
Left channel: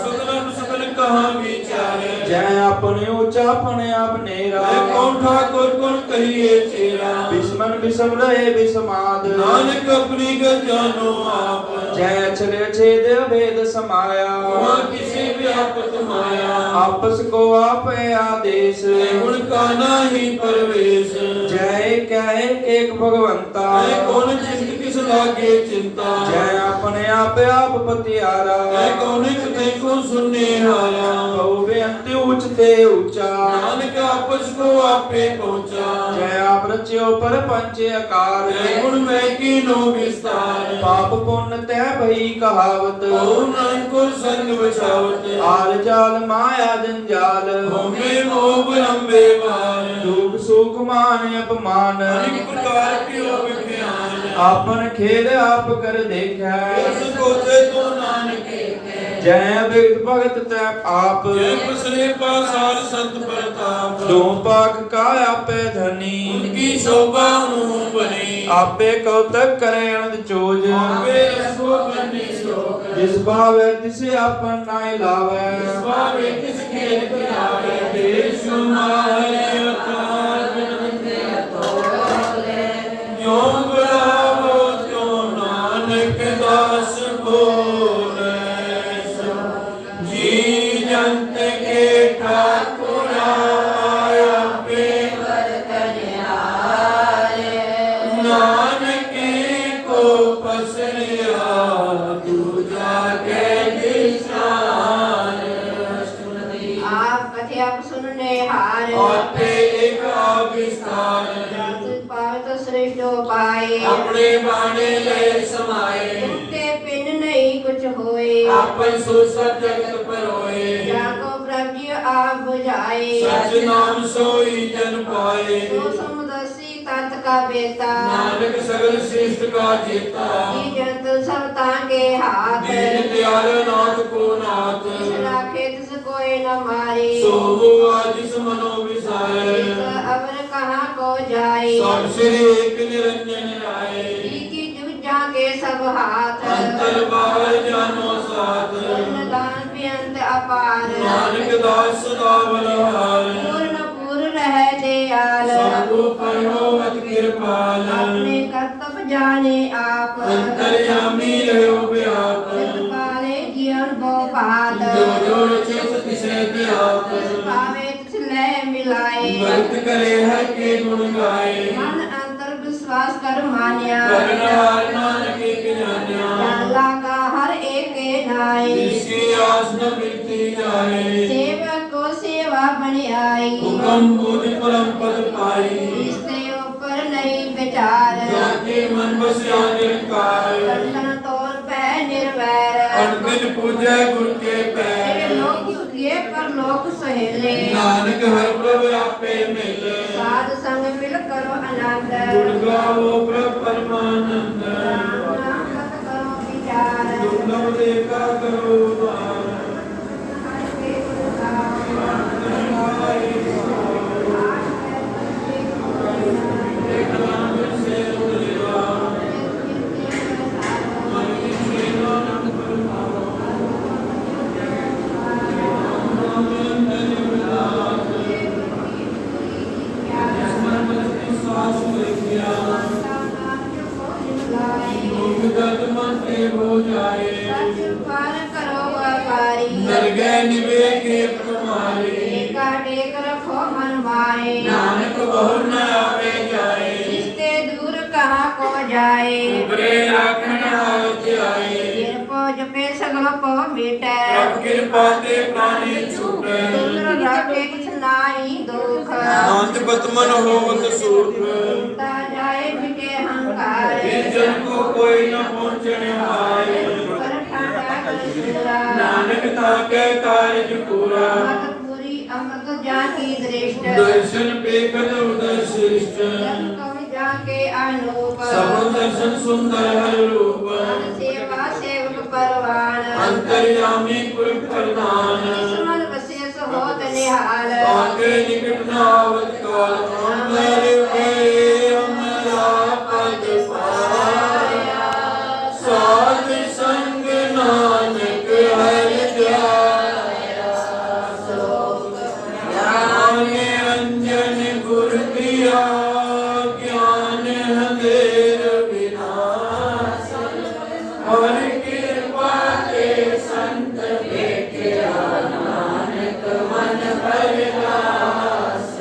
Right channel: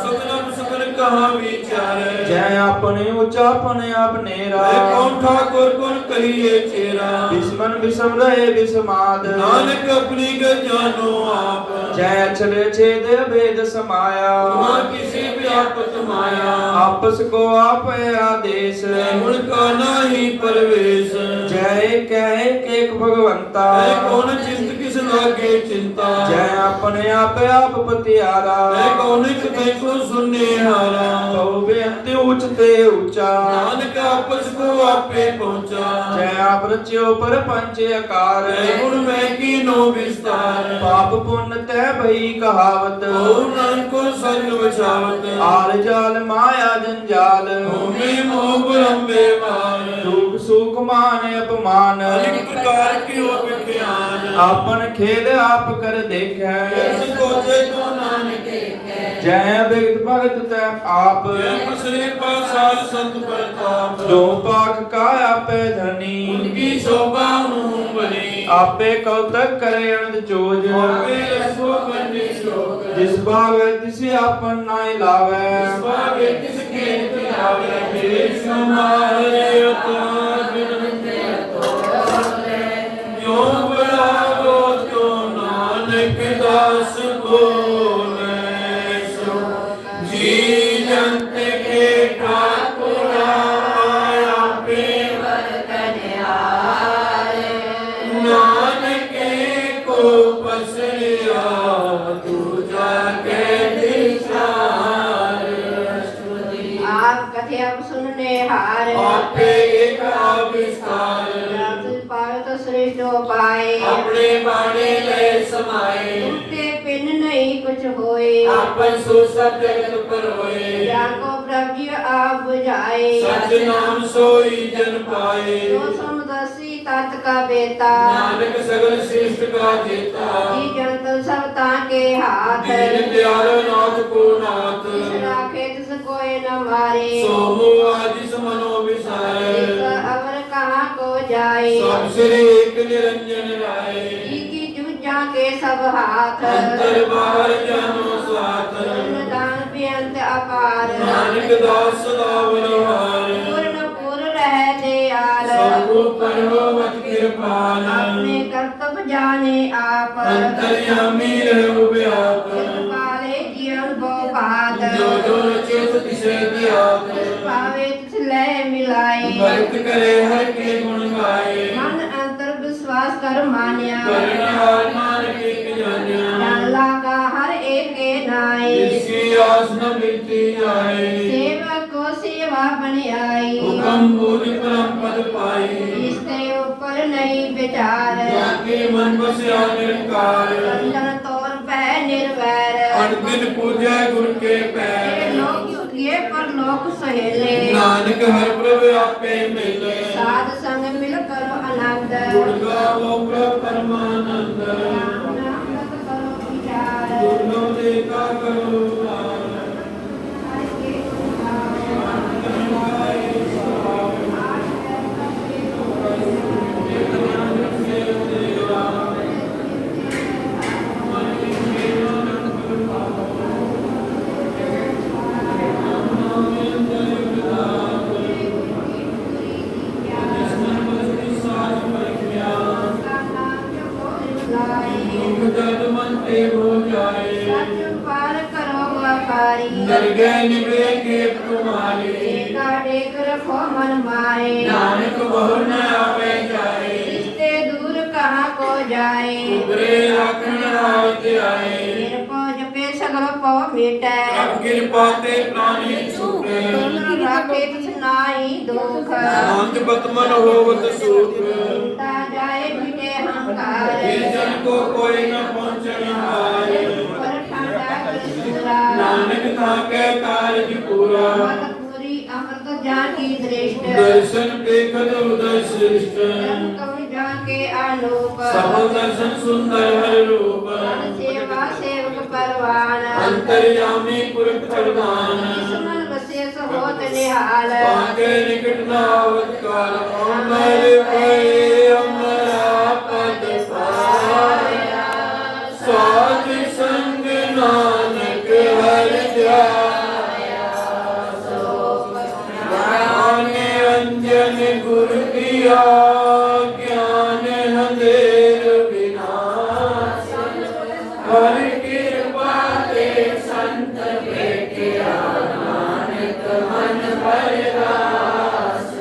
सदनम सबन कहाँ विचार ਜੈ ਆਪਣੇ ਉੱਚਾ ਆਪਣੇ ਆਪ ਨੇਰਾ ਕੌਣ ਠਾਕੁਰ ਗੁਣ ਕਹੀਏ ਚੇਰਾ ਬਿਸਮਨ ਬਿਸਮ ਰਹੇ ਬਿਸਮਾਦ ਨਾਨਕ ਆਪਣੀ ਗਤ ਜਾਨੋ ਆਪ ਜੈ ਅਛਲੇ ਛੇਦ ਭੇਦ ਸਮਾਇਆ ਵਹਾਂ ਕਿਸੇ ਵਿਆਪਤ ਮਾਇਆ ਆਪਸ ਕੋ ਆਪੇ ਆਦੇਸ਼ ਗੁਣ ਕਾ ਨਾਹੀ ਪਰਵੇਸ਼ ਜੈ ਕਹਿ ਏਕ ਭਗਵੰਤਾ ਐ ਕੌਣ ਚਿੰਤ ਕਿਸ ਲਾਗੇ ਚਿੰਤਾ ਜੈ ਆਪਣੇ ਆਪੇ ਆਪ ਪਤਿਆਰਾ ਐ ਕੌਣ ਇੱਕ ਦੇਖੋ ਸੁਨਨੇ ਹਾਰਾ ਕਉ ਬੇਅੰਤ ਉੱਚ ਤੇ ਉੱਚਾ ਨਾਨਕ ਆਪਸ ਕੋ ਆਪੇ ਪਹੁੰਚਾ ਜੈ ਆਪ ਰਚਿਓ ਪਰਪੰਚ ਆਕਾਰ ਐ ਗੁਣ ਮੈਂ ਕੀਨੋ ਵਿਸਤਾਰ ਪਾਪ ਪੁੰਨ ਤੈ ਭਈ ਕਹਾਵਤ ਕਉ ਨਾਨਕੋ ਸੰਗ ਵਿਛਾਵਤ ਆਲ ਜਾਲ ਮਾਇਆ ਜੰਜਾਲ ਹੋਮੇ ਮੋਹ ਬਲੰਬੇ ਮਾਰ ਦੁਖ ਸੁਖ ਮਾਨ ਅਪਮਾਨ ਅਨੇਕ ਪ੍ਰਕਾਰ ਕੀ ਹੋ ਵਿਖਿਆਨ ਆਪਨ ਖੇਦ ਆਪ ਕਰ ਦੇਖੈ ਇਸ ਕੋਚੇ ਤੋਂ ਨਾਨਕ ਜੈ ਬਿਗਤ ਭਗਤ ਤੈ ਆਪ ਜੈ ਪਸਰੇ ਪਾਸਾਰ ਸੰਤ ਪ੍ਰਤਾਪ ਦੋ ਪਾਕ ਕਾ ਆਪੇ ਧਨੀ ਉਨਕੀ ਸ਼ੋਭਾ ਨੂੰ ਬਣੀ ਆਪੇ ਕਉਤਕ ਕਰੇ ਅਨੰਦ ਚੋਜ ਆਪੇ ਰਸੋ ਬੰਦੇ ਸ਼ੋਕ ਜਿਸ ਭਾਵੇ ਤਿਸ ਆਪਨ ਨਾਇ ਲਾਵੈ ਭਾਵੇ ਤਿਸ ਖੇਤ ਆਵੇ ਦੇਸ਼ ਮਾਰੇ ਅਤਾਰ ਬਿਨਤੇ ਜੋ ਬੜਾਵੋ ਜੋ ਨਾਨਕ ਦਾਸ ਬੋਲੇ ਸੋ ਜੀ ਜੰਤ ਕੇ ਠਾਕੁਰ ਆਪੇ ਨਾਨਕ ਕੋ ਪਸਰਿਆ ਦੂਜਾ ਕੇ ਦਿਸਾਰ आप कथे आप सुनने हार ਆਪੇ ਏਕ ਵਿਸਤਾਰ पावे तो श्रेष्ठ हो पाए ਆਪਣੇ ਬਾਣੇ ਲੈ ਸਮਾਏ टूटे पिन नहीं कुछ होए ਆਪਨ ਸੋ ਸਭ ਜਗਤ ਪਰੋਏ जाको प्रभु आप बुझाए ਸਚ ਨਾਮ ਸੋਈ ਜਨ ਪਾਏ जो समदर्शी तत् का बेटा ਨਾਨਕ ਸਗਲ ਸ੍ਰਿਸ਼ਟ ਕਾ ਜੇਤਾ जी जंत सब ताके हाथ ਦੀਨ ਦਿਆਲ ਨਾਥ ਕੋ ਨਾਥ जिस राखे तिस कोई न मारे ਸੋ ਹੁਆ ਜਿਸ ਮਨੋ ਵਿਸਾਰੇ जिस अवर कहाँ को जाए ਸਭ ਸ੍ਰੀ ਏਕ ਨਿਰੰਜਨ ਰਾਏ जी की जूझा के सब हाथ ਅੰਤਰ ਬਾਹਰ ਜਾਨੋ ਸਾਥ दान बेअंत अपार ਨਾਨਕ ਦਾਸ ਸਦਾ ਬਲਵਾਰ पूर्ण पूर्ण रह दयाल ਸਭੂ ਪਰਵਤ ਕਿਰਪਾਲ अपने कर्तव्य जाने आप ਅੰਤਰਯਾਮੀ ਰਹਿਓ ਬਿਆਪ काले जीवन को बात ਜੋ ਜੋ ਚਿਤ ਤਿਸੇ ਦਿਆਪ पावे तिस लय मिलाए ਭਗਤ ਕਰੇ ਹਰ ਕੇ ਗੁਣ ਗਾਏ मन अंतर विश्वास कर मान्या ਕਰਨਾਰ ਨਾਨਕ ਇਕ ਜਾਣਿਆ डाला का हर एक के नाई ਜਿਸकी ਆਸ ਨ ਮਿਲਤੀ ਜਾਏ सेवक को सेवा बन आई ਹੁਕਮ ਬੂਝ ਪਰਮ ਪਦ ਪਾਈ इसके ऊपर नहीं विचार ਜਾਕੇ ਮਨ ਬਸਿਆ ਨਿਰੰਕਾਰ बंधन तोर पै निर्वैर ਅਨਗਿਨ ਪੂਜੈ ਗੁਰ ਕੇ ये ਪੈਰ लोक किए पर लोक सहेले ਨਾਨਕ ਹਰ ਪ੍ਰਭ ਆਪੇ ਮਿਲੇ साध संग मिल करो आनंद ਗੁਣ ਗਾਵੋ ਪ੍ਰਭ ਪਰਮਾਨੰਦ नाम मत करो विचार ਦੁਰਲਭ ਦੇਖਾ ਕਰੋ ਦਾਨ हर के सुधार ਜਦ ਮਨ ਤੇ ਹੋ ਜਾਏ पार करो व्यापारी ਨਰਗੈ ਨਿਵੇਕੇ ਤੁਮਾਰੇ एका टेक रखो मन माए ਨਾਨਕ ਬਹੁ ਨ ਆਵੇ ਜਾਏ जिसते दूर कहाँ को जाए ਉਬਰੇ ਆਖਣ ਆਵਤ ਆਏ गिर पो जपे सगलो पो मिटे ਪ੍ਰਭ ਕਿਰਪਾ ਤੇ ਪ੍ਰਾਣੀ ਛੂਟੇ सुंदर राखे तिस नाई दुख ਅੰਤ ਬਤਮਨ ਹੋਵਤ ਸੁਖ ता जाए मिटे हंकार ਜਿਸ ਜਨ ਕੋ ਕੋਈ ਨ ਪਹੁੰਚਣ ਹਾਰੇ पर ठाडा कर सुंदरा ਨਾਨਕ ਤਾਕੇ ਕਾਰਜ ਪੂਰਾ मत पूरी अमृत जाकी दृष्ट ਦਰਸ਼ਨ ਬੇਖਦ ਉਦੈ ਸ੍ਰਿਸ਼ਟ कवि जाके आलोक ਸਫਲ ਦਰਸ਼ਨ ਸੁੰਦਰ ਹਰ ਰੂਪ सेवा सेवक परवान ਅੰਤਰਯਾਮੀ ਪੁਰਖ ਪ੍ਰਧਾਨ मन विशेष होत निहाल ताके निकट न आवत काल अमर भय अमरा पद पाया साध संग नानक हर जाया जन गुर किया ज्ञान अंधेर विनाश हर कृपा के संत भेटिया नानक मन भर रास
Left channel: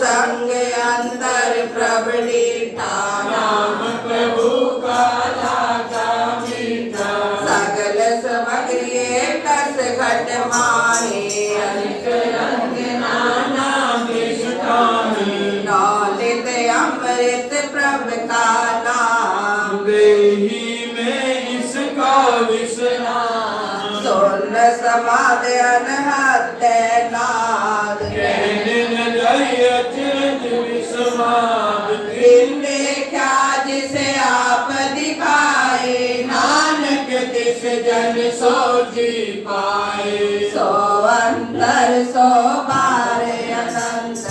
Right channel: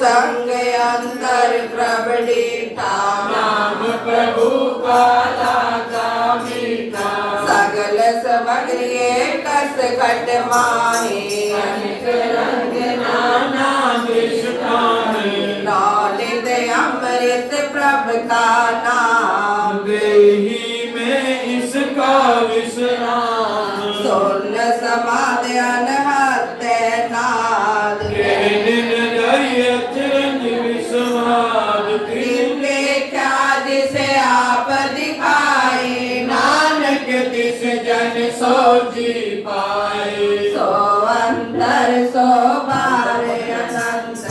संग अंतर प्रबड़ी नाम प्रभु का लागा मीठा सगल समग्री कस घट माहे अनेक रंग नाना दृष्टा है ललित अमृत प्रभ का नाम देही में इसका विश्राम सोन समाध अनहत्य नाद दिन जय अचरज विश्वामित्री दिन देखा जिसे आप दिखाए नानक तिस जन सो जी पाए सो अंतर सो बार अनंत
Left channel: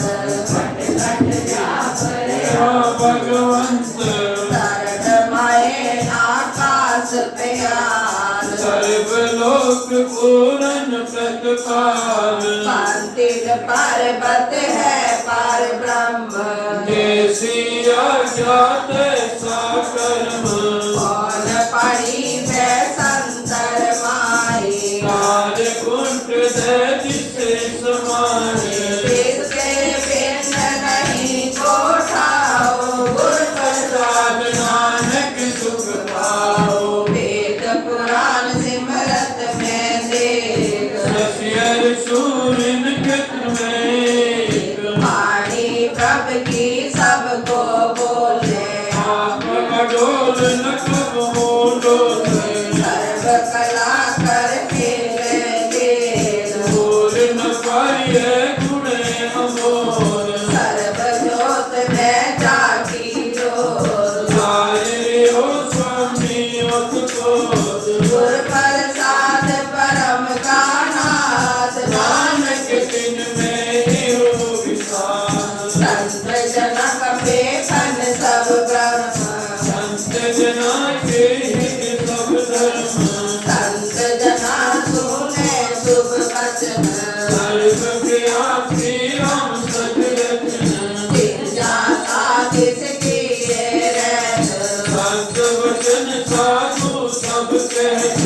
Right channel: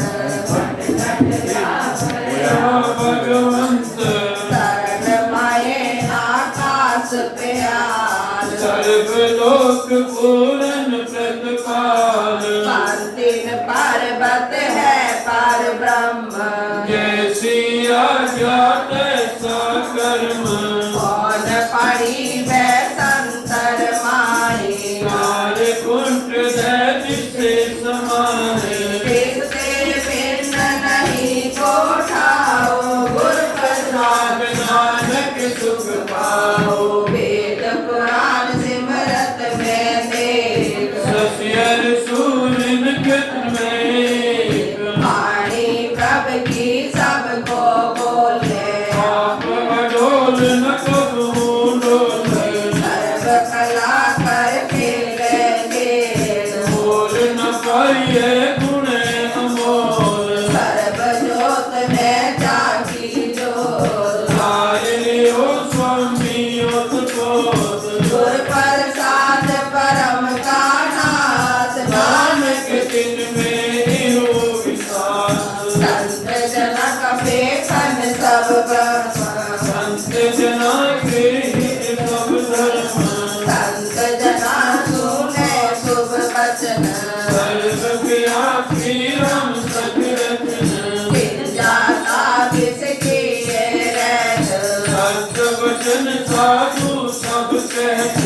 भगवंत शरणमय आकाश प्यार सर्वलोक पूर्ण प्रतिपाल शांतिन पर्वत है पर ब्रह्म जैसी आज्ञा तैसा कर्म कौन पड़ी वे संतर माही कार्य कुंठ जिसे समाए जिसके बिन नहीं कोठाओ गुर प्रसाद नानक सुख पाओ वेद पुराण सिमरत में देख ससियर सूरन कृत में वाणी प्रभ की सबको बोले आप अडोल न कबहू डोले सर्व कला कर खेले खेल बोल न पाइए गुणे अमोल सर्व जोत में जाकी जोत लाए लियो स्वामी उत्पोत गुर प्रसाद परम का नाथ नानक तिन में हो विकास संत जनक बेसन सब ब्रह्म संत जना के हित सब धर्म संत जना सुने शुभ वचन सर्व व्यापी राम सतरत्न दिन जाता किसकी ये रहत सत्य वचन साधु सब कहत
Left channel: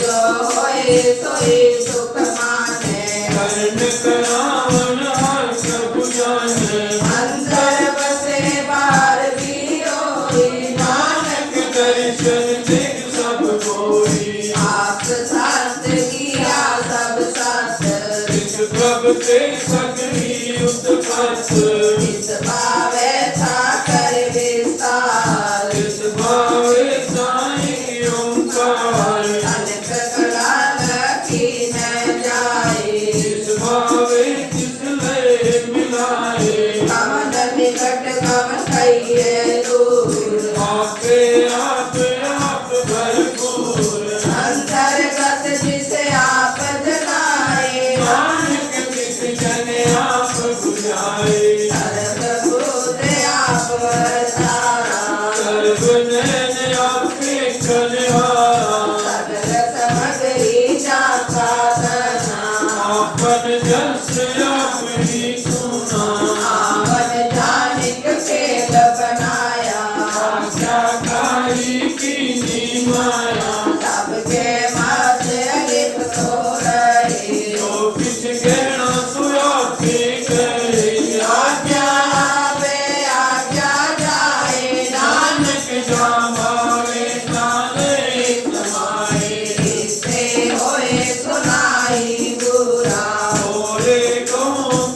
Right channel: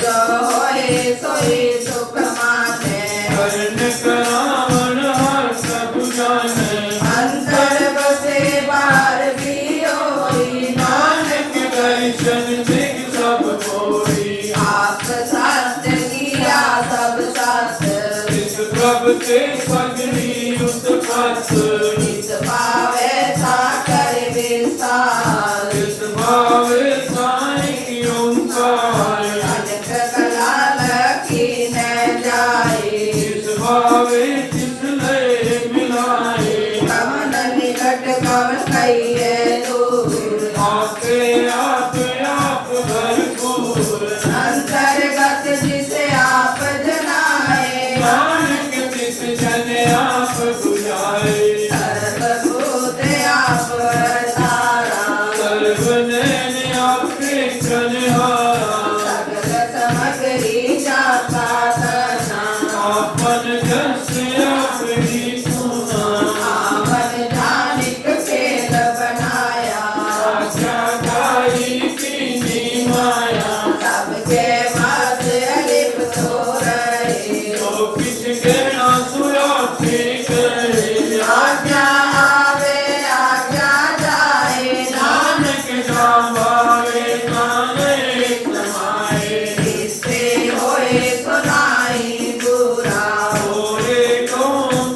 जो होए सोई सुख माने कर्ण करावण हर प्रभु जाने अंतर बसे बाहर भी होई नानक दर्शन दिख सब कोई आप शास्त्र किया सब शास्त्र इस प्रभ ते सगरी उत्पत इस पावे था कर विस्तार इस भावे साई ओंकार अनक कला लखी न जाए इस भावे तिस लय मिलाए कमन निकट कवन कहिए दूर आपे आप भरपूर अंतर्गत जिसे आप जनाए नानक तिस जन आप बुझाए सर्वभूत आप तारा सर्व नैन आपके कन्हारा सगल समग्री जाता तना आपन जस आप ही सुना आवन जानिक खेल बनाया आज्ञाकारी कीनी माया सबके मत लिप्त हो रहे जो किछ गहना सुराती करे आज्ञा आवे आज्ञा जाए नानक जामावे काने समाए इससे होए सुनाई बुरा ओरे को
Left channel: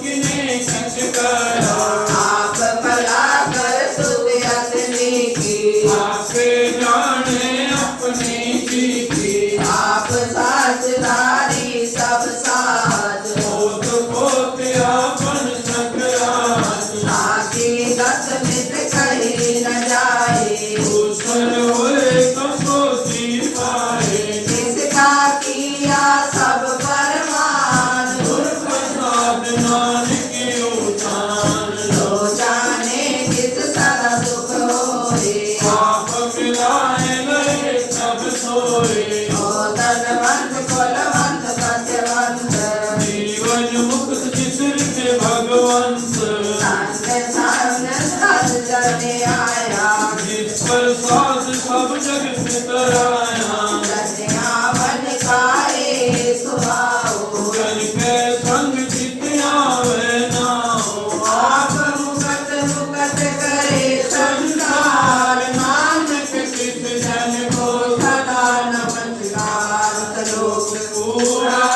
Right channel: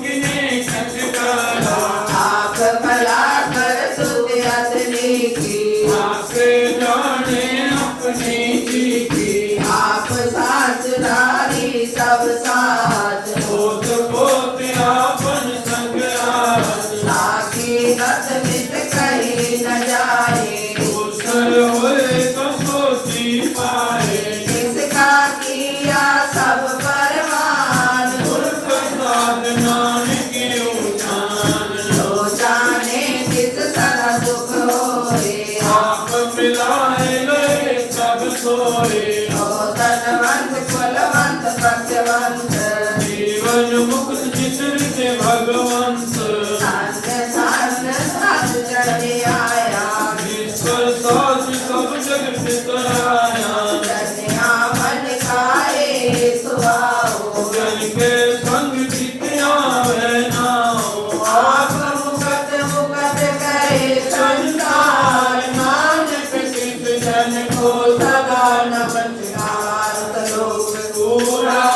किने किछ करा आप भला कर सुध असली की आपे जाने अपनी जी की आप सासधारी सब साथ पोत पोत आपन संग्रास ताकि रस मित कही न जाए दूसर होए तो सोती पाए जिसका किया सब परमान गुर प्रसाद नानक उठान लो जाने जिस सन सुख होए आप मिलाए लय सब सोए ओ धनवंत कुलवंत सत्यवंत जीवन मुक्त विसर के भगवंत चढ़े आया जिस पर साध सब जग पितराया बन खाए सुभाओ जन के संग जितिया है नाओ आप मुकत मुकत करे संसार नानक किस जन को सदा नमस्कार लोक पूरा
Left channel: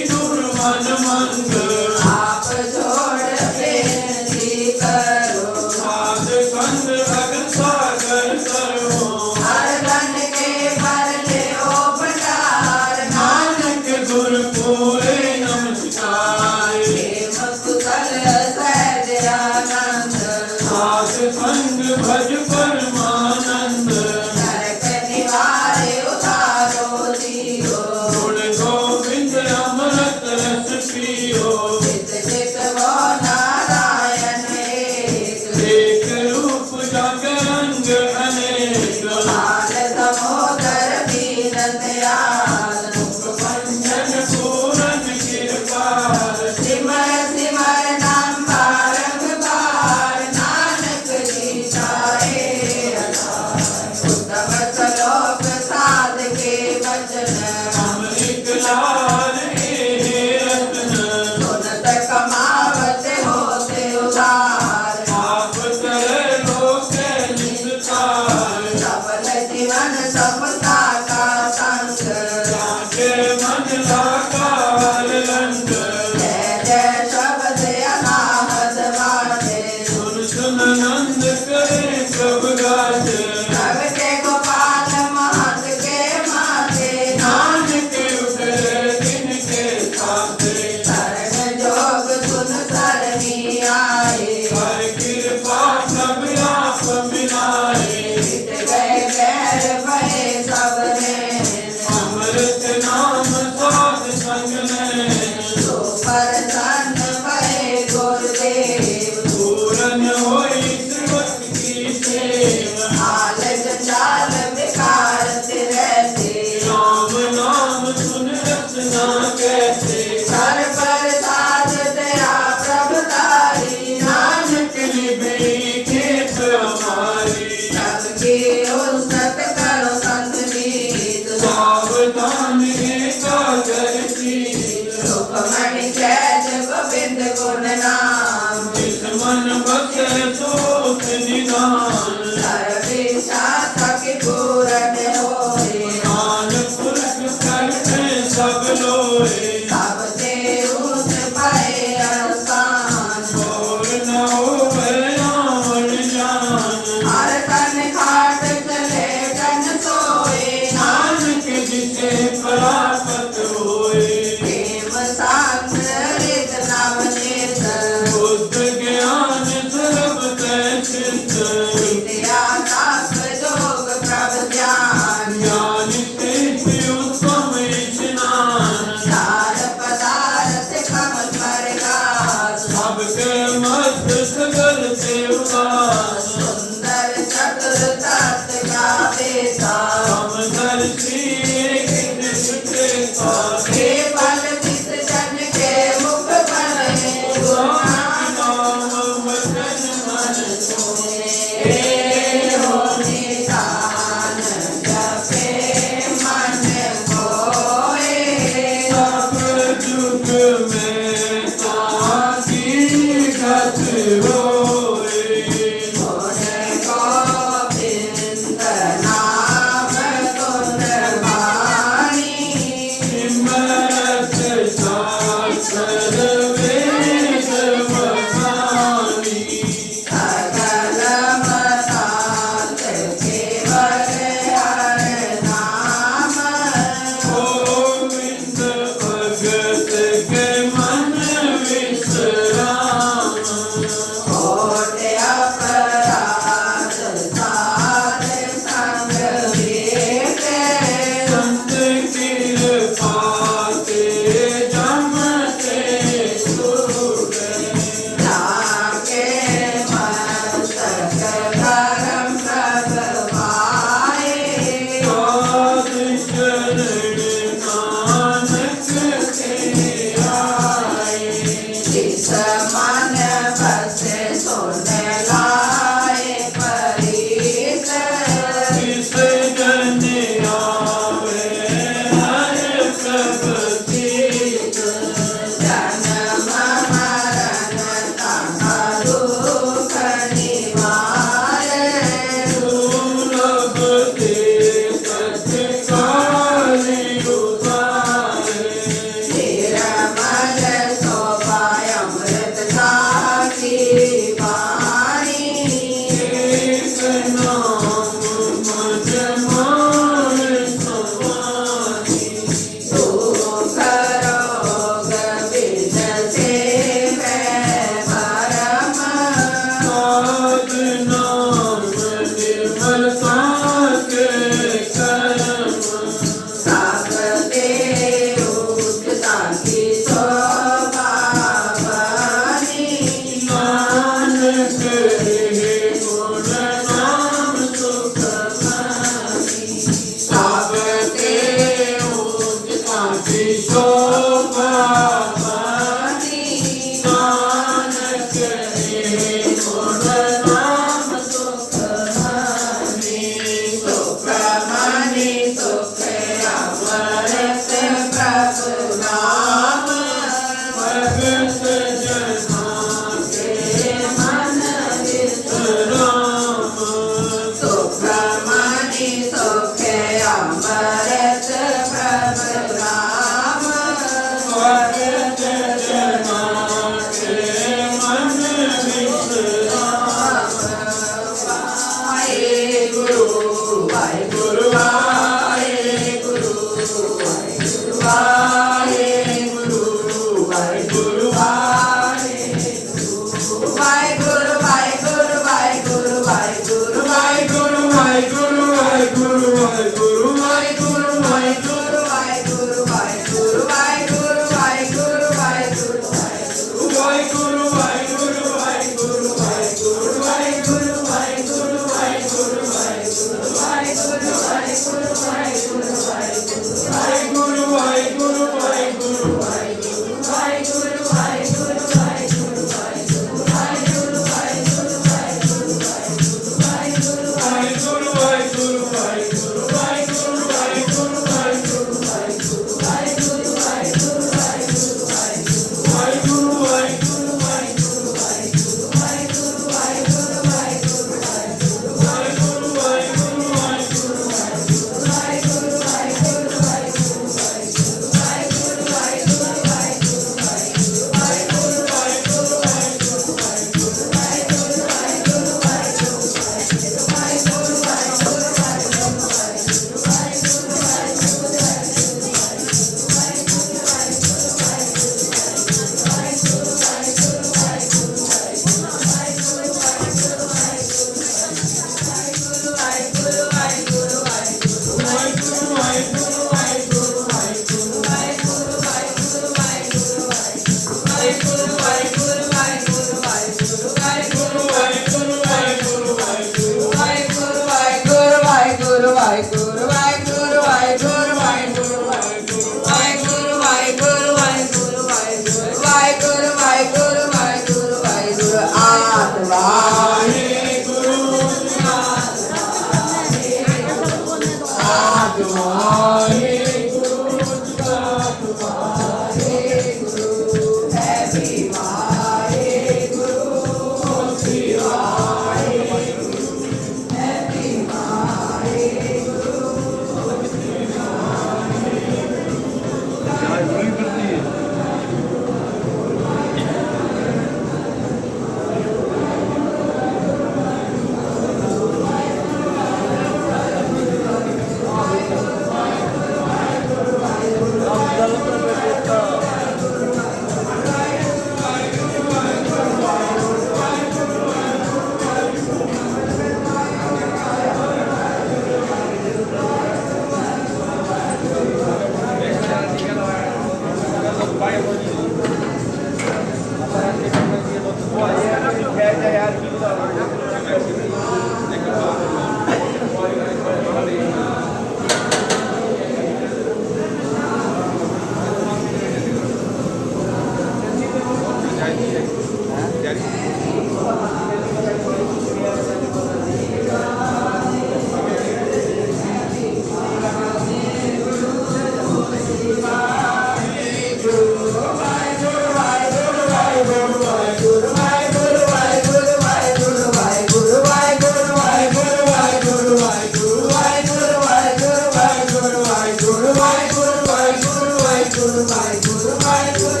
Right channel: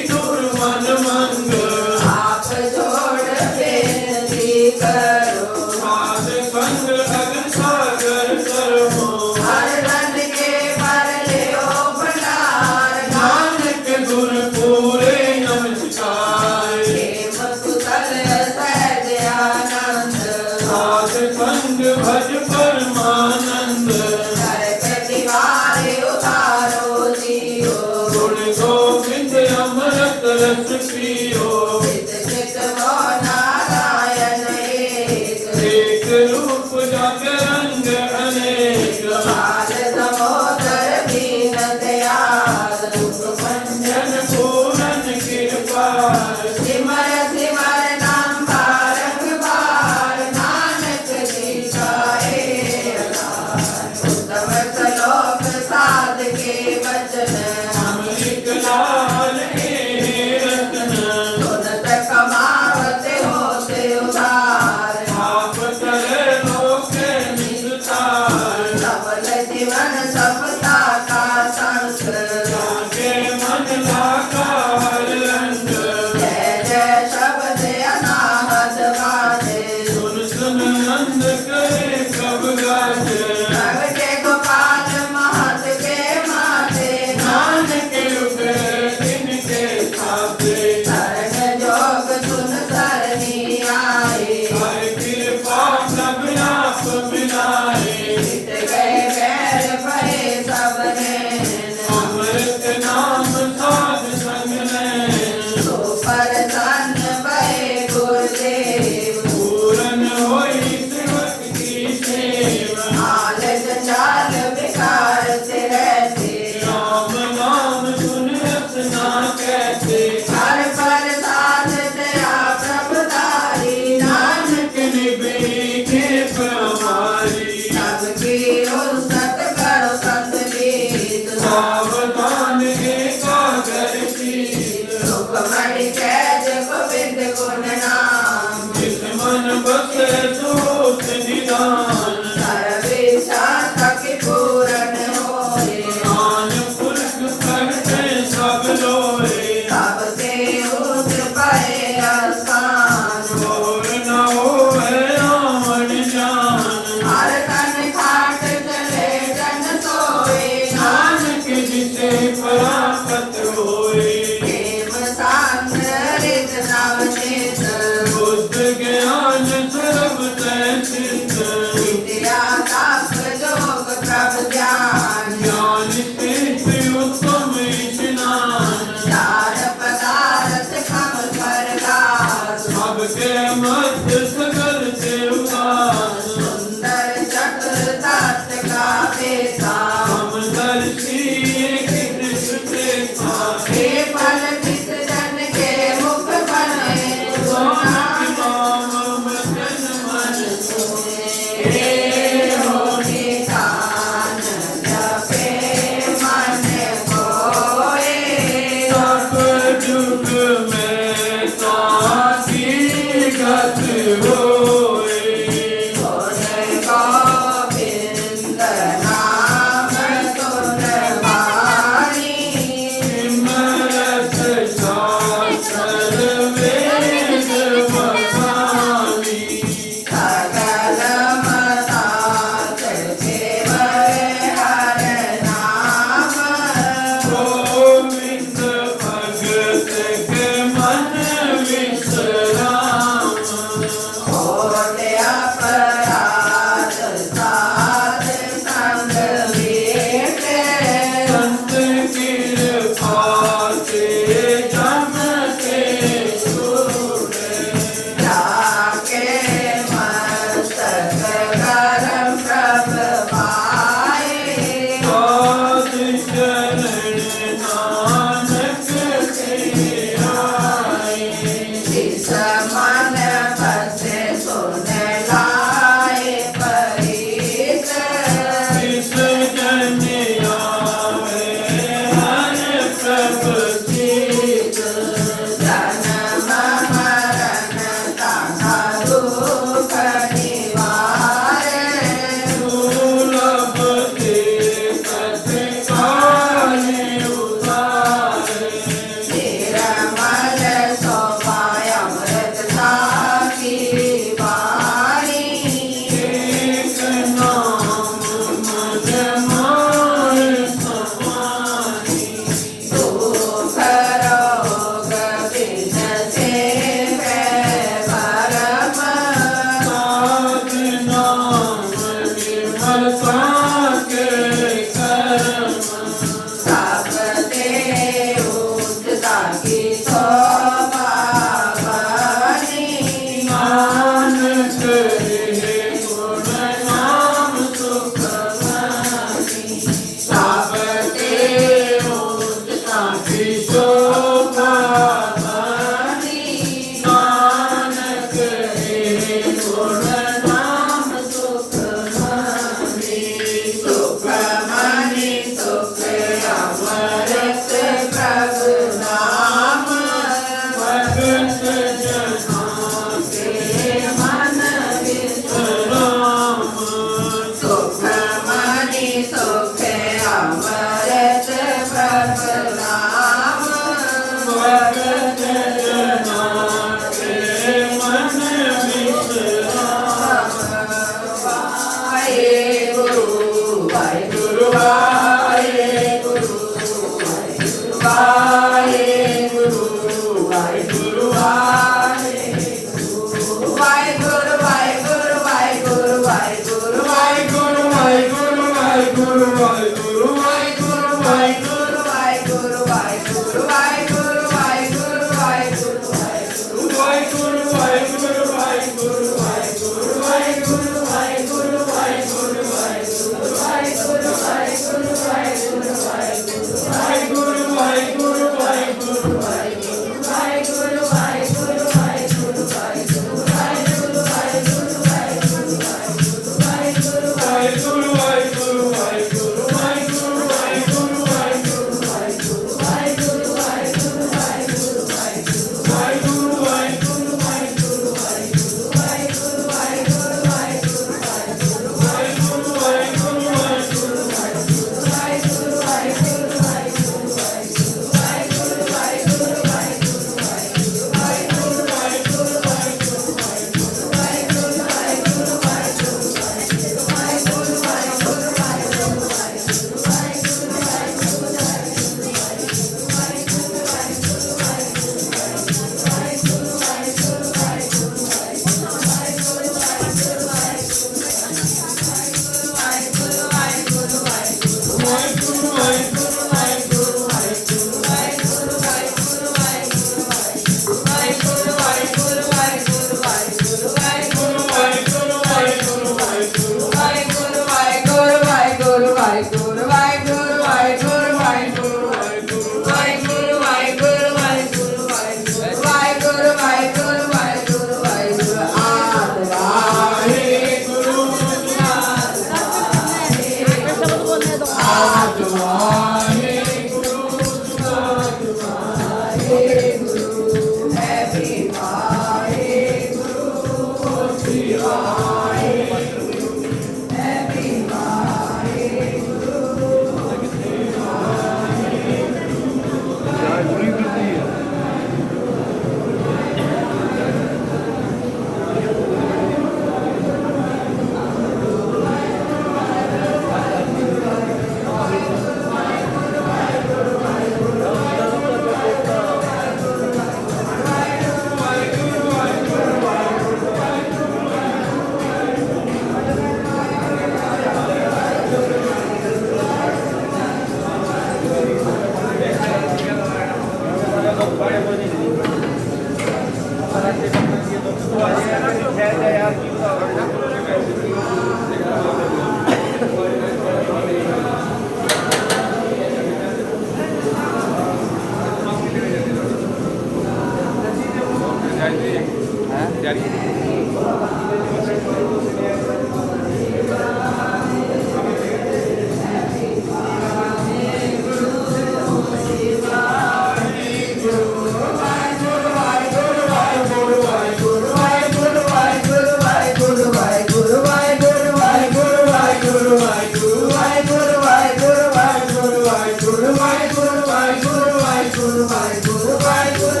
ਵਾਹਿਗੁਰੂ ਵਾਹਿਗੁਰੂ